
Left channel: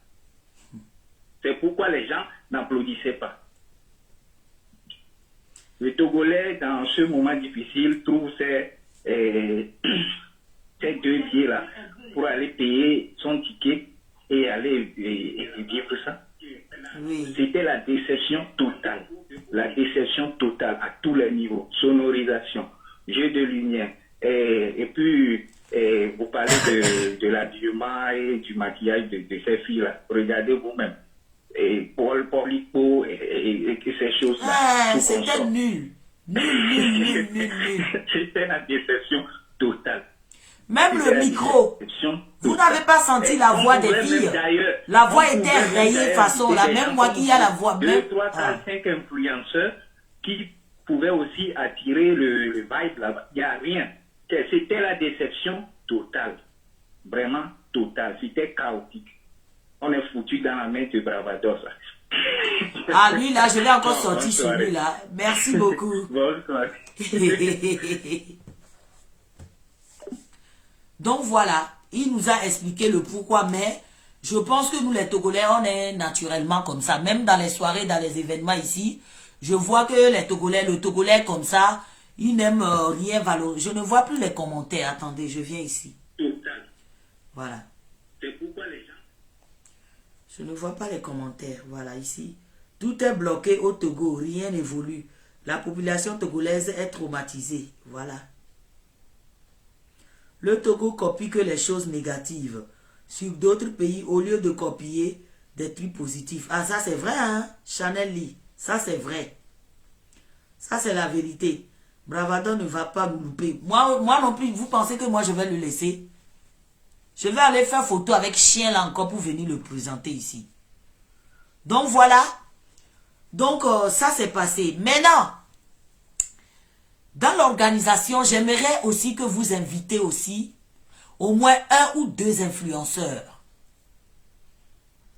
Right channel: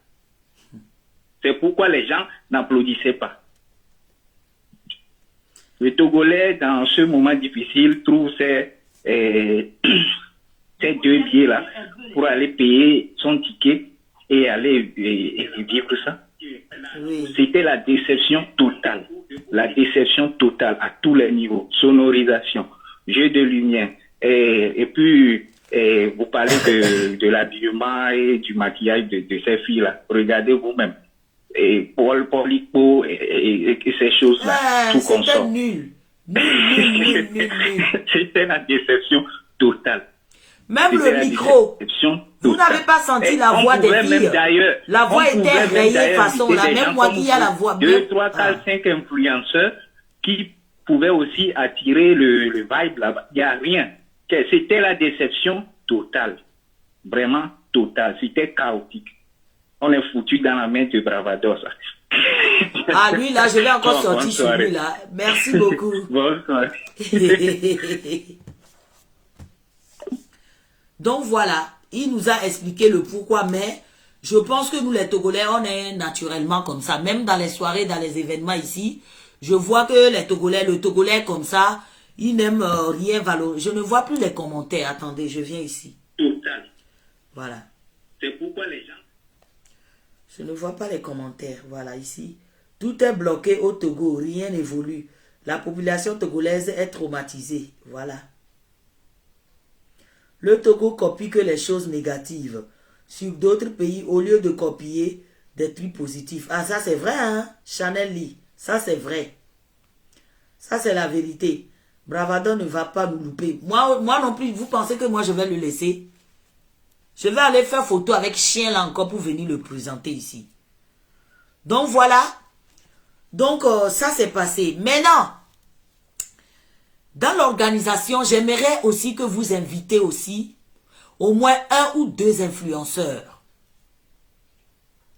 C'est pourquoi les gens n'applaudissaient pas. Le Togolais, dans ce moment difficile, trouve ces 2 billets-là pour aller payer son ticket et aller vivre ça. Oui. C'était la déception totale. La déception totale à tous les niveaux. Sonorisation, jeu de lumière. Et puis, vous parlez de l'habillement et du maquillage de ces filles-là. Regardez vous-même. Et Paul Polico et ces choses-là. C'était nul. Nul. C'était la déception totale. Même le micro. Vous n'avez pas senti la voix des filles. La voix était rayée façon là. Même moi qui a la voix. 2, 3, 4, 5 influenceurs qui pouvaient aussi attirer le vibe là-bas. Il n'y a rien. C'était la déception totale. Vraiment totale. C'était chaotique. On est foutu dans la main de Bravados. Ah, lui là, je vais encore sortir sur lui là. Merci beaucoup. Bonsoir. Donc voilà, il nous a expliqué le pourquoi, mais je pense que nous les Togolais, on est naturellement comme ça. Même dans les soirées, dans les événements ici, je vois que le Togolais comme ça, il n'aime rien valoriser. Je ne vois plus les commentaires. Attendez, je viens ici. Total. Voilà. C'est pourquoi les gens... Je ne vois pas les commentaires. Voilà, ici. Tout est bloqué au Togo. Rien n'évolue. La population togolaise est traumatisée. Voilà. Le Togo copie que les choses négatives. Sur d'autres pays, au lieu de copier des trucs positifs. Ah, ça c'est vrai, hein? Chanel Lee. Ça c'est vrai. Ça c'est la vérité. Bravado ne va pas nous louper. Moi non plus, vous pensez que moi je vais le laisser? Je vais aller faire photo avec chien là encore pour venir le présenter ici. Donc voilà. Donc ça s'est passé. Maintenant, dans l'organisation, j'aimerais aussi que vous invitez aussi au moins 1 ou 2 influenceurs.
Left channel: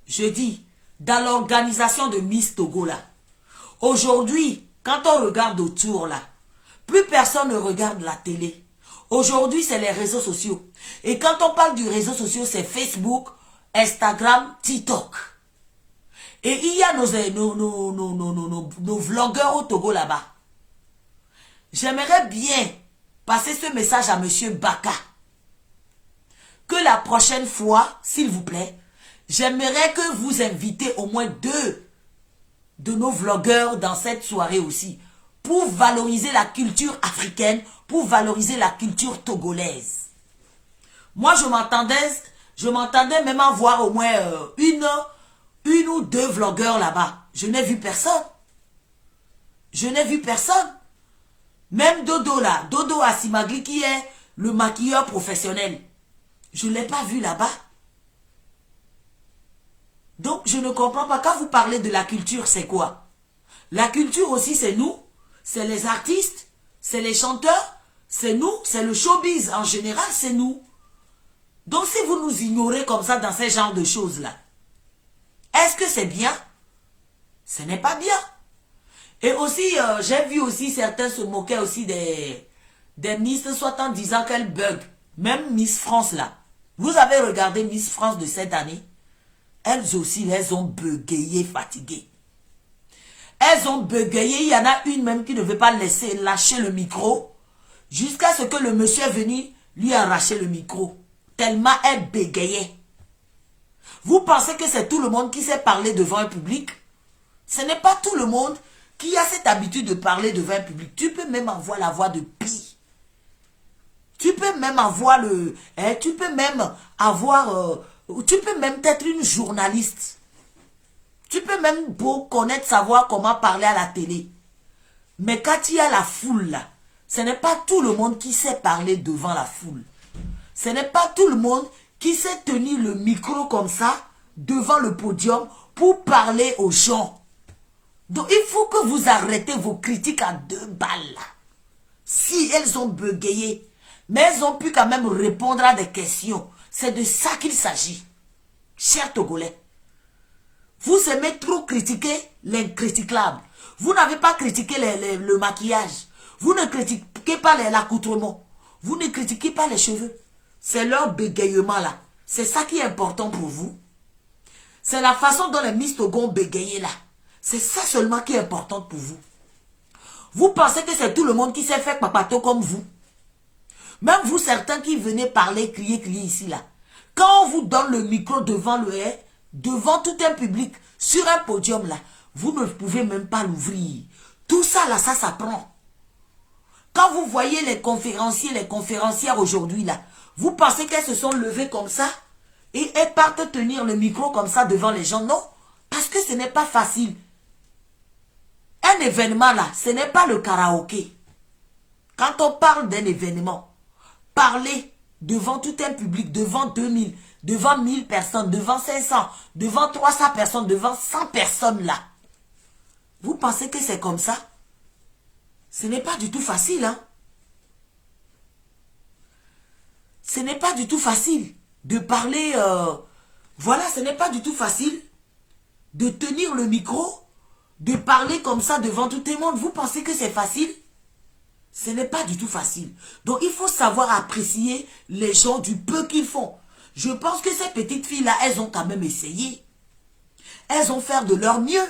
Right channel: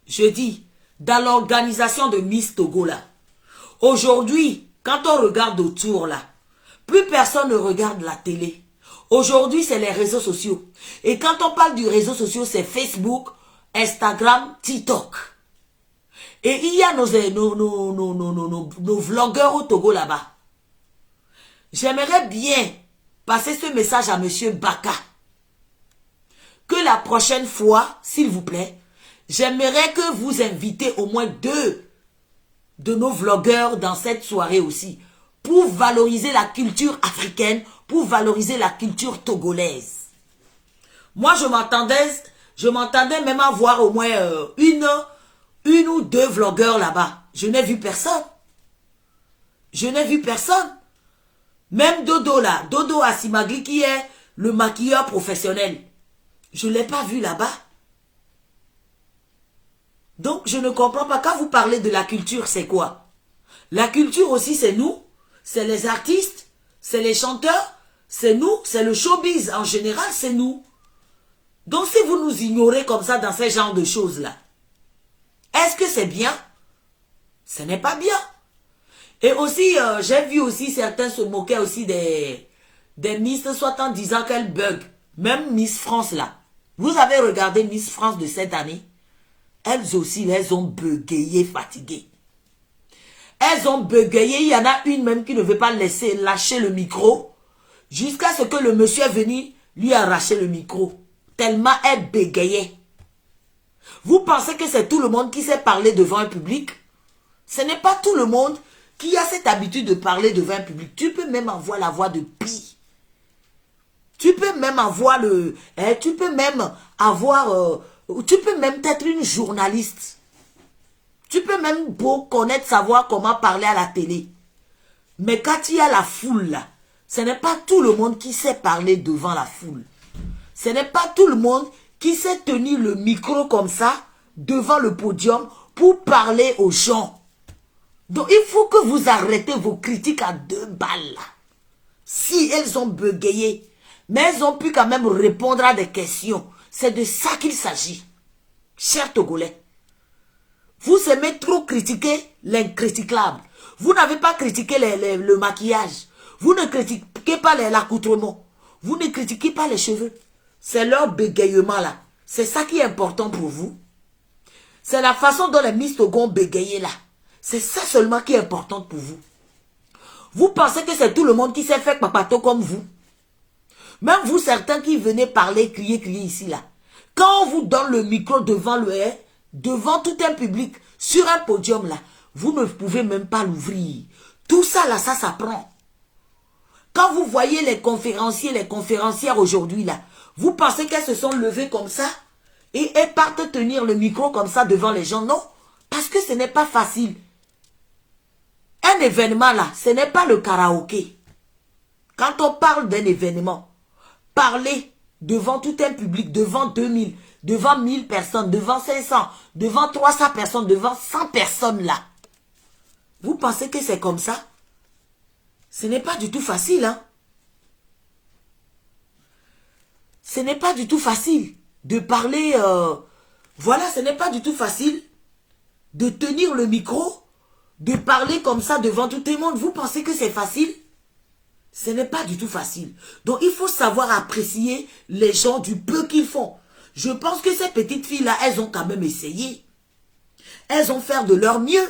Je dis, dans l'organisation de Miss Togo là. Aujourd'hui, quand on regarde autour là, plus personne ne regarde la télé. Aujourd'hui, c'est les réseaux sociaux. Et quand on parle du réseau social, c'est Facebook, Instagram, TikTok. Et il y a nos vlogueurs au Togo là-bas. J'aimerais bien passer ce message à M. Baka. Que la prochaine fois, s'il vous plaît, J'aimerais que vous invitez au moins 2 de nos vlogueurs dans cette soirée aussi, pour valoriser la culture africaine, pour valoriser la culture togolaise. Moi, je m'entendais même avoir au moins une ou 2 vlogueurs là-bas. Je n'ai vu personne. Je n'ai vu personne. Même Dodo là, Dodo Asimagli qui est le maquilleur professionnel. Je ne l'ai pas vu là-bas. Donc, je ne comprends pas. Quand vous parlez de la culture, c'est quoi? La culture aussi, c'est nous. C'est les artistes. C'est les chanteurs. C'est nous. C'est le showbiz. En général, c'est nous. Donc, si vous nous ignorez comme ça dans ce genre de choses-là, est-ce que c'est bien? Ce n'est pas bien. Et aussi, j'ai vu aussi certains se moquer aussi des Miss, soit en disant qu'elles bug. Même Miss France là. Vous avez regardé Miss France de cette année? Elles aussi, elles ont bégayé, fatiguées. Elles ont bégayé. Il y en a une même qui ne veut pas lâcher le micro jusqu'à ce que le monsieur est venu lui arracher le micro. Tellement elle bégayait. Vous pensez que c'est tout le monde qui sait parler devant un public? Ce n'est pas tout le monde qui a cette habitude de parler devant un public. Tu peux même avoir la voix de Pi. Tu peux même avoir tu peux même être une journaliste. Tu peux même connaître, savoir comment parler à la télé. Mais quand il y a la foule là, ce n'est pas tout le monde qui sait parler devant la foule. Ce n'est pas tout le monde qui sait tenir le micro comme ça, devant le podium, pour parler aux gens. Donc, il faut que vous arrêtez vos critiques à 2 balles là. Si elles ont bégayé, mais elles ont pu quand même répondre à des questions. C'est de ça qu'il s'agit. Chers Togolais, vous aimez trop critiquer l'incriticable. Vous n'avez pas critiqué le maquillage. Vous ne critiquez pas l'accoutrement. Vous ne critiquez pas les cheveux. C'est leur bégayement là. C'est ça qui est important pour vous. C'est la façon dont les Miss Togo ont bégayé là. C'est ça seulement qui est important pour vous. Vous pensez que c'est tout le monde qui sait faire papato comme vous? Même vous, certains qui venez parler, crier ici, là. Quand on vous donne le micro devant devant tout un public, sur un podium, là, vous ne pouvez même pas l'ouvrir. Tout ça, là, ça s'apprend. Quand vous voyez les conférenciers, les conférencières aujourd'hui, là, vous pensez qu'elles se sont levées comme ça et elles partent tenir le micro comme ça devant les gens? Non, parce que ce n'est pas facile. Un événement, là, ce n'est pas le karaoké. Quand on parle d'un événement, parler devant tout un public, devant 2000, devant 1000 personnes, devant 500, devant 300 personnes, devant 100 personnes là. Vous pensez que c'est comme ça? Ce n'est pas du tout facile, hein? Ce n'est pas du tout facile de parler, voilà, ce n'est pas du tout facile de tenir le micro, de parler comme ça devant tout le monde. Vous pensez que c'est facile? Ce n'est pas du tout facile. Donc, il faut savoir apprécier les gens du peu qu'ils font. Je pense que ces petites filles-là, elles ont quand même essayé. Elles ont fait de leur mieux.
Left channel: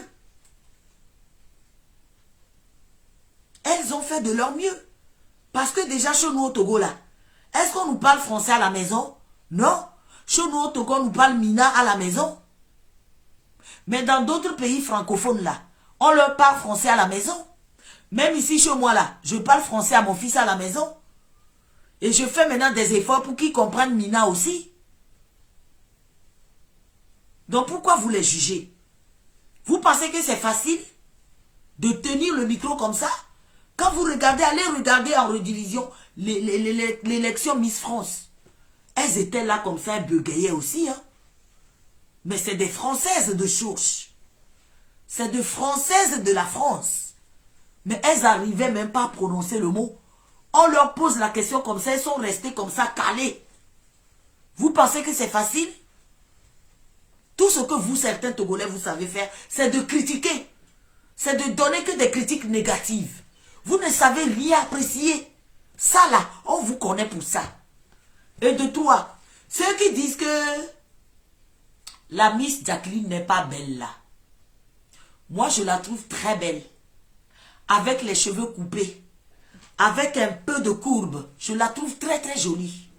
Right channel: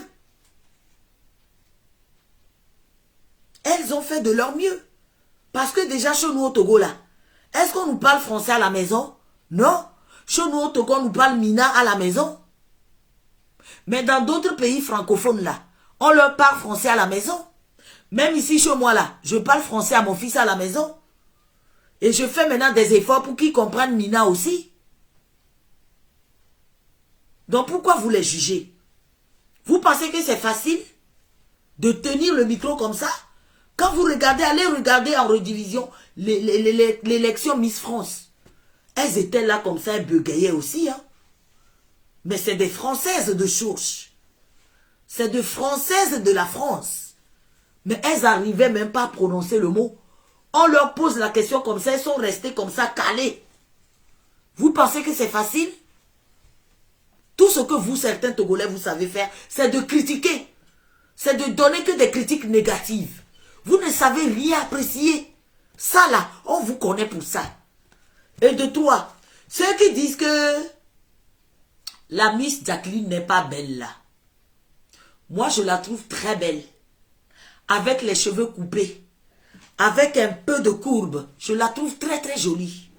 Elles ont fait de leur mieux. Parce que déjà, chez nous au Togo, là, est-ce qu'on nous parle français à la maison? Non. Chez nous au Togo, on nous parle mina à la maison. Mais dans d'autres pays francophones, là, on leur parle français à la maison. Même ici, chez moi, là, je parle français à mon fils à la maison. Et je fais maintenant des efforts pour qu'ils comprennent Mina aussi. Donc, pourquoi vous les jugez? Vous pensez que c'est facile de tenir le micro comme ça? Quand vous regardez, allez regarder en redivision l'élection Miss France. Elles étaient là comme ça, elles bégayaient aussi. Hein? Mais c'est des Françaises de souche. C'est des Françaises de la France. Mais elles n'arrivaient même pas à prononcer le mot. On leur pose la question comme ça, elles sont restées comme ça, calées. Vous pensez que c'est facile? Tout ce que vous, certains Togolais, vous savez faire, c'est de critiquer. C'est de donner que des critiques négatives. Vous ne savez rien apprécier. Ça là, on vous connaît pour ça. Et de toi, ceux qui disent que la Miss Jacqueline n'est pas belle là. Moi, je la trouve très belle. Avec les cheveux coupés, avec un peu de courbe, je la trouve très très jolie.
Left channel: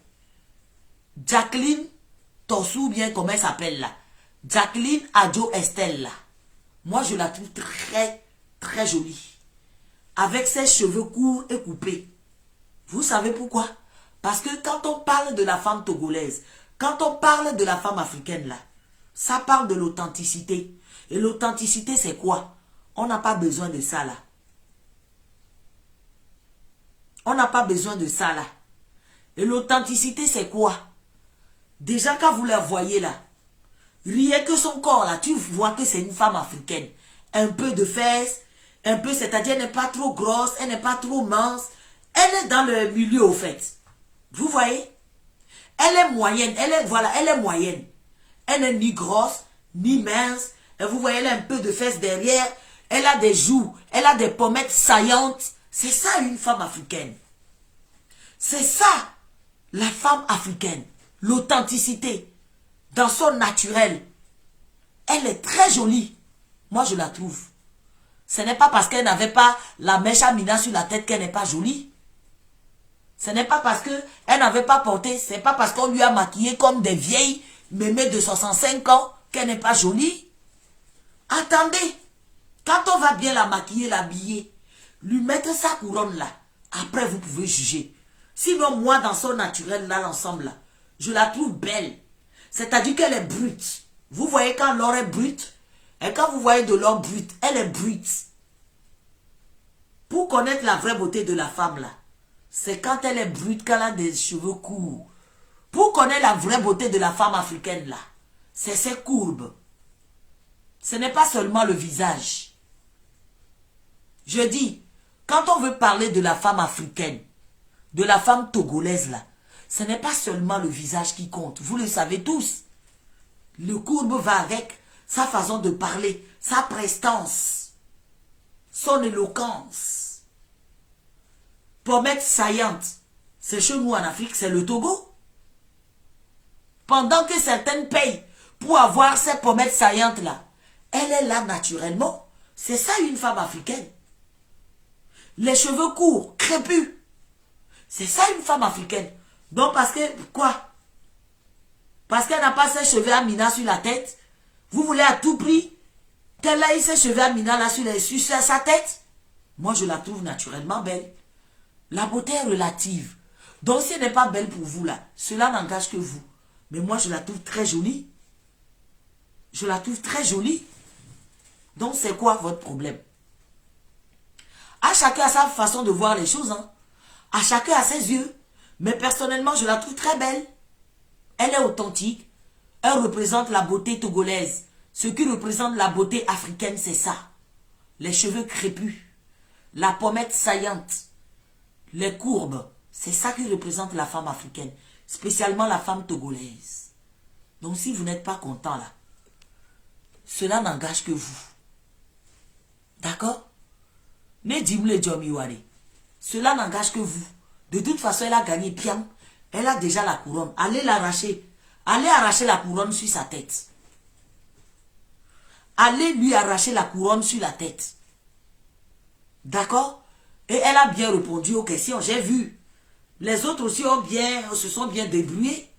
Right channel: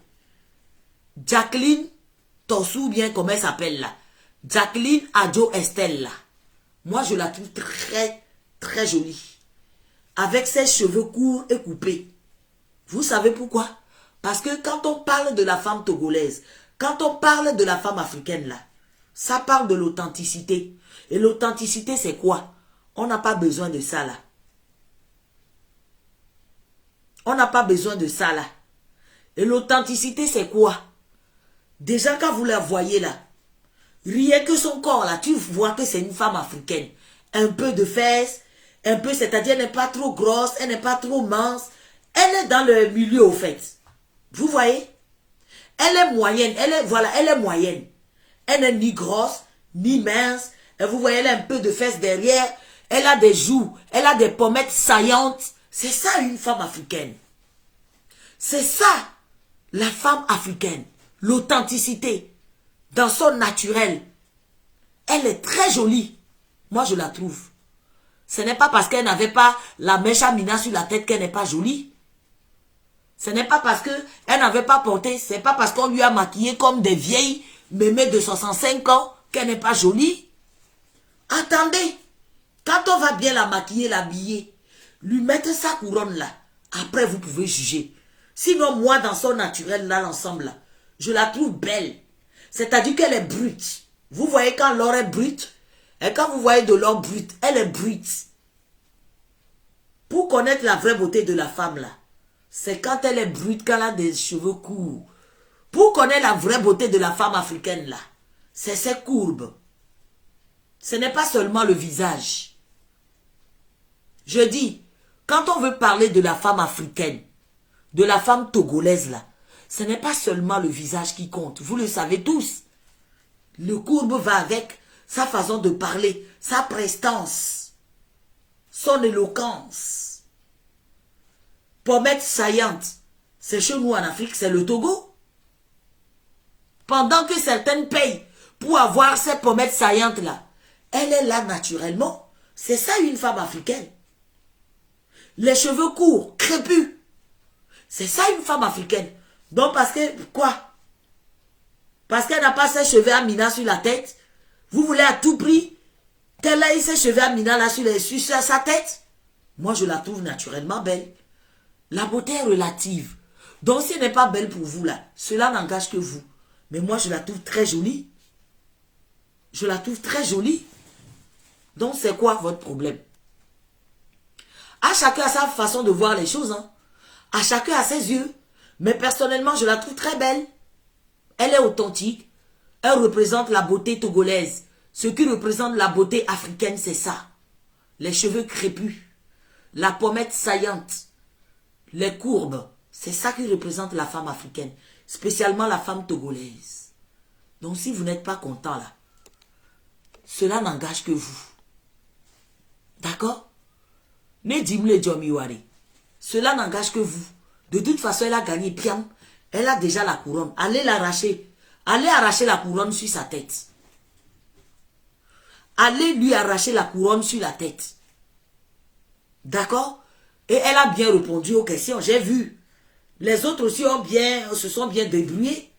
Jacqueline Tossou, bien comme elle s'appelle là. Jacqueline Adjo Estelle, là. Moi, je la trouve très, très jolie. Avec ses cheveux courts et coupés. Vous savez pourquoi? Parce que quand on parle de la femme togolaise, quand on parle de la femme africaine, là, ça parle de l'authenticité. Et l'authenticité, c'est quoi? On n'a pas besoin de ça, là. On n'a pas besoin de ça, là. Et l'authenticité, c'est quoi? Déjà, quand vous la voyez, là, rien que son corps, là, tu vois que c'est une femme africaine. Un peu de fesses, un peu, c'est-à-dire, elle n'est pas trop grosse, elle n'est pas trop mince. Elle est dans le milieu, au fait. Vous voyez? Elle est moyenne, elle est moyenne. Elle n'est ni grosse, ni mince. Et vous voyez, elle a un peu de fesses derrière. Elle a des joues, elle a des pommettes saillantes. C'est ça une femme africaine. C'est ça la femme africaine. L'authenticité. Dans son naturel. Elle est très jolie. Moi, je la trouve. Ce n'est pas parce qu'elle n'avait pas la mèche à Mina sur la tête qu'elle n'est pas jolie. Ce n'est pas parce qu'elle n'avait pas porté, c'est pas parce qu'on lui a maquillé comme des vieilles mémés de 65 ans qu'elle n'est pas jolie. Attendez, quand on va bien la maquiller, l'habiller, lui mettre sa couronne là, après vous pouvez juger. Sinon, moi, dans son naturel, là, l'ensemble là, je la trouve belle. C'est-à-dire qu'elle est brute. Vous voyez quand l'or est brute, et quand vous voyez de l'or brute, elle est brute. Pour connaître la vraie beauté de la femme là, c'est quand elle est brute, qu'elle a des cheveux courts. Pour connaître la vraie beauté de la femme africaine là, c'est ses courbes. Ce n'est pas seulement le visage. Je dis, quand on veut parler de la femme africaine, de la femme togolaise là, ce n'est pas seulement le visage qui compte. Vous le savez tous. Le courbe va avec sa façon de parler, sa prestance, son éloquence. Pommette saillante, c'est chez nous en Afrique, c'est le Togo. Pendant que certaines payent pour avoir ces pommettes saillantes là, elle est là naturellement. C'est ça une femme africaine. Les cheveux courts, crépus. C'est ça une femme africaine. Donc parce que, quoi? Parce qu'elle n'a pas ses cheveux à Mina sur la tête. Vous voulez à tout prix qu'elle ait ses cheveux à Mina là sur sa tête? Moi je la trouve naturellement belle. La beauté est relative. Donc si elle n'est pas belle pour vous là, cela n'engage que vous. Mais moi je la trouve très jolie. Je la trouve très jolie. Donc c'est quoi votre problème? À chacun a sa façon de voir les choses. Hein. À chacun a ses yeux. Mais personnellement je la trouve très belle. Elle est authentique. Elle représente la beauté togolaise. Ce qui représente la beauté africaine, c'est ça. Les cheveux crépus. La pommette saillante. Les courbes, c'est ça qui représente la femme africaine, spécialement la femme togolaise. Donc si vous n'êtes pas content là, cela n'engage que vous. D'accord? Mais dis-moi Jomiwari, cela n'engage que vous. De toute façon, elle a gagné bien. Elle a déjà la couronne. Allez l'arracher. Allez arracher la couronne sur sa tête. Allez lui arracher la couronne sur la tête. D'accord? Et elle a bien répondu aux questions, j'ai vu. Les autres aussi se sont bien débrouillés.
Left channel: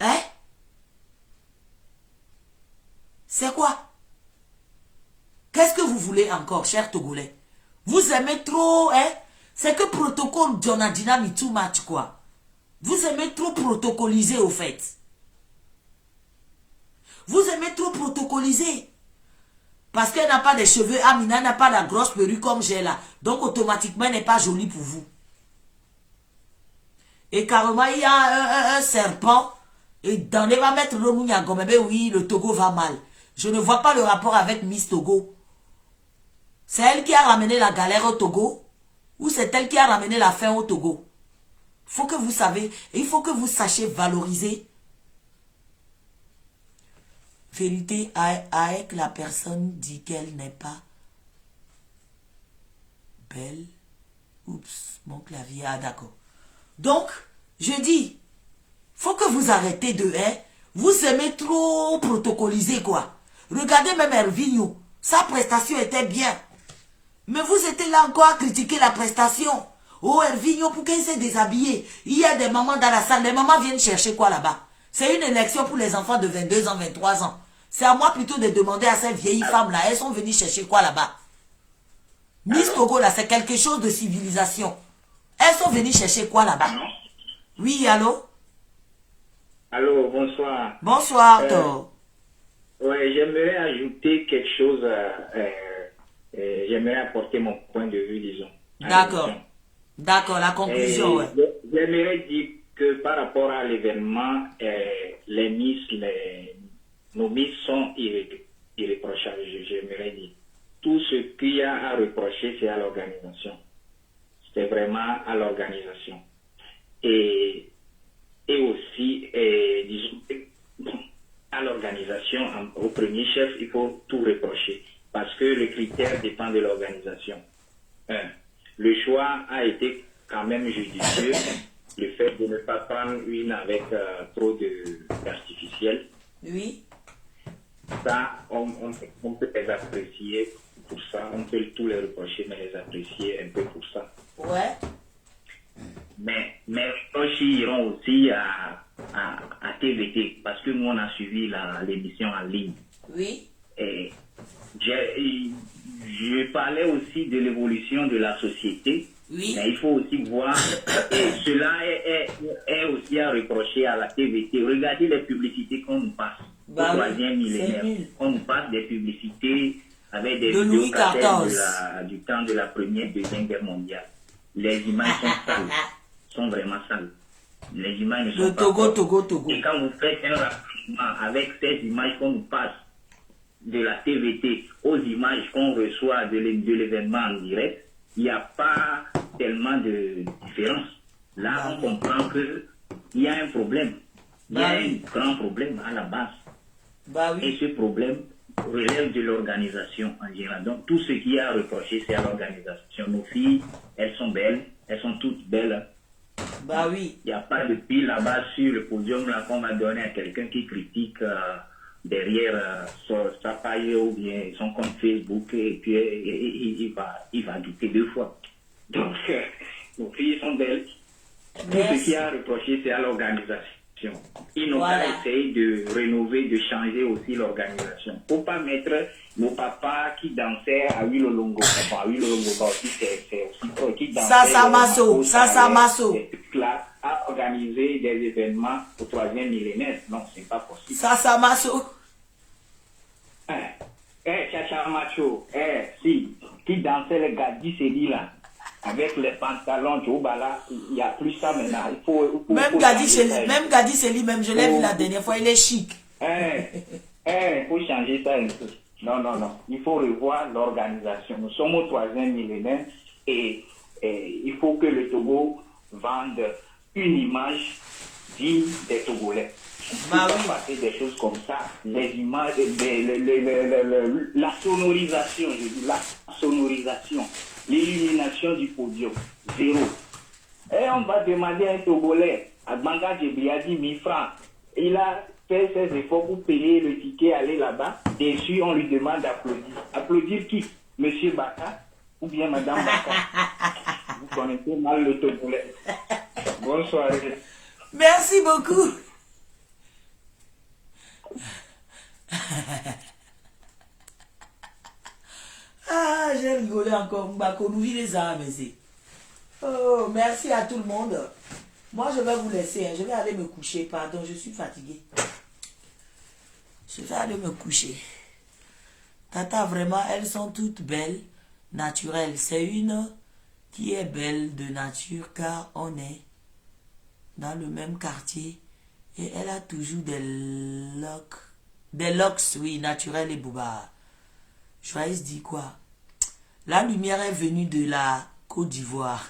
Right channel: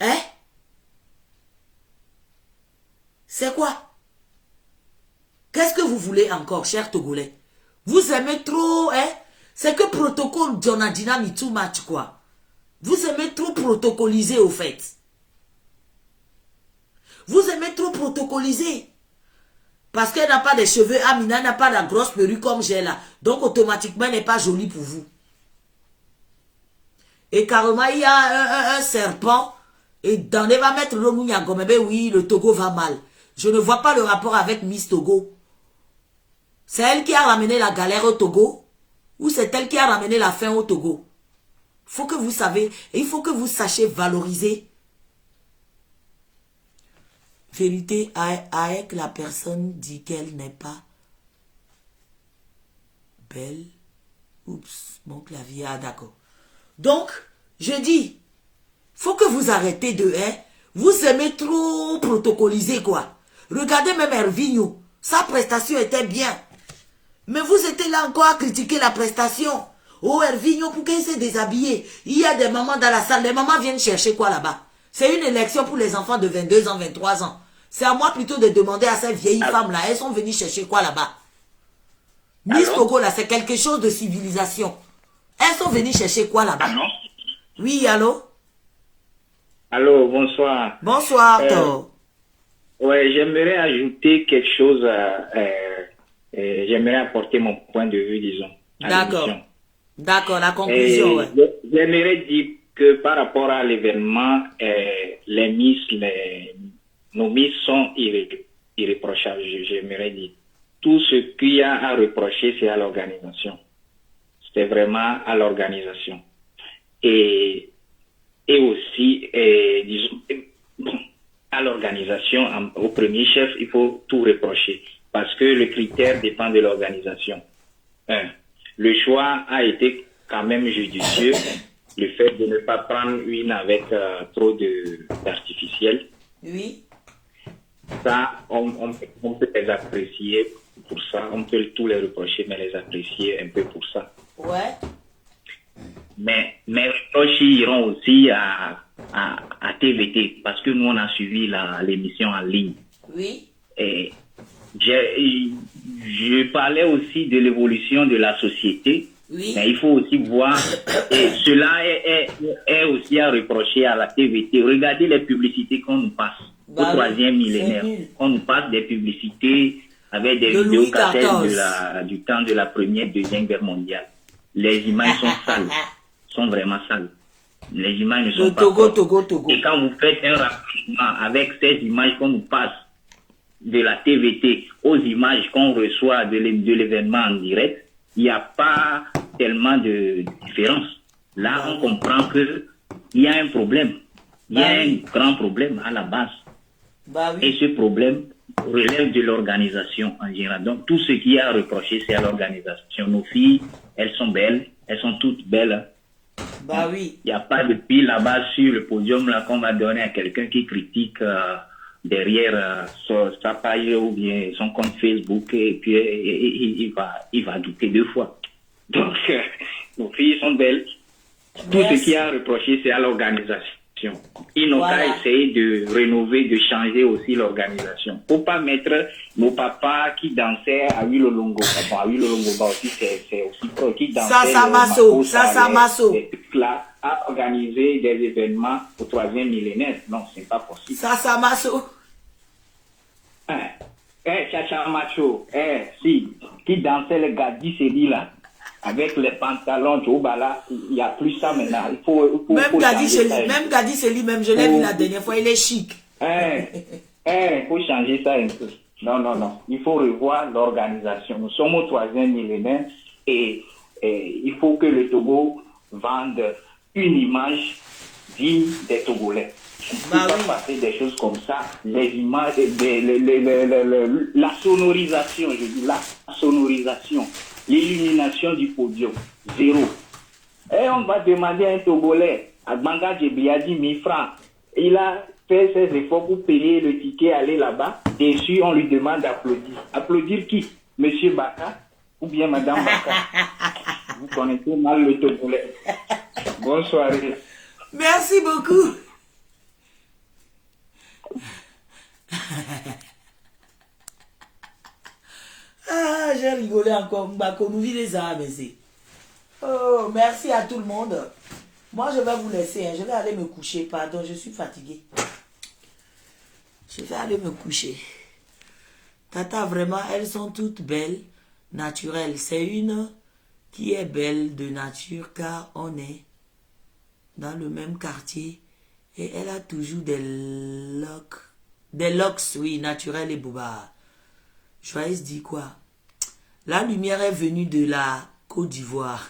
Hein? C'est quoi? Qu'est-ce que vous voulez encore, chers Togolais? Vous aimez trop, hein? C'est que protocole Jonadina ni too much, quoi. Vous aimez trop protocoliser, au fait. Vous aimez trop protocoliser. Parce qu'elle n'a pas de cheveux, Amina n'a pas la grosse perruque comme j'ai là. Donc automatiquement, elle n'est pas jolie pour vous. Et carrément, il y a un serpent. Et dans les va mettre le Mouniago. Mais oui, le Togo va mal. Je ne vois pas le rapport avec Miss Togo. C'est elle qui a ramené la galère au Togo. Ou c'est elle qui a ramené la faim au Togo. Il faut que vous savez. Et il faut que vous sachiez valoriser. Vérité avec la personne dit qu'elle n'est pas belle. Oups, mon clavier, ah d'accord. Donc, je dis, faut que vous arrêtez de, hein, vous aimez trop protocoliser quoi. Regardez même Hervinho, sa prestation était bien. Mais vous étiez là encore à critiquer la prestation. Oh Hervinho, pourquoi il s'est déshabillé? Il y a des mamans dans la salle, les mamans viennent chercher quoi là-bas? C'est une élection pour les enfants de 22 ans, 23 ans. C'est à moi plutôt de demander à ces vieilles femmes-là, elles sont venues chercher quoi là-bas? Miss Pogo, là, c'est quelque chose de civilisation. Elles sont venues chercher quoi là-bas? Oui, allô? Allô, bonsoir. Bonsoir, Tho. Ouais, j'aimerais ajouter quelque chose. J'aimerais apporter mon point de vue, disons. D'accord. D'accord, la conclusion, ouais. J'aimerais dire que par rapport à l'événement, les Miss, nos Miss sont irréprochables, j'aimerais dire. Tout ce qu'il y a à reprocher, c'est à l'organisation. C'est vraiment à l'organisation. Et aussi, disons, à l'organisation, au premier chef, il faut tout reprocher. Parce que le critère dépend de l'organisation. Le choix a été quand même judicieux. Le fait de ne pas prendre une avec trop d'artificiel. Oui. Ça, on peut les apprécier pour ça. On peut tous les reprocher, mais les apprécier un peu pour ça. Ouais. Mais mes reproches iront aussi à TVT, parce que nous, on a suivi l'émission en ligne. Oui. Et je parlais aussi de l'évolution de la société. Oui. Mais il faut aussi voir, et cela est aussi à reprocher à la TVT. Regardez les publicités qu'on nous passe au troisième millénaire. On nous passe des publicités avec des vidéos cassettes du temps de la Première, Deuxième Guerre mondiale. Les images sont sales, sont vraiment sales. Les images ne sont pas Togo. Et quand vous faites un rapprochement avec ces images qu'on nous passe de la TVT aux images qu'on reçoit de l'événement en direct, il n'y a pas tellement de différence. Là, on comprend qu'il y a un problème. Il y a un grand problème à la base. Et ce problème relève de l'organisation en général. Donc, tout ce qui est à reprocher, c'est à l'organisation. Nos filles, elles sont belles. Elles sont toutes belles. Il n'y a pas de pile là-bas sur le podium là qu'on va donner à quelqu'un qui critique derrière sa page ou bien son compte Facebook, et puis il va douter deux fois. Donc, nos filles sont belles. Tout ce qui est à reprocher, c'est à l'organisation. Ils n'ont qu'à essayer de rénover, de changer aussi l'organisation. Il ne faut pas mettre nos papas qui dansaient à Wilolongo. À Wilolongo aussi, c'est aussi qui dansaient. Ça Masso. Là, à organiser des événements au troisième millénaire. Non, ce n'est pas possible. Ça Masso. Chacha Macho. Si, qui dansait le Gadi Seli là. Avec les pantalons, il n'y a plus ça maintenant. Même Gadi Seli, même je l'ai vu la dernière fois, il est chic. Il faut changer ça un peu. Non. Il faut revoir l'organisation. Nous sommes au troisième millénaire et il faut que le Togo vende une image digne des Togolais. Passer des choses comme ça, les images, la sonorisation, je dis la sonorisation. L'illumination du podium, 0. Et on va demander à un Togolais, à Banga Djebi a dit 1000 francs. Il a fait ses efforts pour payer le ticket, aller là-bas. Bien sûr, on lui demande d'applaudir. Applaudir qui? Monsieur Baka ou bien Madame Baka? Vous connaissez mal le Togolais. Bonne soirée. Merci beaucoup. Ah, j'ai rigolé encore. Nous vit les âmes ici. Oh, merci à tout le monde. Moi, je vais vous laisser. Je vais aller me coucher. Pardon, je suis fatiguée. Je vais aller me coucher. Tata, vraiment, elles sont toutes belles, naturelles. C'est une qui est belle de nature car on est dans le même quartier et elle a toujours des locks, oui, naturels et bobards. Joyeuse dit quoi? La lumière est venue de la Côte d'Ivoire.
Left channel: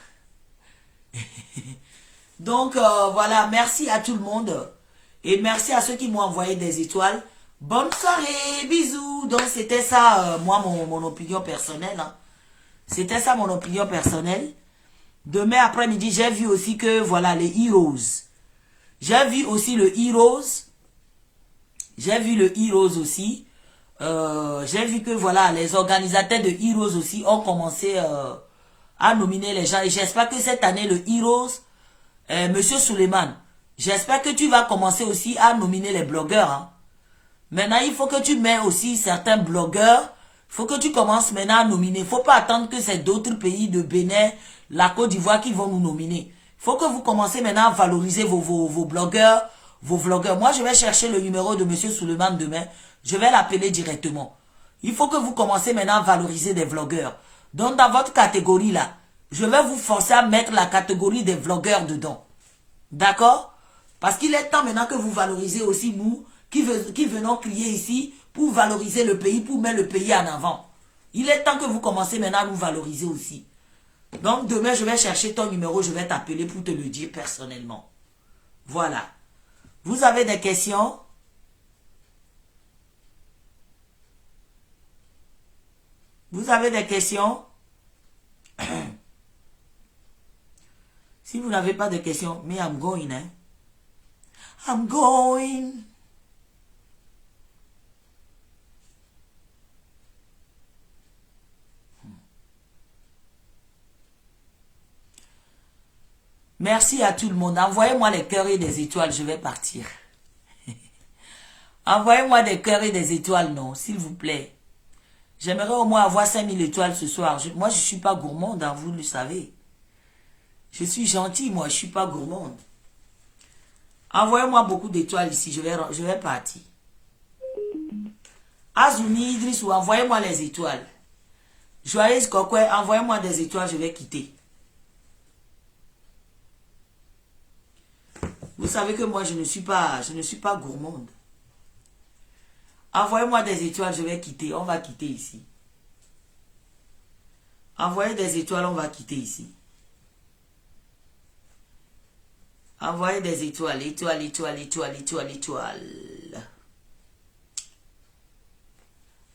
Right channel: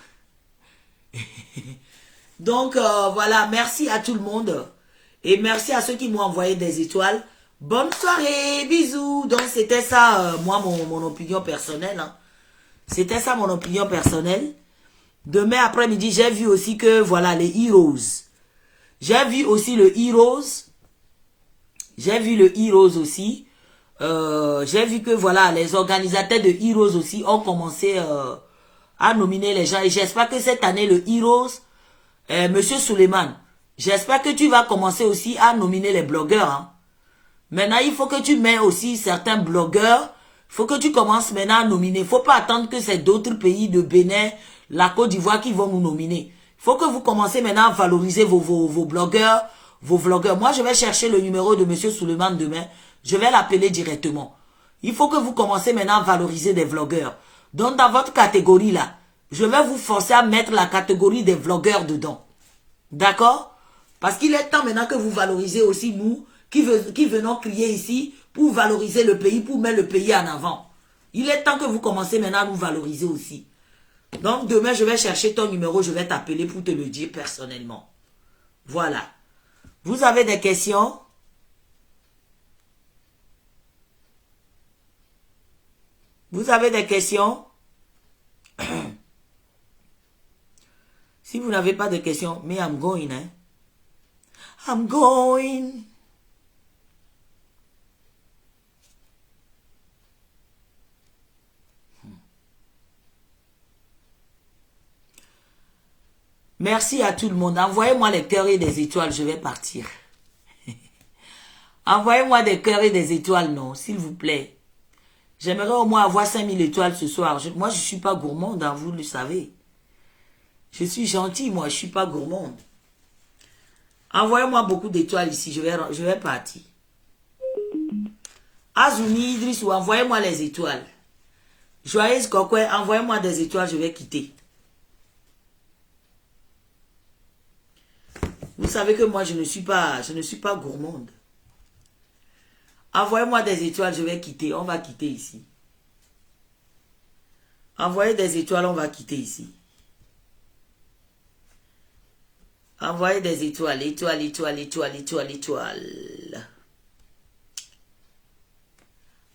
Donc, voilà, merci à tout le monde. Et merci à ceux qui m'ont envoyé des étoiles. Bonne soirée, bisous. Donc, c'était ça, moi, mon opinion personnelle. Hein. C'était ça, mon opinion personnelle. Demain après-midi, j'ai vu aussi que, voilà, les Heroes. J'ai vu aussi le Heroes. J'ai vu le Heroes aussi. J'ai vu que voilà, les organisateurs de Heroes aussi ont commencé à nominer les gens. Et j'espère que cette année, le Heroes, Monsieur Suleiman, J'espère que tu vas commencer aussi à nominer les blogueurs. Hein. Maintenant, il faut que tu mets aussi certains blogueurs. Il faut que tu commences maintenant à nominer. Il ne faut pas attendre que c'est d'autres pays de Bénin, la Côte d'Ivoire qui vont nous nominer. Il faut que vous commencez maintenant à valoriser vos blogueurs, vos vlogueurs. Moi, je vais chercher le numéro de M. Suleiman demain. Je vais l'appeler directement. Il faut que vous commencez maintenant à valoriser des vlogueurs. Donc, dans votre catégorie là, je vais vous forcer à mettre la catégorie des vlogueurs dedans. D'accord? Parce qu'il est temps maintenant que vous valorisez aussi nous, qui venons crier ici pour valoriser le pays, pour mettre le pays en avant. Il est temps que vous commencez maintenant à nous valoriser aussi. Donc, demain, je vais chercher ton numéro, je vais t'appeler pour te le dire personnellement. Voilà. Vous avez des questions? Vous avez des questions? Si vous n'avez pas de questions, mais I'm going, hein? I'm going. Merci à tout le monde. Envoyez-moi les cœurs et des étoiles, je vais partir. Envoyez-moi des cœurs et des étoiles, non, s'il vous plaît. J'aimerais au moins avoir 5000 étoiles ce soir. Moi, je ne suis pas gourmande, hein, vous le savez. Je suis gentille, moi, je ne suis pas gourmande. Envoyez-moi beaucoup d'étoiles ici, je vais partir. Azumi Idriss, envoyez-moi les étoiles. Joyeuse Kokwe, envoyez-moi des étoiles, je vais quitter. Vous savez que moi, je ne suis pas gourmande. Envoyez-moi des étoiles, je vais quitter. On va quitter ici. Envoyez des étoiles, on va quitter ici. Envoyez des étoiles, étoiles, étoiles, étoiles, étoiles, étoiles.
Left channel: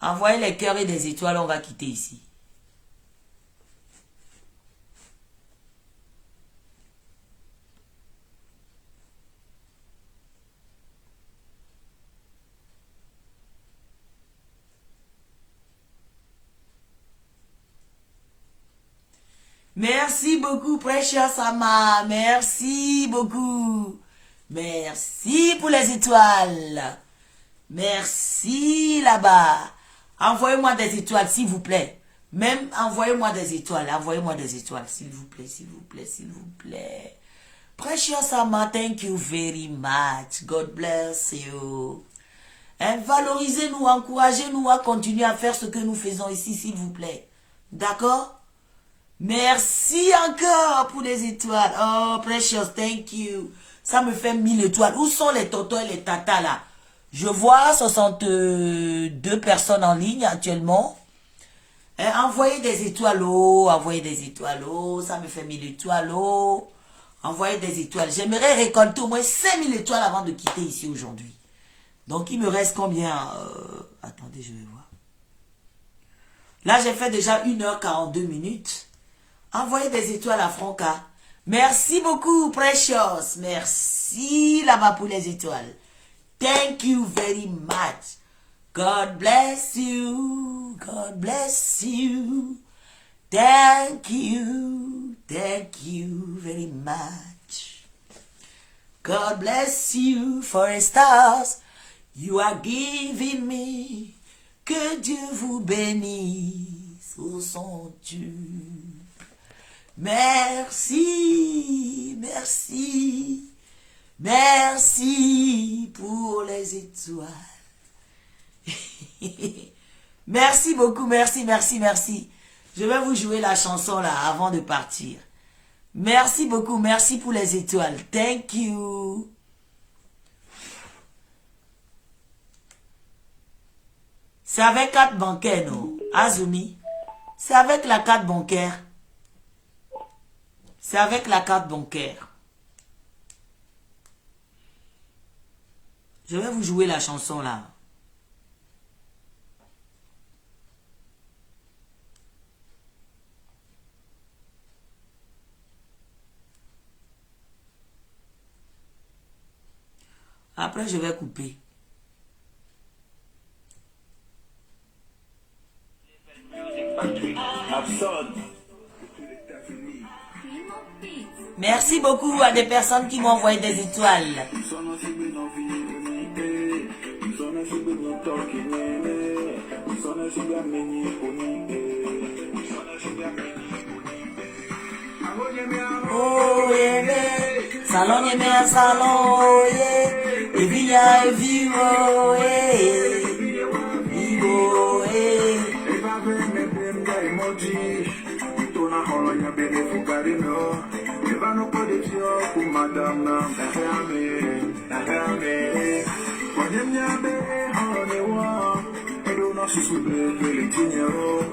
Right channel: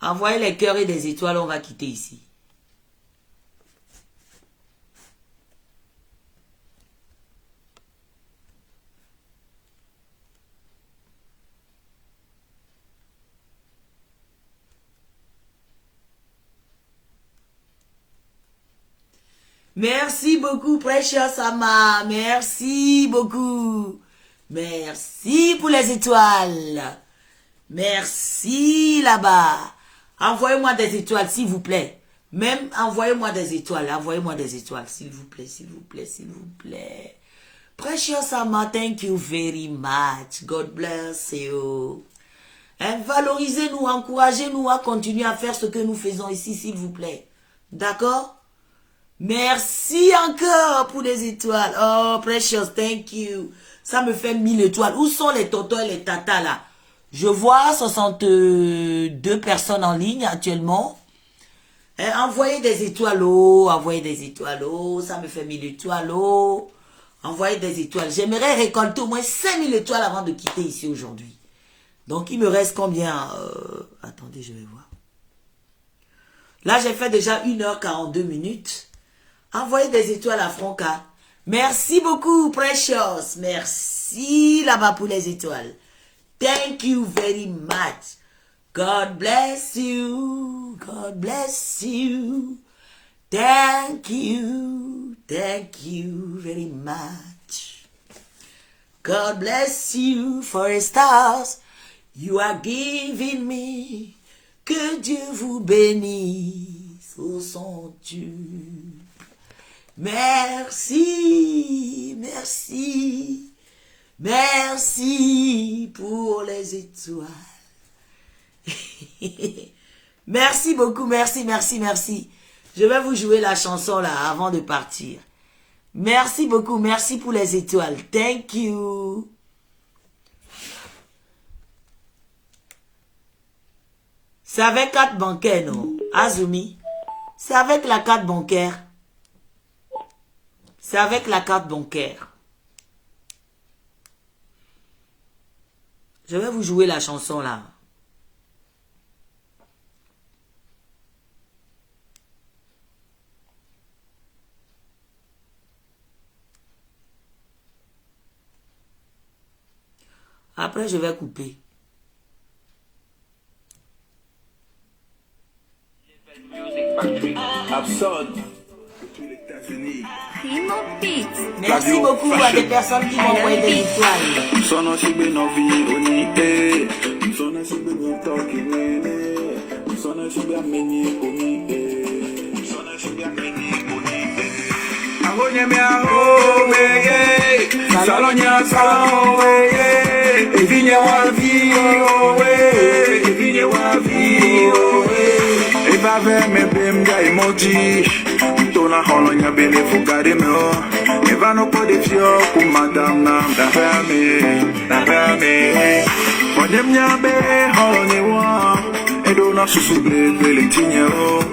Envoyez les cœurs et des étoiles, on va quitter ici. Merci beaucoup, Precious Ama. Merci beaucoup. Merci pour les étoiles. Merci là-bas. Envoyez-moi des étoiles, s'il vous plaît. Même envoyez-moi des étoiles. Envoyez-moi des étoiles, s'il vous plaît, s'il vous plaît, s'il vous plaît. Precious Ama, thank you very much. God bless you. Et valorisez-nous, encouragez-nous à continuer à faire ce que nous faisons ici, s'il vous plaît. D'accord? Merci encore pour les étoiles. Oh, Precious, thank you. Ça me fait 1000 étoiles. Où sont les tontons et les tatas là? Je vois 62 personnes en ligne actuellement. Et envoyez des étoiles, oh, envoyez des étoiles, oh, ça me fait 1000 étoiles, oh. Envoyez des étoiles. J'aimerais récolter au moins 5000 étoiles avant de quitter ici aujourd'hui. Donc, il me reste combien? Attendez, je vais voir. Là, j'ai fait déjà 1h42 minutes. Envoyez des étoiles à Franca. Merci beaucoup, Precious. Merci là-bas pour les étoiles. Thank you very much. God bless you. God bless you. Thank you. Thank you very much. God bless you for the stars you are giving me. Que Dieu vous bénisse au son tube. Merci, merci, merci pour les étoiles. Merci beaucoup, merci, merci, merci. Je vais vous jouer la chanson là avant de partir. Merci beaucoup, merci pour les étoiles. Thank you. C'est avec carte bancaire, non? Azumi. C'est avec la carte bancaire. C'est avec la carte bancaire. Je vais vous jouer la chanson là. Après, je vais couper. Absurde. Primo Beats. Merci beaucoup à des personnes qui m'ont envoyé des étoiles. Salon, salon, Evinia, Eva me bemga emoji, tona holonya bele fugare me o. Eva no pode fio ku madam na rame. Onem nyabe holonye wa, edona susu bele tinye o.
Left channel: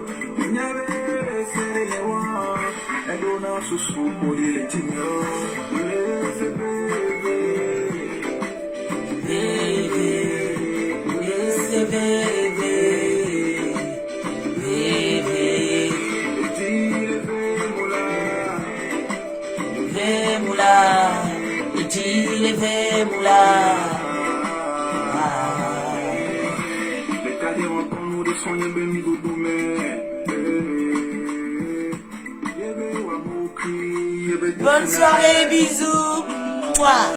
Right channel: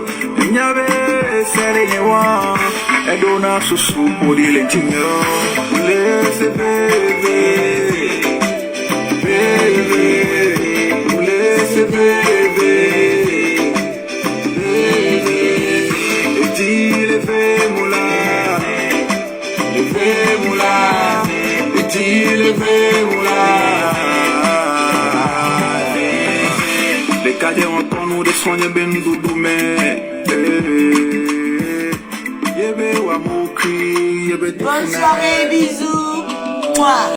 Nyabe sere ne wa, edona susu bele tinye o. Laisse bébé, laisse bébé. Les cadets ont nous de soigner ben doudou mais bonne soirée, bisous. Mouah.